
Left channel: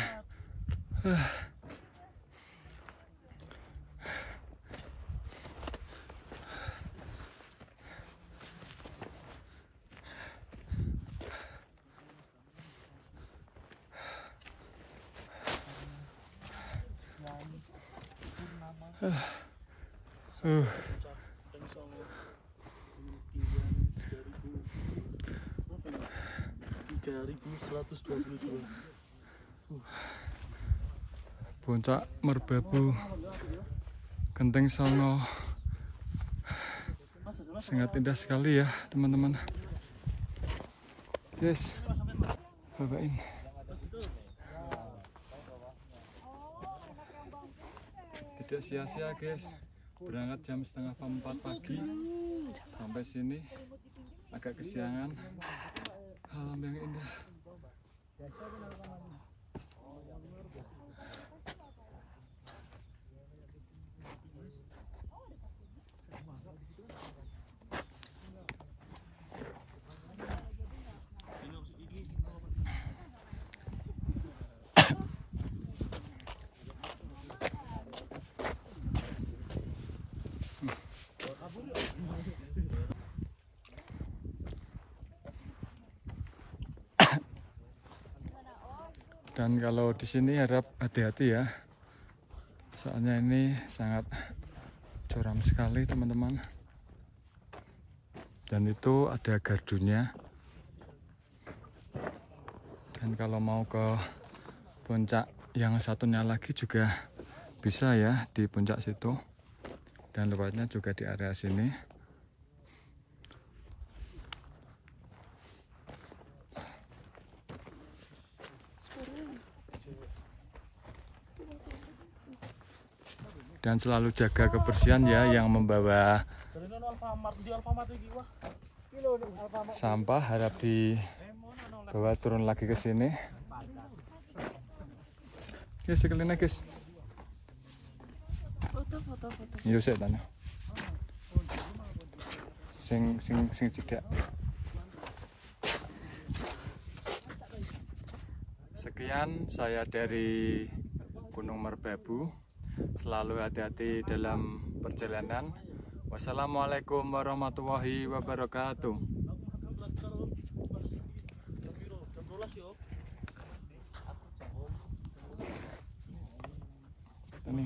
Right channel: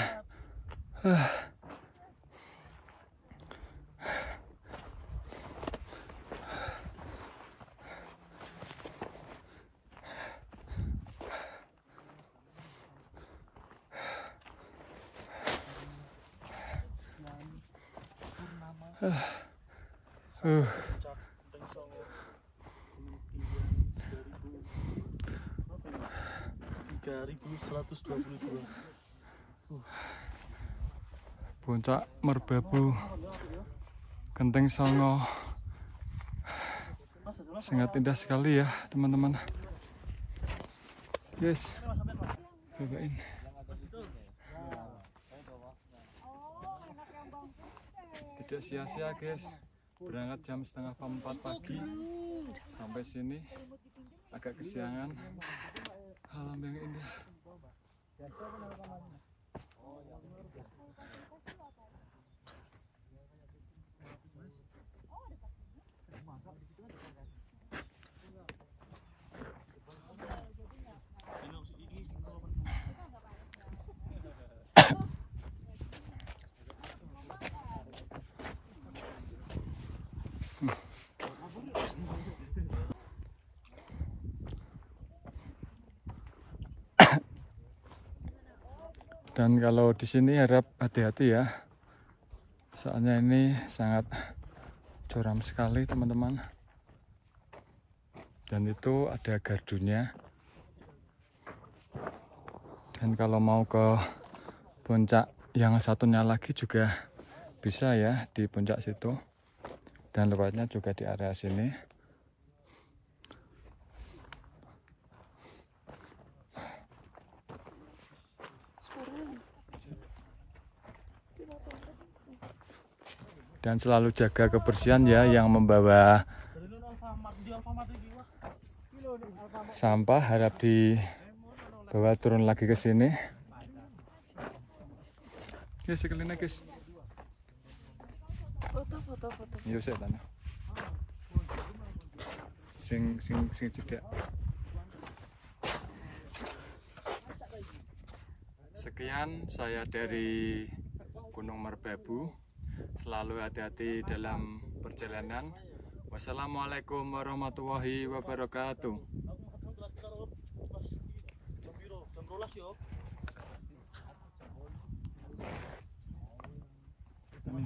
Puncak Merbabu Genteng Songo, sangat indah sekali ya teman-teman. Yes, cobain. Tidak sia-sia guys, berangkat jam 3:30 pagi sampai sini agak kesiangan. Alam yang indah. Dan kalau di sini harap hati-hati ya, soalnya ini sangat curam sekali teman-teman. Dan itu ada gardunya. Dan kalau mau ke puncak yang satunya lagi juga bisa ya, di puncak situ. Dan lewatnya juga di area sini. Dan selalu jaga kebersihan ya, yang membawa sampah harap dibawa turun lagi ke sini. Guys, sekalian guys. Foto. Iya sih tanah. Sing tidak. Sekian saya dari Gunung Merbabu. Selalu hati-hati dalam perjalanan. Wassalamualaikum warahmatullahi wabarakatuh. Ini